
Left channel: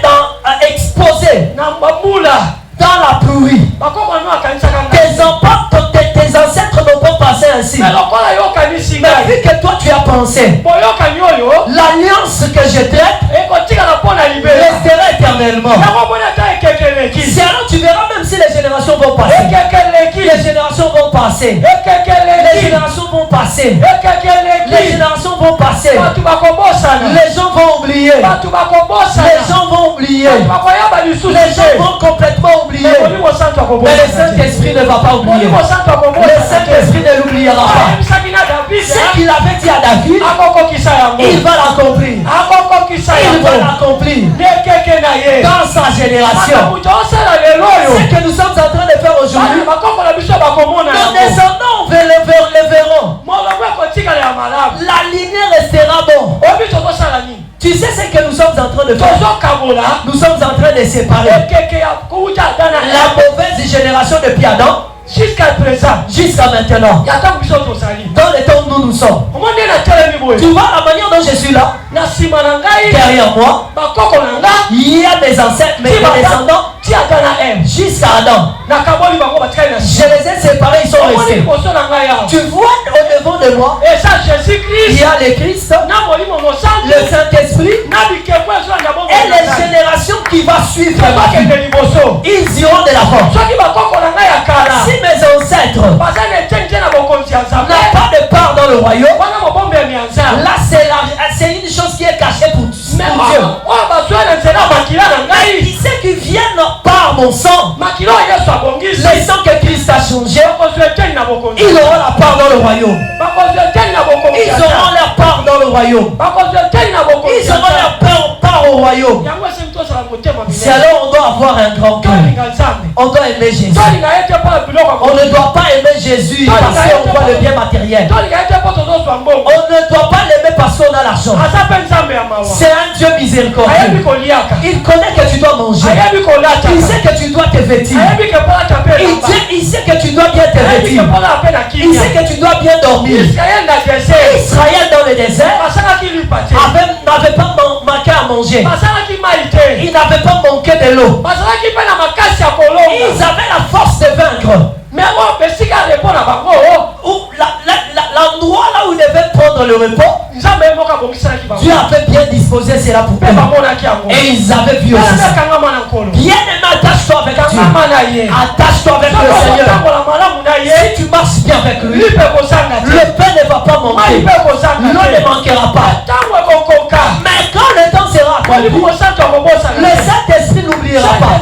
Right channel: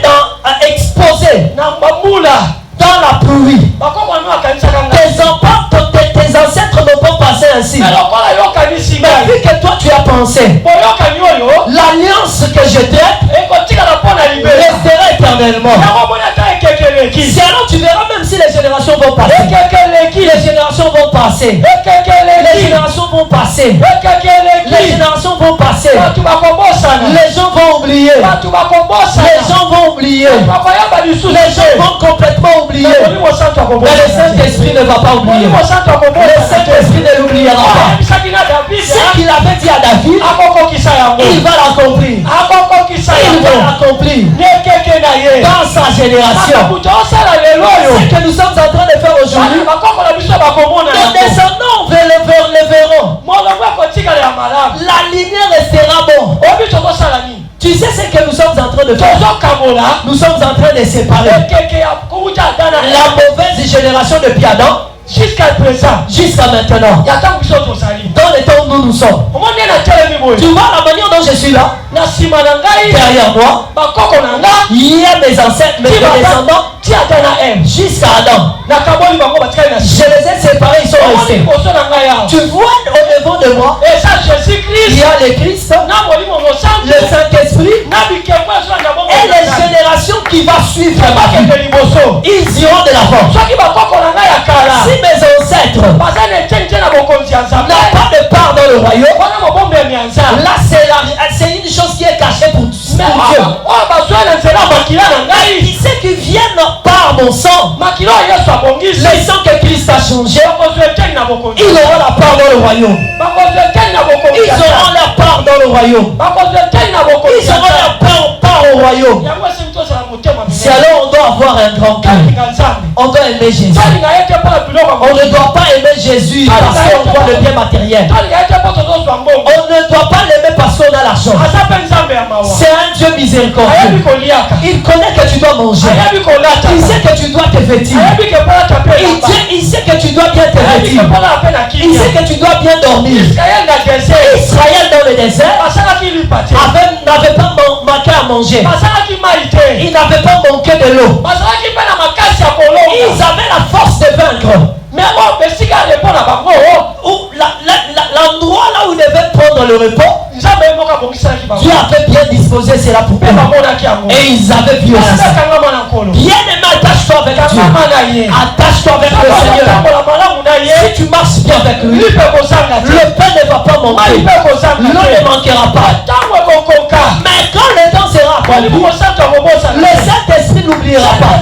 exposé dans la pluie. Tes ancêtres n'ont pas passé ainsi. Mais vu que toi tu as pensé, l'alliance que je traite restera éternellement. Sinon tu verras même si les générations vont passer. Les générations vont passer. Les générations vont passer. Les générations vont passer. Les gens vont oublier. Les gens vont oublier. Les gens vont complètement oublier. Mais le Saint-Esprit ne va pas oublier. Le Saint-Esprit ne l'oubliera pas. Ce qu'il avait dit à David, il va l'accomplir. Il va l'accomplir dans sa génération. Ce que nous sommes en train de faire aujourd'hui, nos descendants vers le verront. La lumière restera bon. Tu sais ce que nous sommes en train de faire? Nous sommes en train de séparer la mauvaise génération depuis Adam jusqu'à présent, jusqu'à maintenant, il y a tant de choses au salut. dans le temps où nous vois la manière dont je suis là. Derrière moi, il y a mes ancêtres, mes descendants, jusqu'à Adam. Je les ai séparés, ils sont restés. Tu vois au devant de moi, il y a le Christ, le Saint-Esprit et les générations qui vont suivre. Ils iront de l'avant. Si mes ancêtres n'ont pas de part dans le royaume, là c'est une chose qui est cachée pour Dieu. Qui sait qu'ils viennent par mon sang, le sang que Christ a changé, ils auront la part dans le royaume. Ils auront la part dans le royaume. Ils auront la part au royaume. C'est alors on doit avoir un grand cœur. On doit aimer Jésus. On ne doit pas aimer Jésus parce qu'on doit le bien matériel. On ne doit pas l'aimer parce qu'on a l'argent. C'est un Dieu miséricordieux. Il connaît que tu dois manger. Il sait que tu dois te vêtir. Il sait que tu dois bien te vêtir. Il sait que tu dois bien dormir. Israël dans le désert n'avait pas manqué à manger. Il n'avait pas manqué de l'eau. Ils avaient la force de vaincre. Mais l'endroit là où ils devaient prendre le repos, Dieu avait bien disposé cela pour eux. Et ils avaient vu aussi ça. Bien aimé, attache-toi avec Dieu. Attache-toi avec le Seigneur. Si tu marches bien avec lui, le pain ne va pas manquer. L'eau ne manquera pas. Mais quand le temps sera accompli, le Saint-Esprit n'oubliera pas.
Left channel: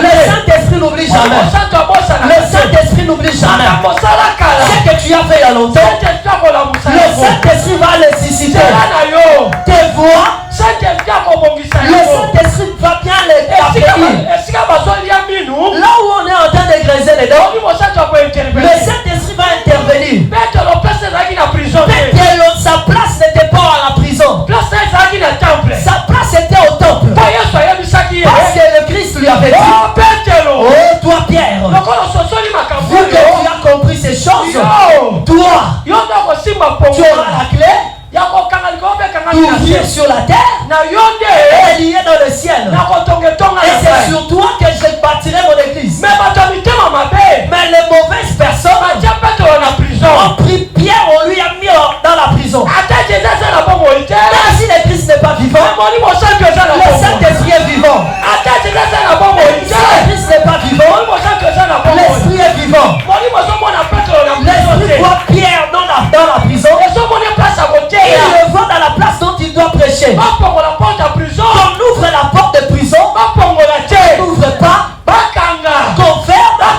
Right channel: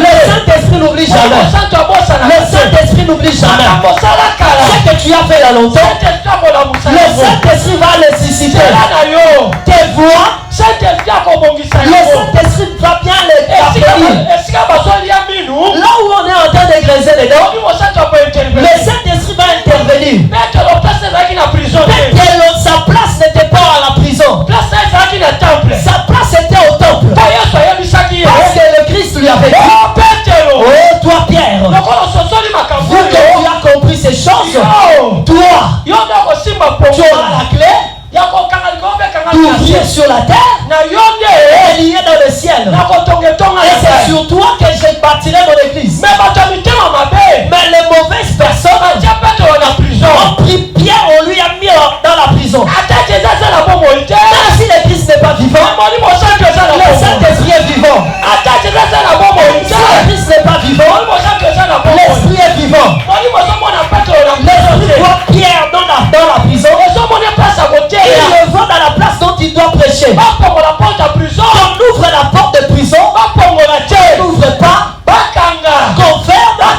Le Saint-Esprit n'oublie jamais. Le Saint-Esprit n'oublie jamais. Ce que tu as fait il y a longtemps, le Saint-Esprit va nécessiter tes voix. Le Saint-Esprit va bien les accueillir. Là où on est en train de graisser les dents, le Saint-Esprit va intervenir. Sa place n'était pas à la prison. Sa place était au temple. Parce que le Christ lui avait dit, oh toi Pierre, vu que tu as compris ces choses, toi tu auras la clé d'ouvrir sur la terre et lier dans le ciel. Et c'est sur toi que je bâtirai mon église. Mais les mauvaises personnes ont pris Pierre, on lui a mis dans la prison. Même si le Christ n'est pas vivant, le Saint-Esprit est vivant. Si le Christ n'est pas vivant, l'Esprit est vivant. L'Esprit voit Pierre dans la prison. Il le voit dans la place dont il doit prêcher. On ouvre la porte de prison. On n'ouvre pas. Qu'on ferme pas.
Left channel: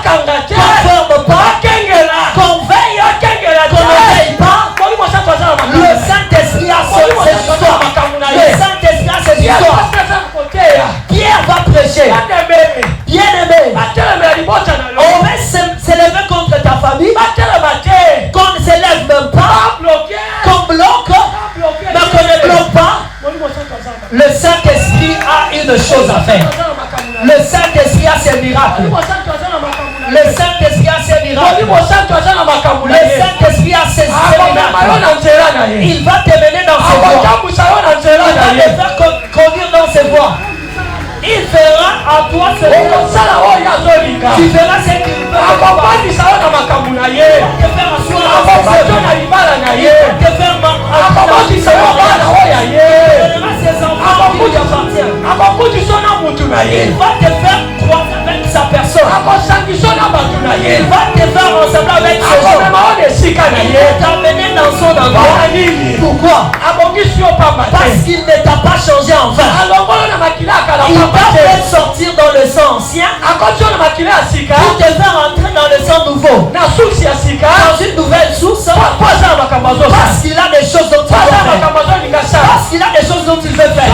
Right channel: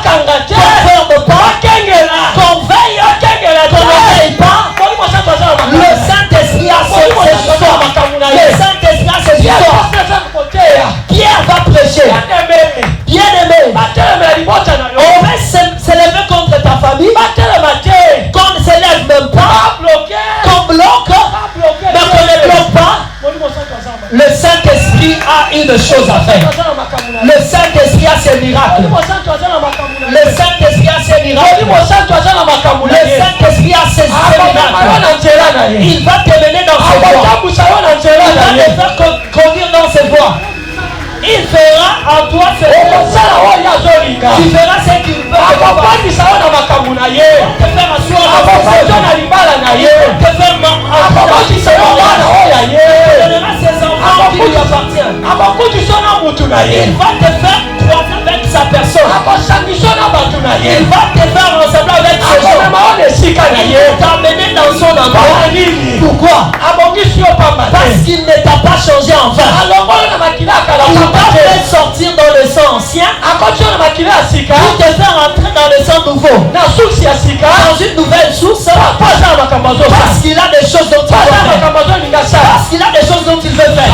Qu'on veille pas. Le Saint-Esprit a ses histoires. Le Saint-Esprit a ses histoires. Pierre va prêcher. Bien aimé, on va s'élever contre ta famille. Qu'on ne s'élève même pas. Qu'on bloque. Mais qu'on ne bloque pas. Le Saint-Esprit a une chose à faire. Le Saint-Esprit a ses miracles. Le Saint-Esprit a ses miracles. Le Saint-Esprit a ses miracles. Il va te mener dans ses voies. Il va te faire courir dans ses voies. Il fera à toi ce qu'il veut. Tu feras ce qu'il veut. Te faire asseoir te faire ses enfants qui lui appartiennent. Il va te faire croire avec sa personne. Il va te faire ressembler avec ses gens. Il va t'amener dans son endroit. Pourquoi? Parce qu'il ne t'a pas changé en vain. Il va te sortir dans le sang ancien pour te faire entrer dans le sang nouveau. Dans une nouvelle source. Parce qu'il a des choses dont il veut faire. Parce qu'il a des choses dont il veut faire.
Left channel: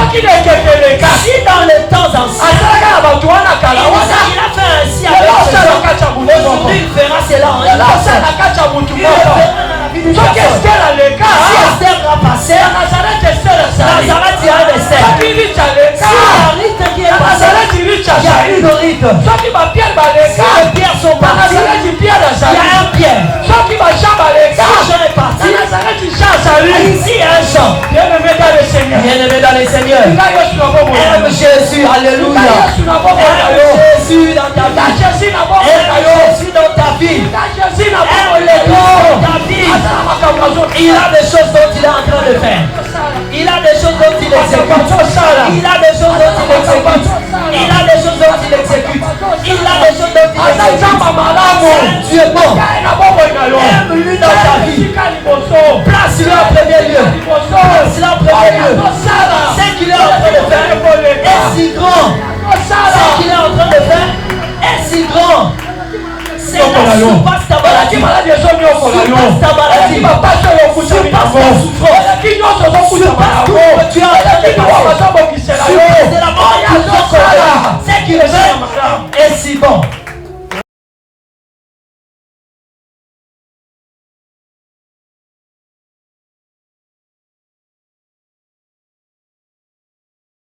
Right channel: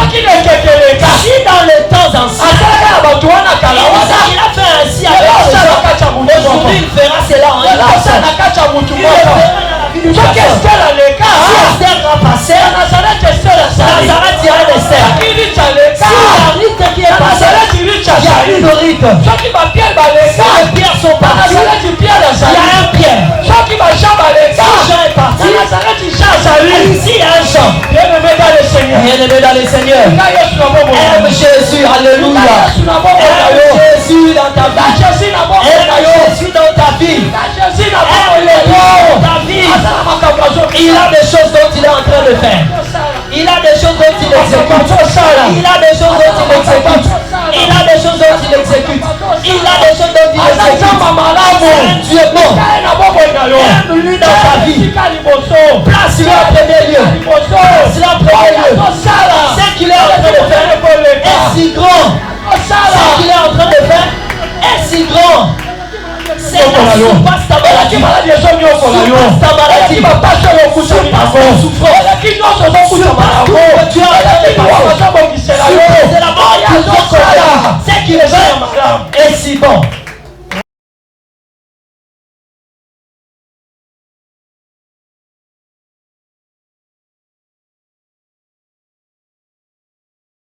Si dans les temps anciens il a fait ainsi avec ses gens, aujourd'hui il fera cela en une. Il le fera dans la vie du pasteur. Si Esther va passer, Nazareth ira d'Esther. Si la rite qui est passée, il y a une rite. Si les pierres sont parties, Aime Jésus, alléluia. Aime Jésus dans ta vie. Aime Jésus dans ta vie. Aime Jésus dans ta vie. Il a des choses dont il est en train de faire. Il a des choses dont il exécute. Il a des choses dont il exécute. Il a des choses dont il exécute. Il a des choses dont il exécute. C'est Dieu, non. Aime-lui dans ta vie. Place-le en premier lieu. Place-le en premier lieu. Ce qu'il est en train de faire est si grand. Ce qu'il est en train de faire est si grand. C'est la surpasse ta maladie. Surpasse ta maladie. Surpasse ta souffrance. Surpasse tout ce que tu as en train de faire. Surpasse la mort. C'est qu'il est fait.